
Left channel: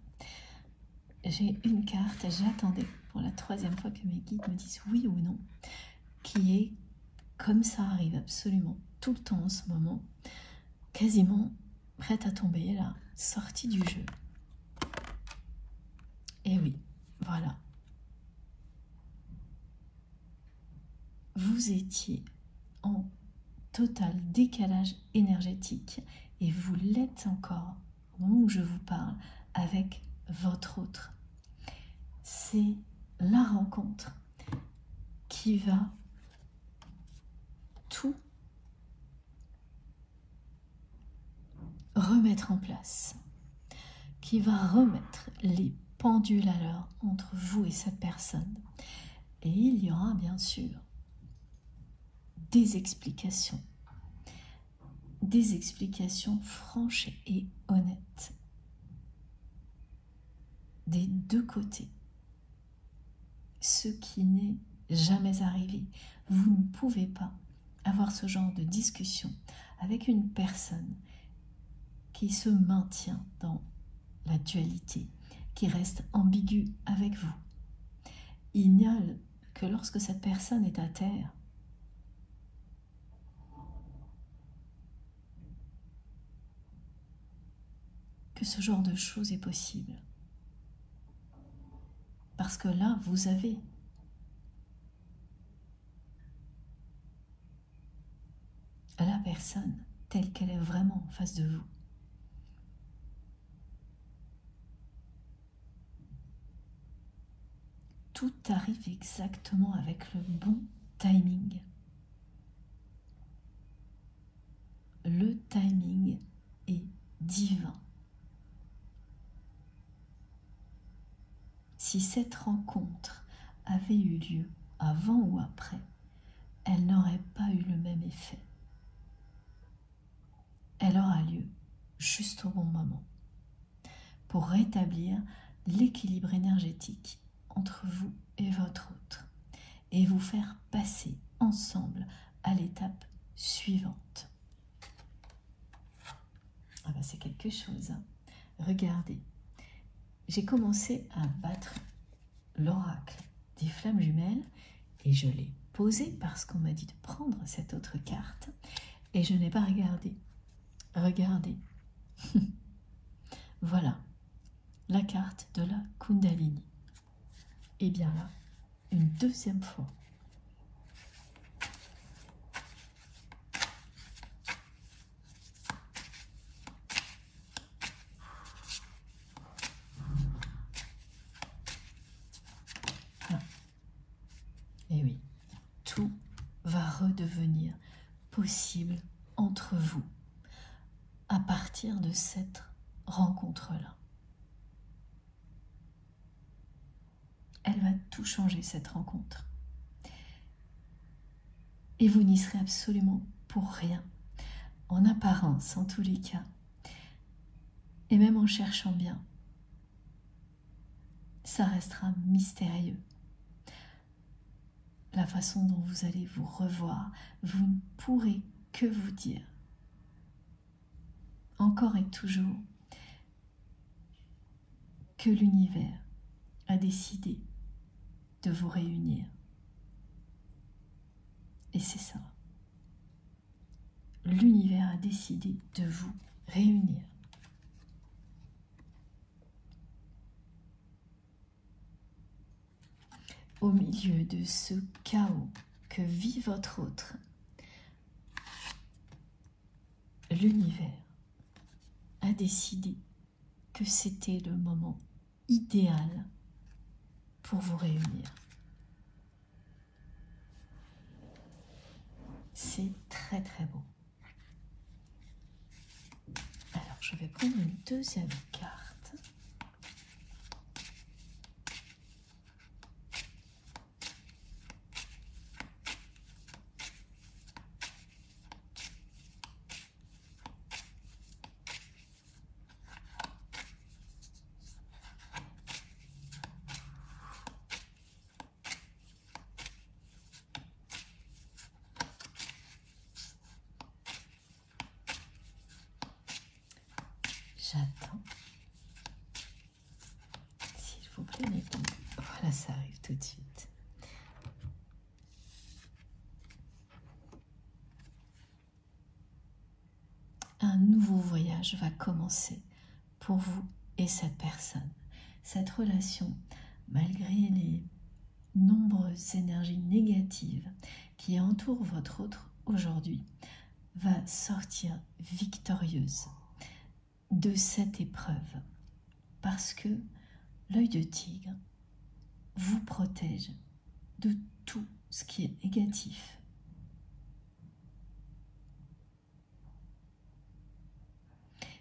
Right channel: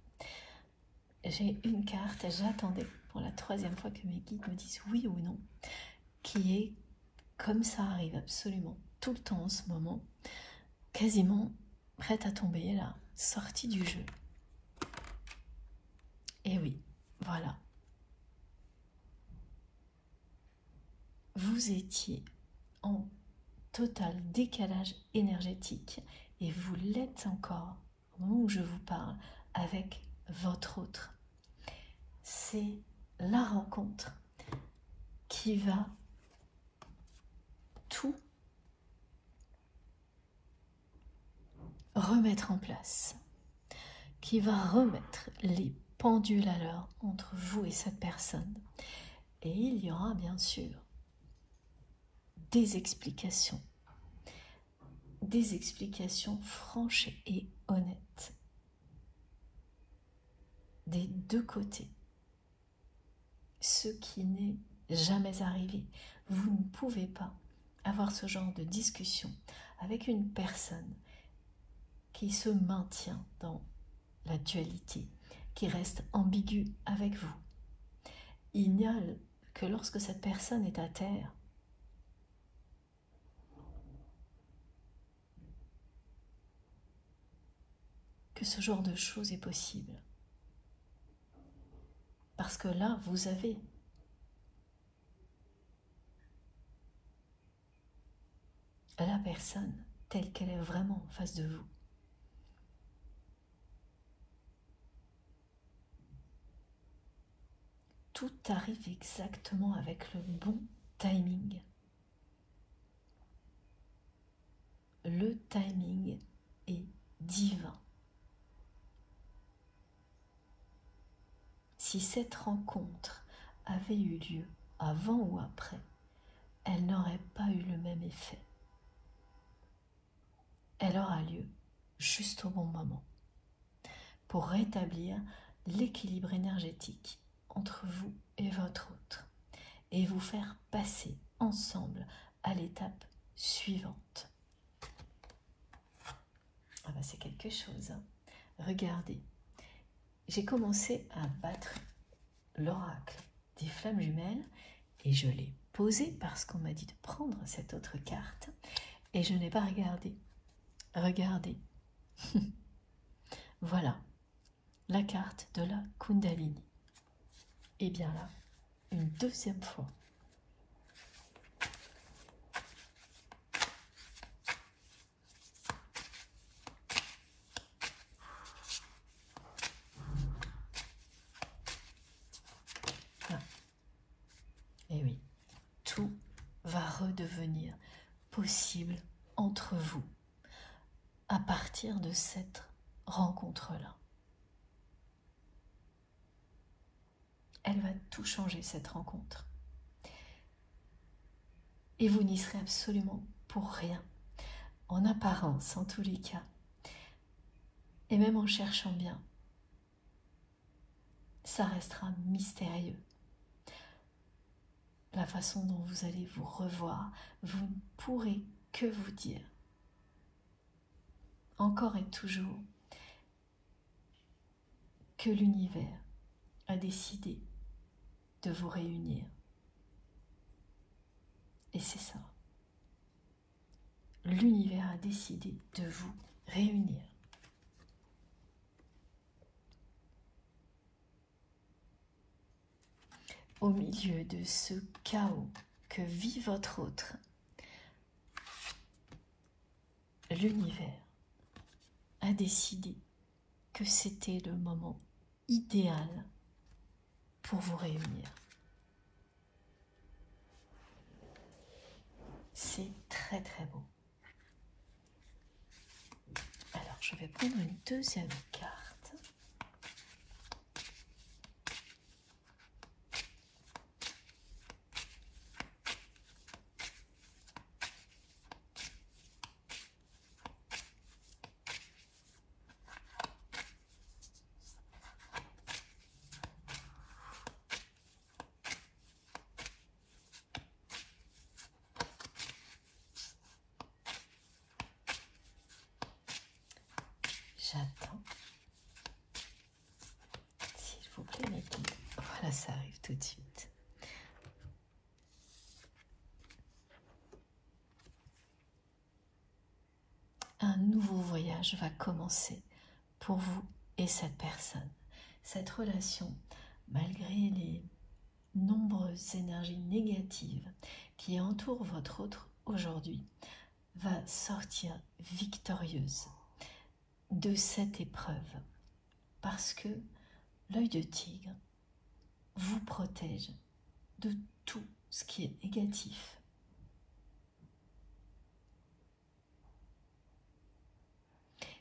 J'ai une carte et j'attendais pour la troisième fois que mes guides me disent oui ou non, qui est, comme ça arrive absolument tout le temps en ce moment, quasiment prête à tomber, là, sortie du jeu. Et oui, voilà. Vous étiez en total décalage énergétique et vous l'êtes encore au moment où je vous parle avec votre autre. C'est la rencontre qui va tout remettre en place, qui va remettre les pendules à l'heure entre vous et cette personne. Et il y aura bien sûr des explications franches et honnêtes des deux côtés, ce qui n'est jamais arrivé. Vous ne pouvez pas avoir ce genre de discussion avec une personne qui se maintient dans la dualité, qui reste ambiguë avec vous. Il n'y a que lorsque cette personne est à terre que ce genre de choses est possible. Parce que là, vous avez la personne telle qu'elle est vraiment en face de vous. Tout arrive exactement avec le bon timing. Le timing est divin. Si cette rencontre avait eu lieu avant ou après, elle n'aurait pas eu le même effet. Elle aura lieu juste au bon moment pour rétablir l'équilibre énergétique entre vous et votre autre et vous faire passer ensemble à l'étape suivante. Ah bah c'est quelque chose, hein. Regardez, j'ai commencé à battre l'oracle des flammes jumelles et je l'ai posé parce qu'on m'a dit de prendre cette autre carte et je n'ai pas regardé. Regardez, voilà la carte de la Kundalini. Et bien là, une deuxième fois. Là. Et oui, tout va redevenir possible entre vous à partir de cette rencontre-là. Elle va tout changer, cette rencontre. Et vous n'y serez absolument pour rien, en apparence en tous les cas, et même en cherchant bien. Ça restera mystérieux. La façon dont vous allez vous revoir, vous ne pourrez que vous dire, encore et toujours, que l'univers a décidé de vous réunir. Et c'est ça. L'univers a décidé de vous réunir. Au milieu de ce chaos que vit votre autre, l'univers a décidé que c'était le moment idéal pour vous réunir. C'est très très beau. Alors je vais prendre une deuxième carte. J'attends. S'il vous plaît, les filles. Voilà, ça arrive tout de suite. Un nouveau voyage va commencer pour vous et cette personne. Cette relation, malgré les nombreuses énergies négatives qui entourent votre autre aujourd'hui, va sortir victorieuse de cette épreuve parce que l'œil de tigre vous protège de tout ce qui est négatif.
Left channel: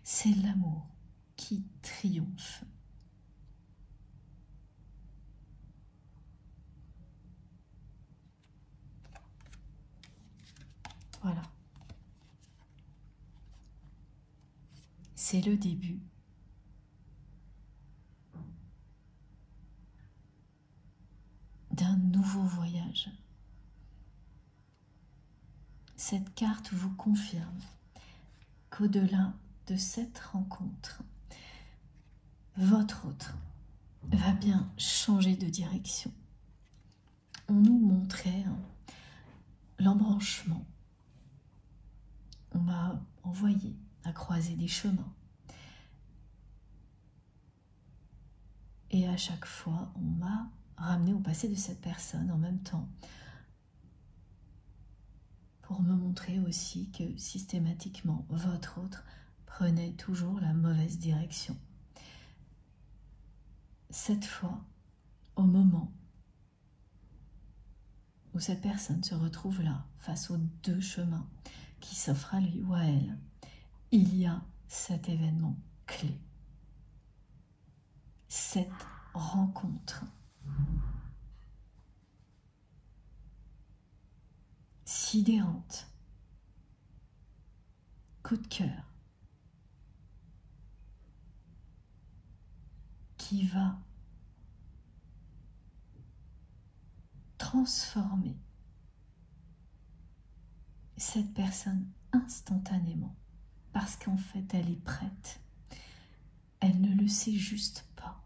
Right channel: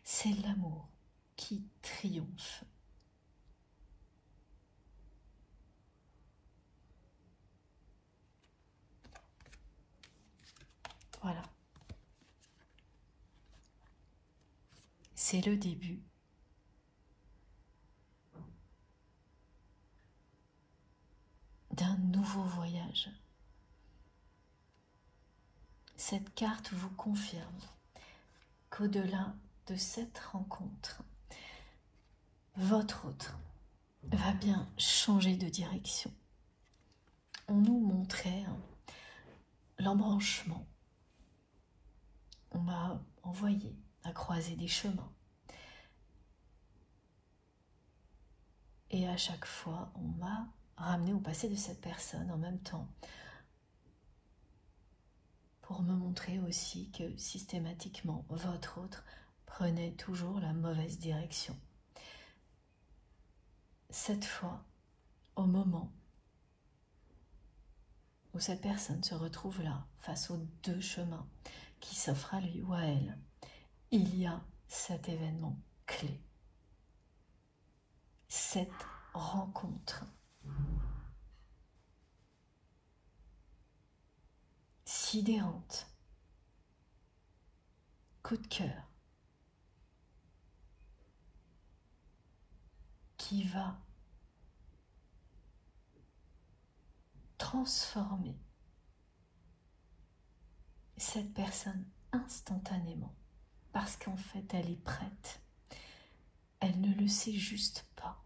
C'est l'amour qui triomphe. Voilà. C'est le début d'un nouveau voyage. Cette carte vous confirme qu'au-delà de cette rencontre, votre autre va bien changer de direction. On nous montrait l'embranchement. On m'a envoyé à croiser des chemins. chaque fois, on m'a ramené au passé de cette personne en même temps pour me montrer aussi que systématiquement, votre autre prenait toujours la mauvaise direction. Cette fois, au moment où cette personne se retrouve là, face aux deux chemins qui s'offrent à lui ou à elle, il y a cet événement clé, cette rencontre sidérante, coup de cœur, qui va transformer cette personne instantanément, parce qu'en fait elle est prête. Elle ne le sait juste pas.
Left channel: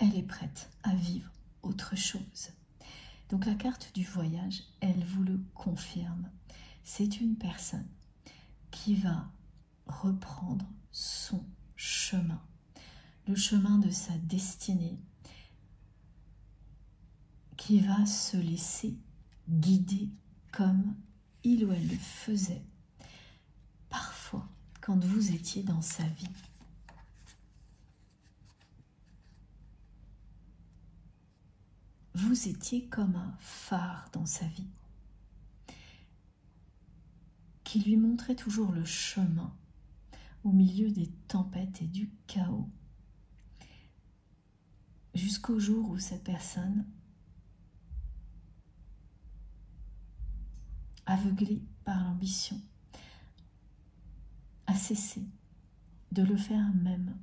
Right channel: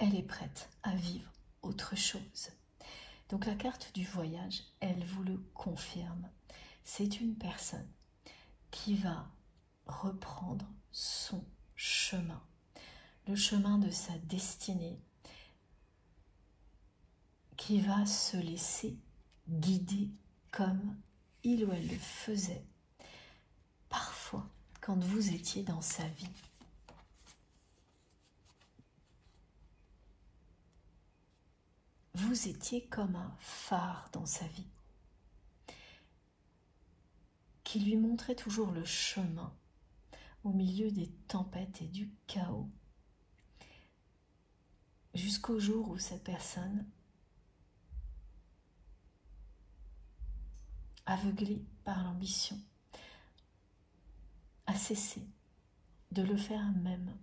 Elle est prête à vivre autre chose. Donc la carte du voyage, elle vous le confirme. C'est une personne qui va reprendre son chemin, le chemin de sa destinée, qui va se laisser guider comme il ou elle le faisait parfois quand vous étiez dans sa vie. Vous étiez comme un phare dans sa vie qui lui montrait toujours le chemin au milieu des tempêtes et du chaos, jusqu'au jour où cette personne, aveuglée par l'ambition, a cessé de le faire même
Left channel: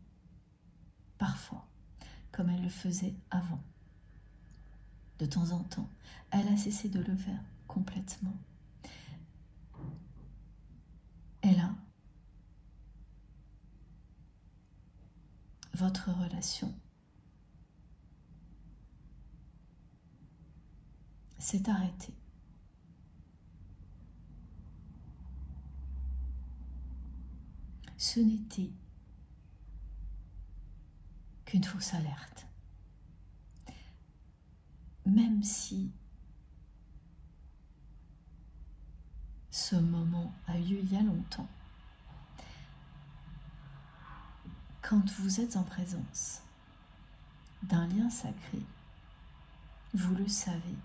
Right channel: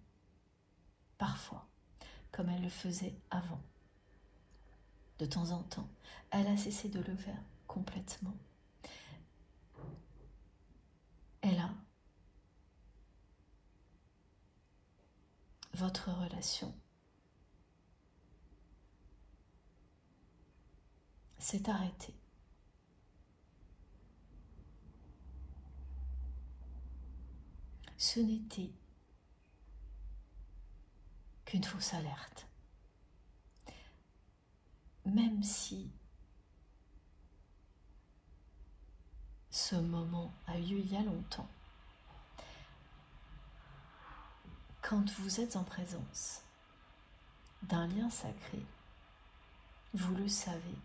parfois comme elle le faisait avant. De temps en temps, elle a cessé de le faire complètement. Et là, votre relation s'est arrêtée. Ce n'était qu'une fausse alerte. Même si ce moment a eu il y a longtemps, quand vous êtes en présence d'un lien sacré, vous le savez,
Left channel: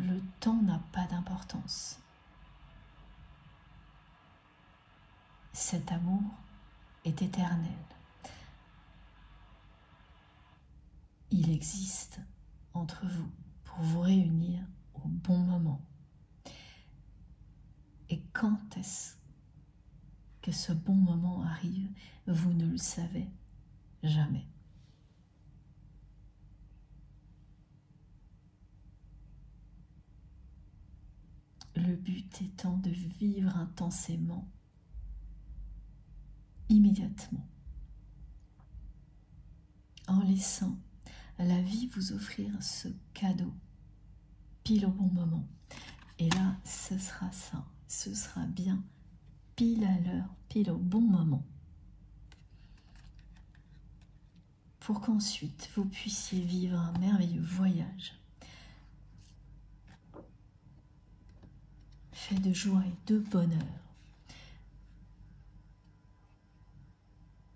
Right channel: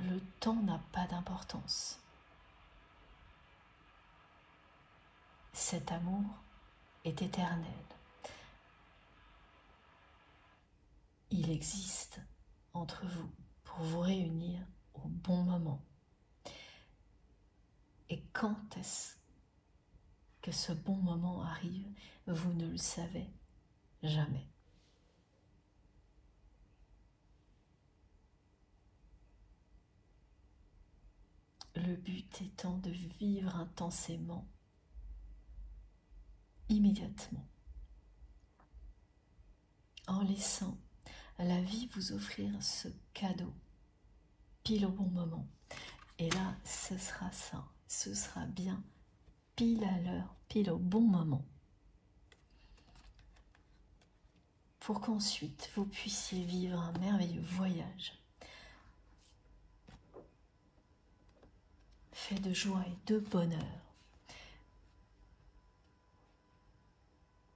le temps n'a pas d'importance. Cet amour est éternel. Il existe entre vous pour vous réunir au bon moment. Et quand est-ce que ce bon moment arrive, vous ne le savez jamais. Le but étant de vivre intensément, immédiatement, en laissant la vie vous offrir ce cadeau pile au bon moment. Et là, ce sera ça, ce sera bien pile à l'heure, pile au bon moment, pour qu'ensuite vous puissiez vivre un merveilleux voyage fait de joie et de bonheur,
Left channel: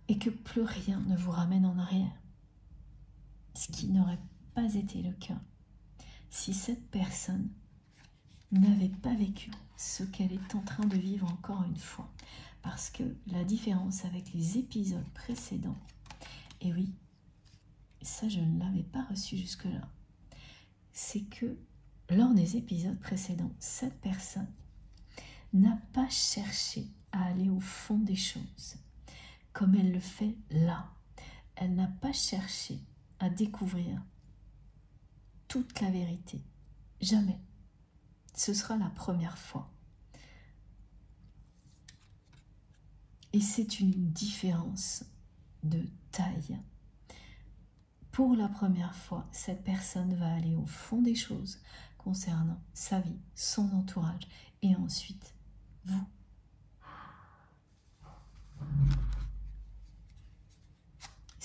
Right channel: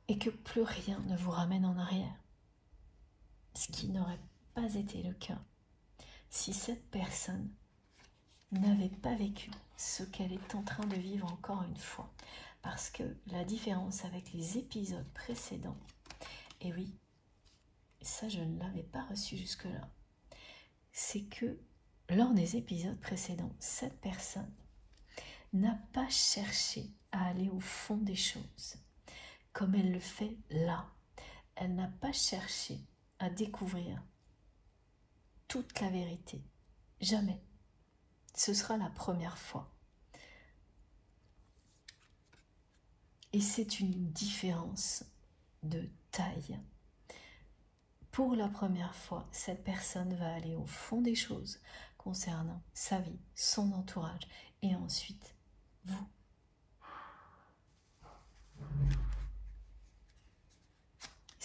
et que plus rien ne vous ramène en arrière, ce qui n'aurait pas été le cas si cette personne n'avait pas vécu ce qu'elle est en train de vivre encore une fois. Parce que la différence avec les épisodes précédents, et oui, ça je ne l'avais pas reçu jusque-là, c'est que lors des épisodes précédents, cette personne n'a pas cherché à aller au fond des choses, comme elle le fait là. Elle n'a pas cherché à découvrir toute la vérité. Jamais. Ce sera la première fois. Et c'est une différence de taille. Pour la première fois, cette personne va aller au fond des choses concernant sa vie, son entourage, et ensuite vous.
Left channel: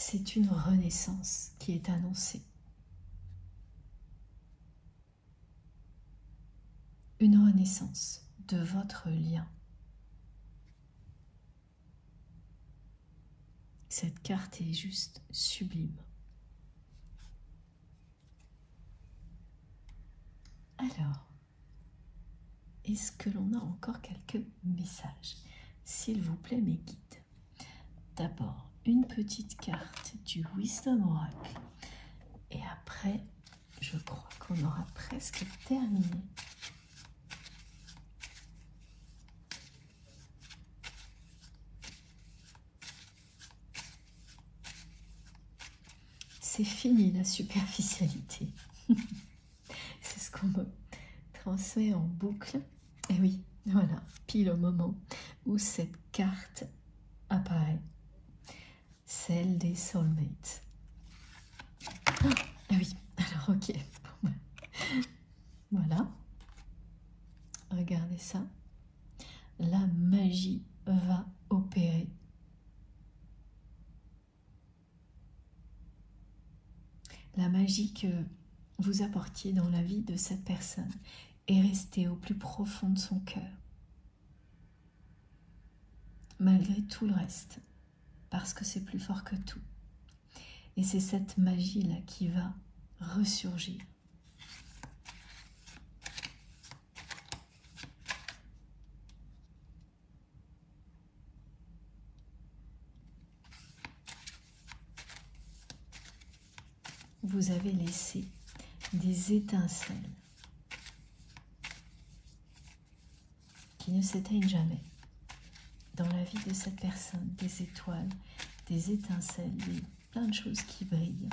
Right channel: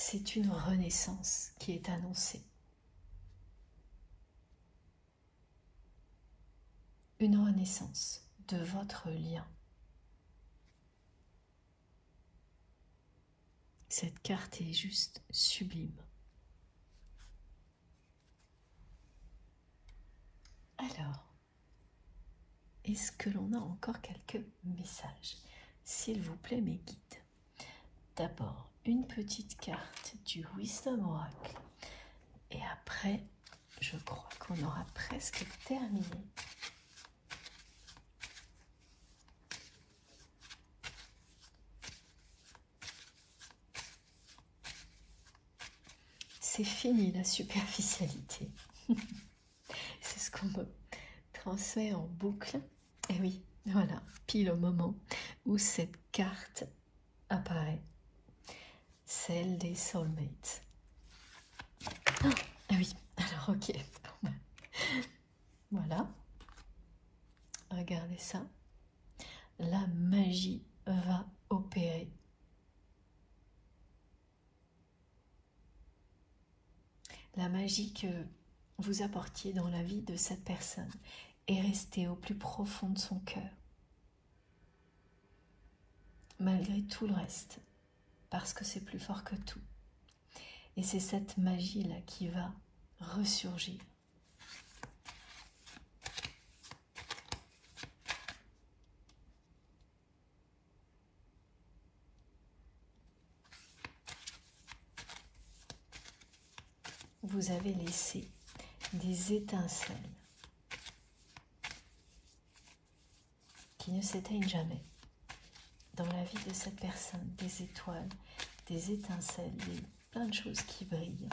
c'est une renaissance qui est annoncée. Une renaissance de votre lien. Cette carte est juste sublime. Alors, est-ce que l'on a encore quelques messages? S'il vous plaît, mes guides. D'abord, une petite carte du Wisdom Oracle. Et après, je crois qu'on aura presque terminé. C'est fini la superficialité. C'est ce qu'on me transmet en boucle. Et oui, voilà, pile au moment où cette carte apparaît, celle des soulmates. Ah oui, alors ok. Voilà, regardez ça. La magie va opérer. La magie que vous apportiez dans la vie de cette personne est restée au plus profond de son cœur, malgré tout le reste, parce que c'est plus fort que tout. Et c'est cette magie-là qui va ressurgir. Vous avez laissé des étincelles qui ne s'éteignent jamais dans la vie de cette personne, des étoiles, des étincelles, plein de choses qui brillent.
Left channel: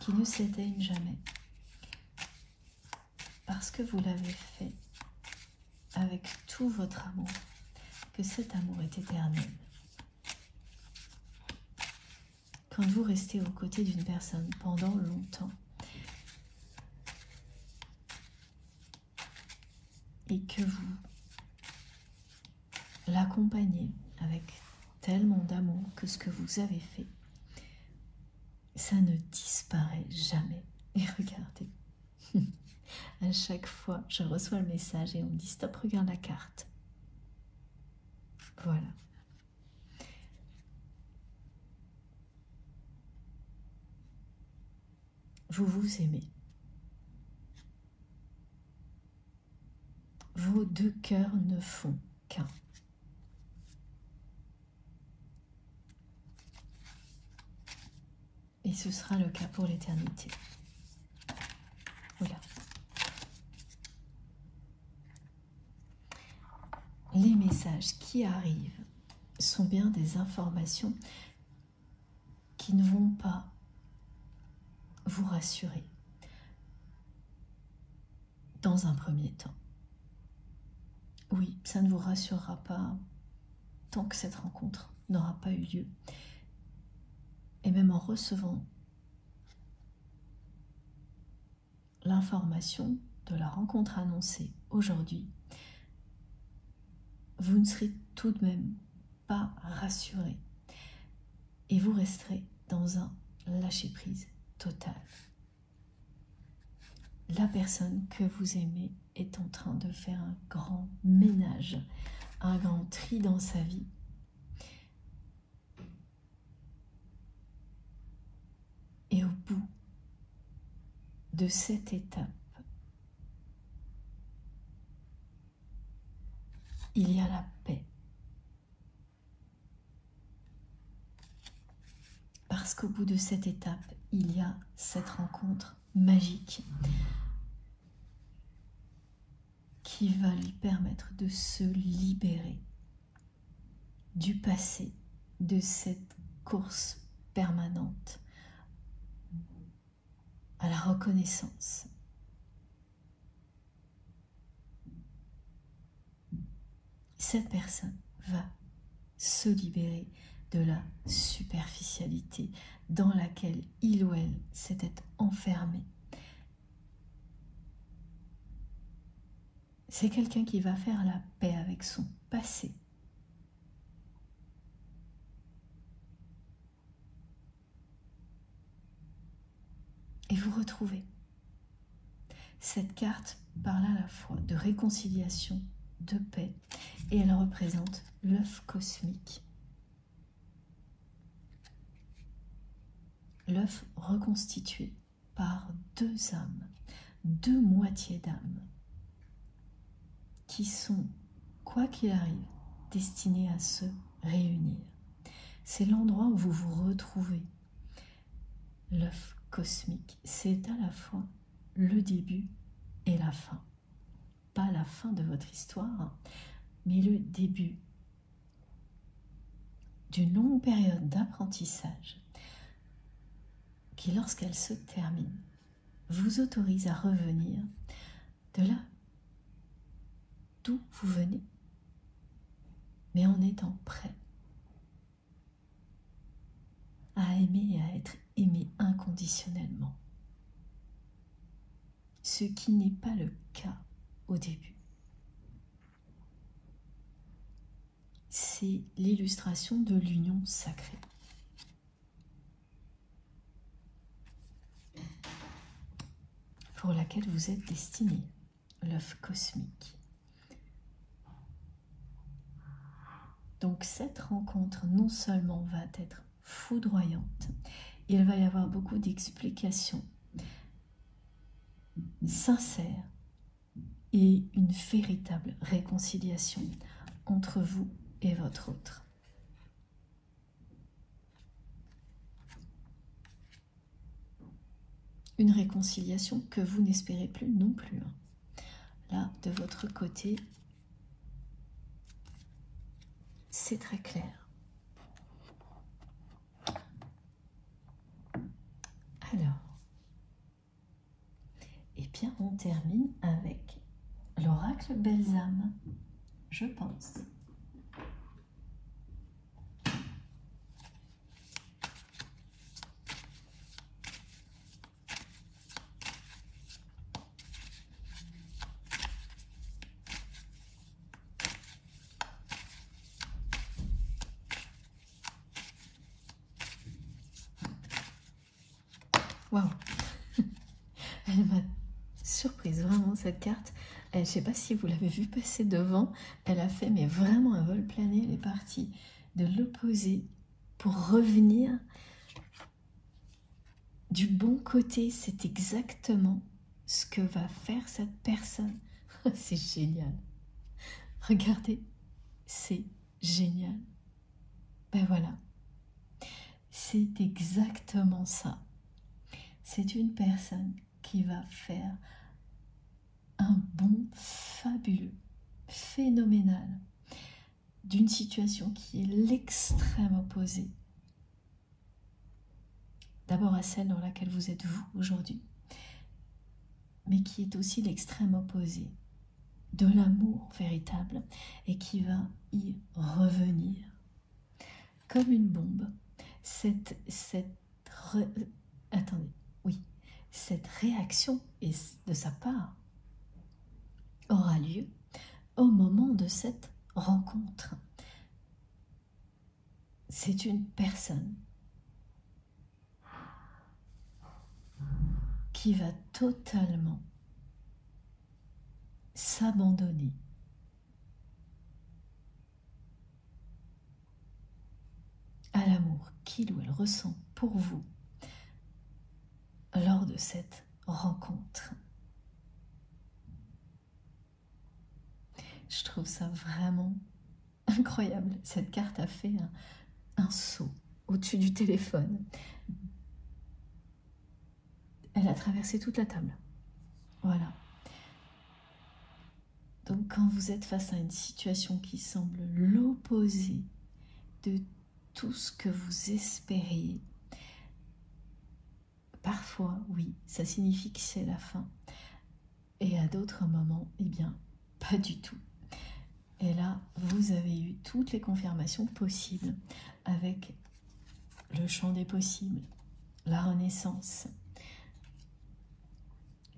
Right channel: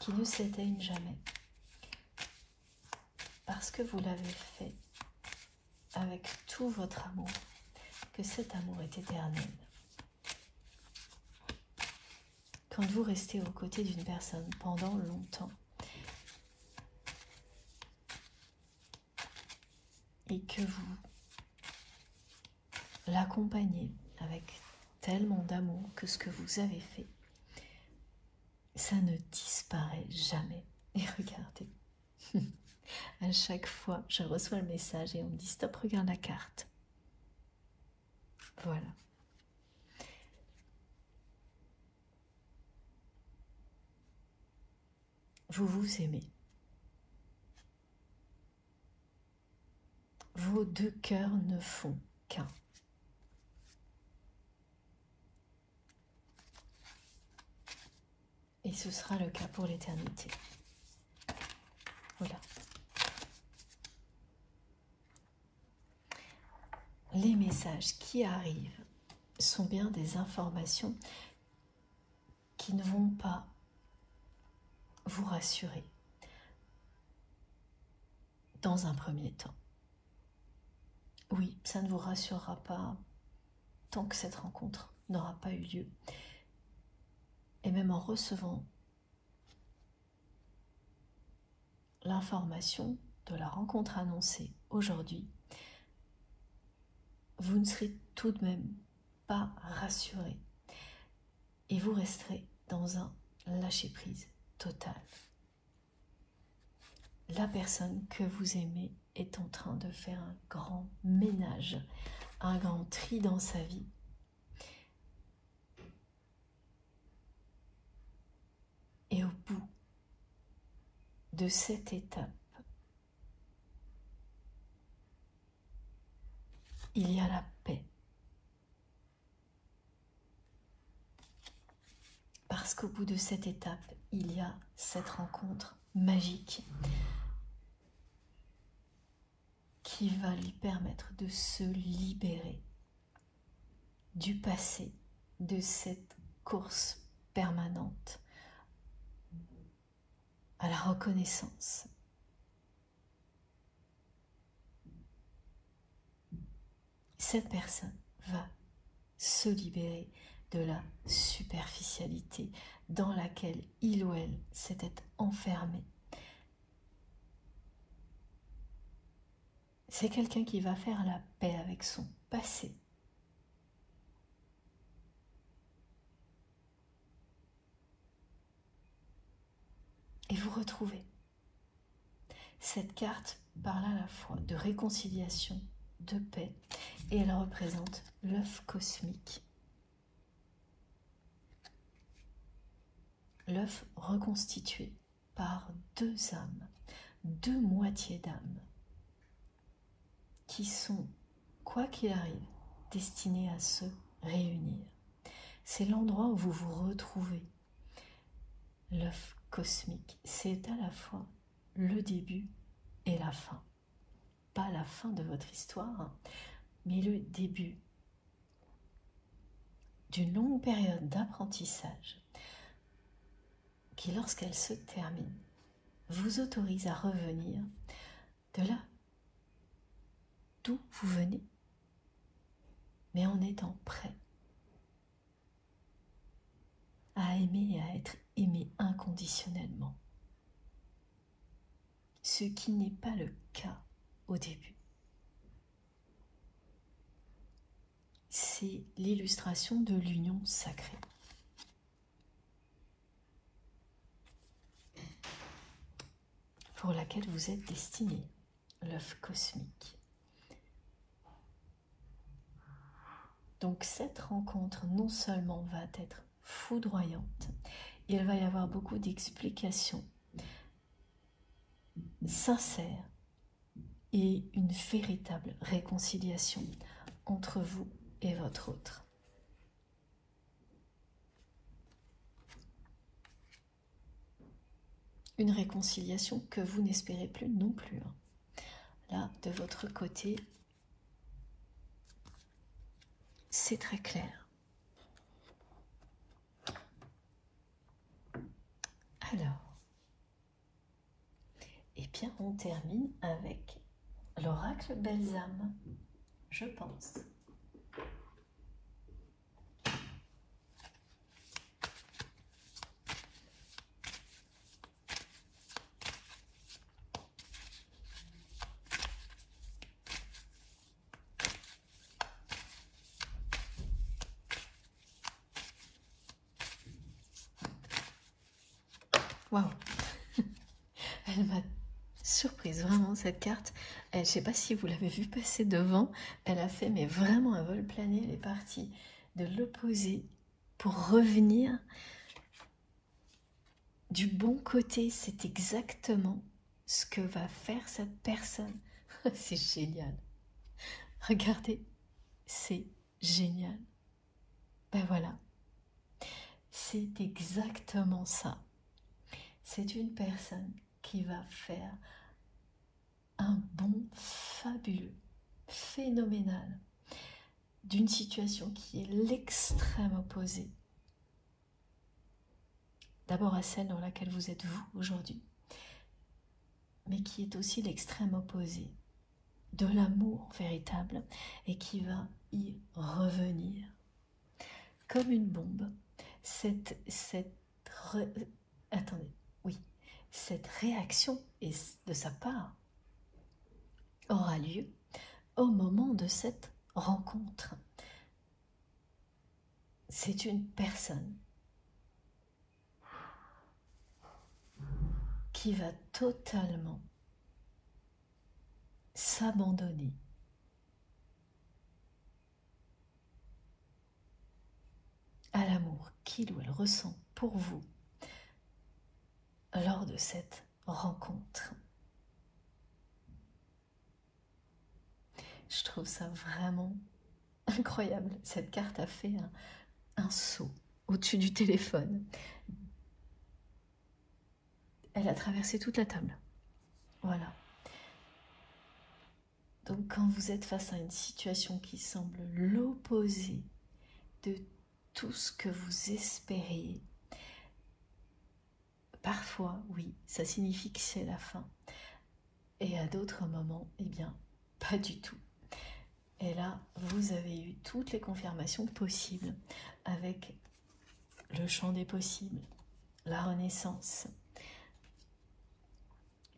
Qui ne s'éteignent jamais parce que vous l'avez fait avec tout votre amour, que cet amour est éternel. Quand vous restez aux côtés d'une personne pendant longtemps et que vous l'accompagnez avec tellement d'amour que ce que vous avez fait, ça ne disparaît jamais. Et regardez, à chaque fois, je reçois le message et on me dit « Stop, regarde la carte ». Voilà. Vous vous aimez. Vos deux cœurs ne font qu'un. Et ce sera le cas pour l'éternité. Voilà. Les messages qui arrivent sont bien des informations qui ne vont pas vous rassurer dans un premier temps. Oui, ça ne vous rassurera pas tant que cette rencontre n'aura pas eu lieu. Et même en recevant l'information de la rencontre annoncée aujourd'hui, vous ne serez tout de même pas rassuré et vous resterez dans un lâcher-prise total. La personne que vous aimez est en train de faire un grand ménage, un grand tri dans sa vie. Et au bout de cette étape, il y a la paix. Parce qu'au bout de cette étape, il y a cette rencontre magique qui va lui permettre de se libérer du passé, de cette course permanente à la reconnaissance. Cette personne va se libérer de la superficialité dans laquelle il ou elle s'était enfermé. C'est quelqu'un qui va faire la paix avec son passé et vous retrouvez. Cette carte parle à la fois de réconciliation, de paix, et elle représente l'œuf cosmique. L'œuf reconstitué par deux âmes, deux moitiés d'âme, qui sont, quoi qu'il arrive, destinées à se réunir. C'est l'endroit où vous vous retrouvez. L'œuf cosmique, c'est à la fois le début et la fin. Pas la fin de votre histoire, mais le début d'une longue période d'apprentissage qui, lorsqu'elle se termine, vous autorise à revenir de là d'où vous venez, mais en étant prêt à aimer et à être aimé inconditionnellement. Ce qui n'est pas le cas au début. C'est l'illustration de l'union sacrée. Pour laquelle vous êtes destiné, l'œuf cosmique. Donc cette rencontre non seulement va être foudroyante, il va y avoir beaucoup d'explications sincères et une véritable réconciliation entre vous et votre autre. Une réconciliation que vous n'espérez plus non plus. Là, de votre côté, c'est très clair. Alors, eh bien, on termine avec l'oracle Belles âmes, je pense. Waouh, elle m'a surprise vraiment cette carte. Je ne sais pas si vous l'avez vu passer devant. Elle a fait mais vraiment un vol plané. Elle est partie de l'opposé pour revenir du bon côté. C'est exactement ce que va faire cette personne. C'est génial. Regardez, c'est génial. Ben voilà, c'est exactement ça. C'est une personne qui va faire un bond fabuleux, phénoménal, d'une situation qui est l'extrême opposé. D'abord à celle dans laquelle vous êtes vous aujourd'hui, mais qui est aussi l'extrême opposé de l'amour véritable et qui va y revenir. Comme une bombe, cette réaction de sa part aura lieu au moment de cette rencontre. C'est une personne qui va totalement s'abandonner à l'amour qu'il ou elle ressent pour vous lors de cette rencontre. Je trouve ça vraiment incroyable. Cette carte a fait un saut au-dessus du téléphone. Elle a traversé toute la table. Voilà. Donc quand vous êtes face à une situation qui semble l'opposé de tout ce que vous espériez, parfois, oui, ça signifie que c'est la fin. Et à d'autres moments, eh bien, pas du tout. Et là, vous avez eu toutes les confirmations possibles avec le champ des possibles, la renaissance,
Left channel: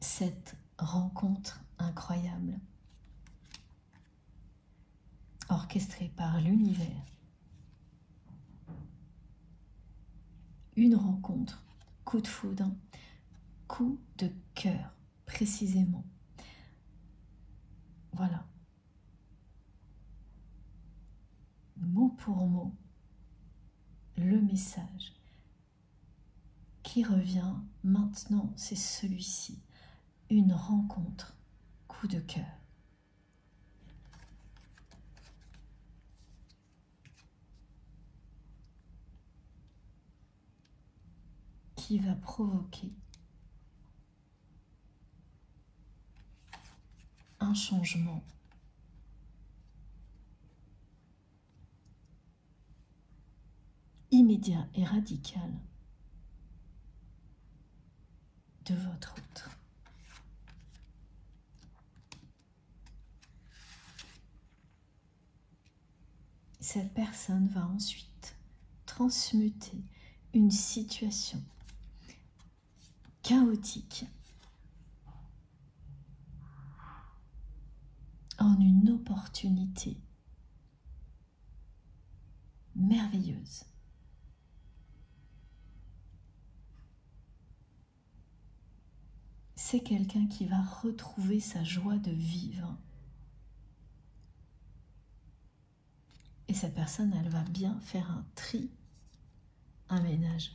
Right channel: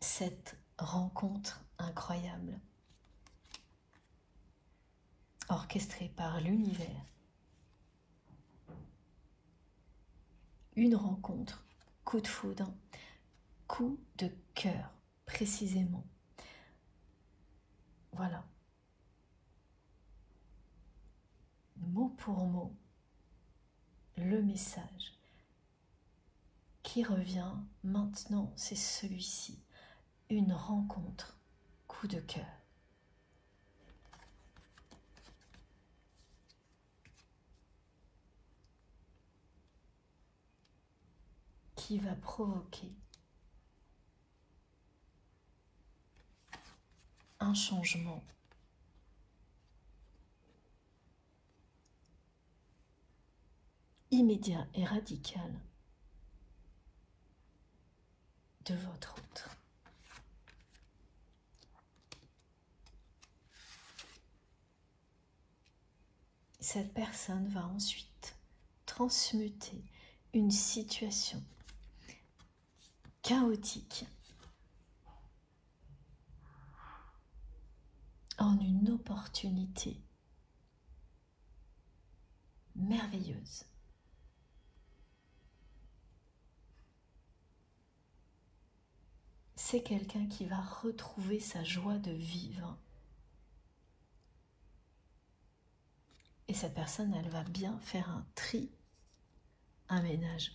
cette rencontre incroyable, orchestrée par l'univers. Une rencontre, coup de foudre, coup de cœur, précisément. Voilà. Mot pour mot, le message qui revient maintenant, c'est celui-ci. Une rencontre, coup de cœur. Qui va provoquer un changement immédiat et radical de votre autre. Cette personne va ensuite transmuter une situation chaotique en une opportunité merveilleuse. C'est quelqu'un qui va retrouver sa joie de vivre. Et cette personne, elle va bien faire un tri, un ménage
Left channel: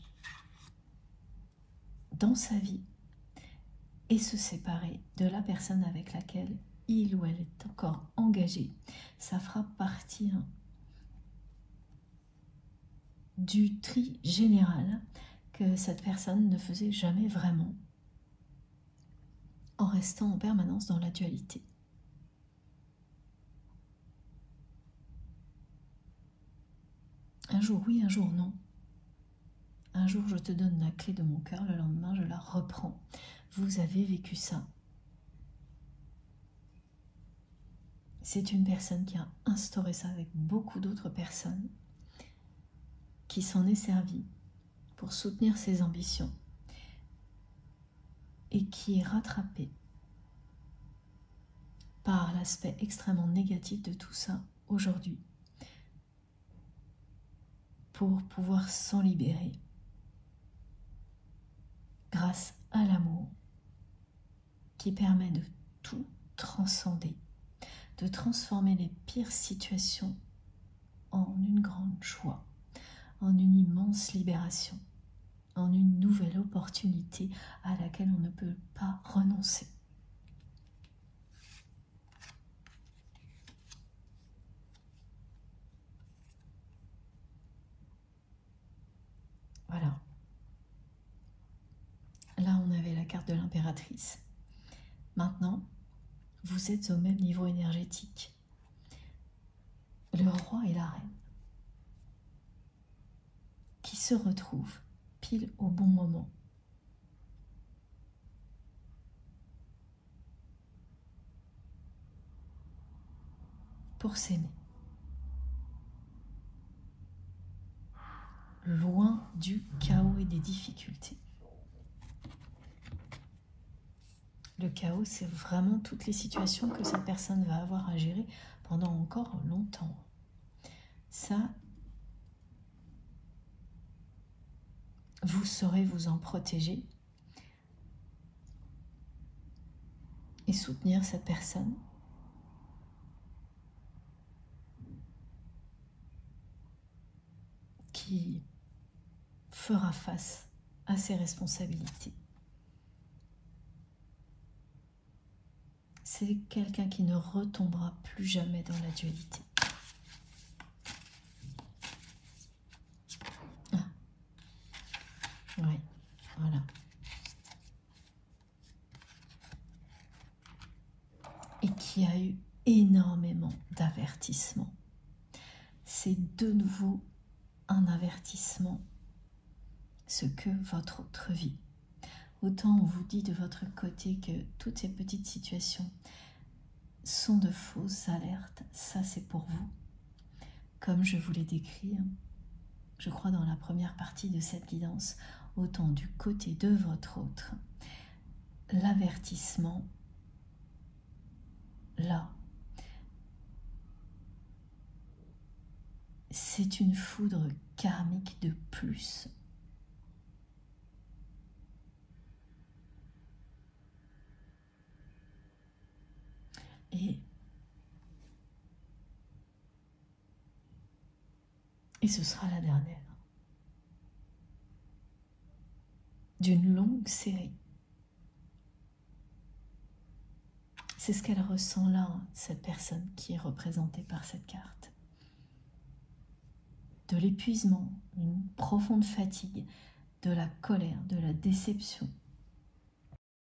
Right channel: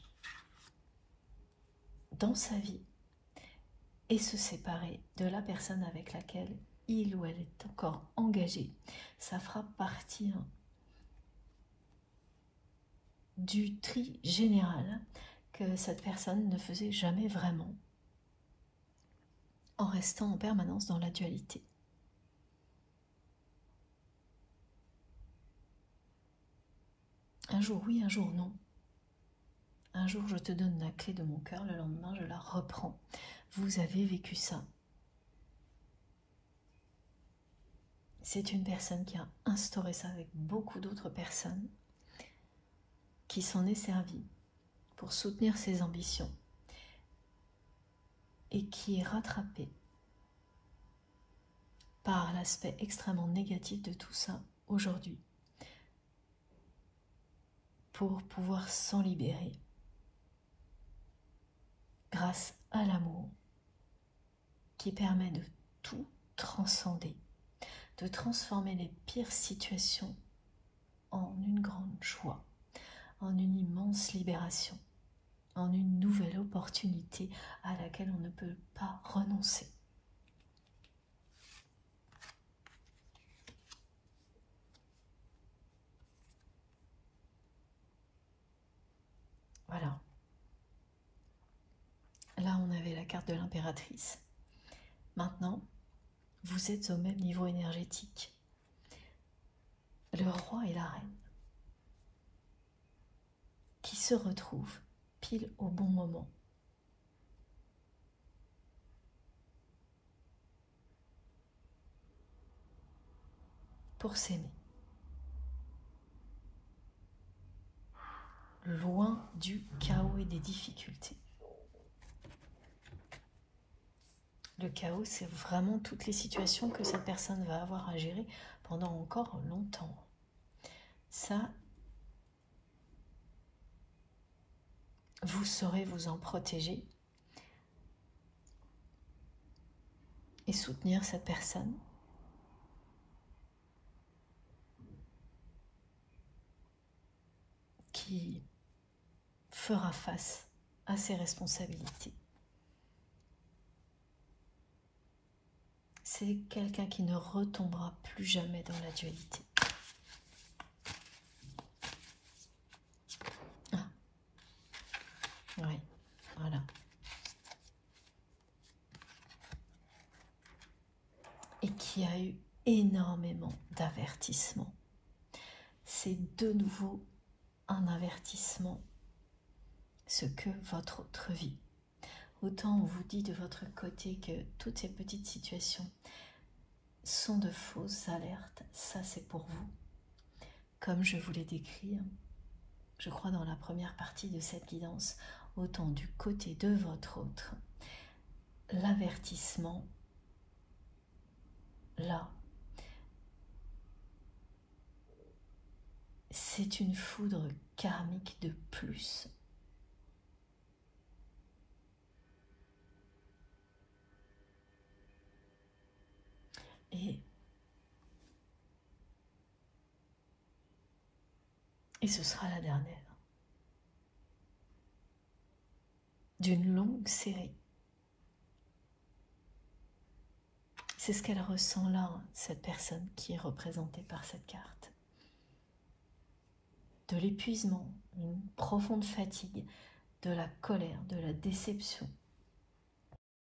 dans sa vie et se séparer de la personne avec laquelle il ou elle est encore engagé. Ça fera partie du tri général que cette personne ne faisait jamais vraiment, en restant en permanence dans la dualité. Un jour oui, un jour non. Un jour je te donne la clé de mon cœur, le lendemain je la reprends. Vous avez vécu ça. C'est une personne qui a instauré ça avec beaucoup d'autres personnes, qui s'en est servie pour soutenir ses ambitions et qui est rattrapée par l'aspect extrêmement négatif de tout ça aujourd'hui pour pouvoir s'en libérer grâce à l'amour qui permet de tout transcender, de transformer les pires situations en une grande joie, en une immense libération, en une nouvelle opportunité à laquelle on ne peut pas renoncer. Voilà. Là, on avait la carte de l'impératrice. Maintenant, vous êtes au même niveau énergétique. Le roi et la reine qui se retrouvent pile au bon moment. Pour s'aimer. Loin du chaos et des difficultés. Le chaos, c'est vraiment toutes les situations que cette personne va avoir à gérer pendant encore longtemps. Ça, vous saurez vous en protéger et soutenir cette personne qui fera face à ses responsabilités. C'est quelqu'un qui ne retombera plus jamais dans la dualité. Ah. Oui, voilà. Et qui a eu énormément d'avertissements. C'est de nouveau un avertissement, ce que votre autre vit. Autant on vous dit de votre côté que toutes ces petites situations sont de fausses alertes, ça c'est pour vous. Comme je vous l'ai décrit, je crois dans la première partie de cette guidance, autant du côté de votre autre, l'avertissement, là, c'est une foudre karmique de plus. Et ce sera la dernière d'une longue série. C'est ce qu'elle ressent là, cette personne qui est représentée par cette carte. De l'épuisement, une profonde fatigue, de la colère, de la déception,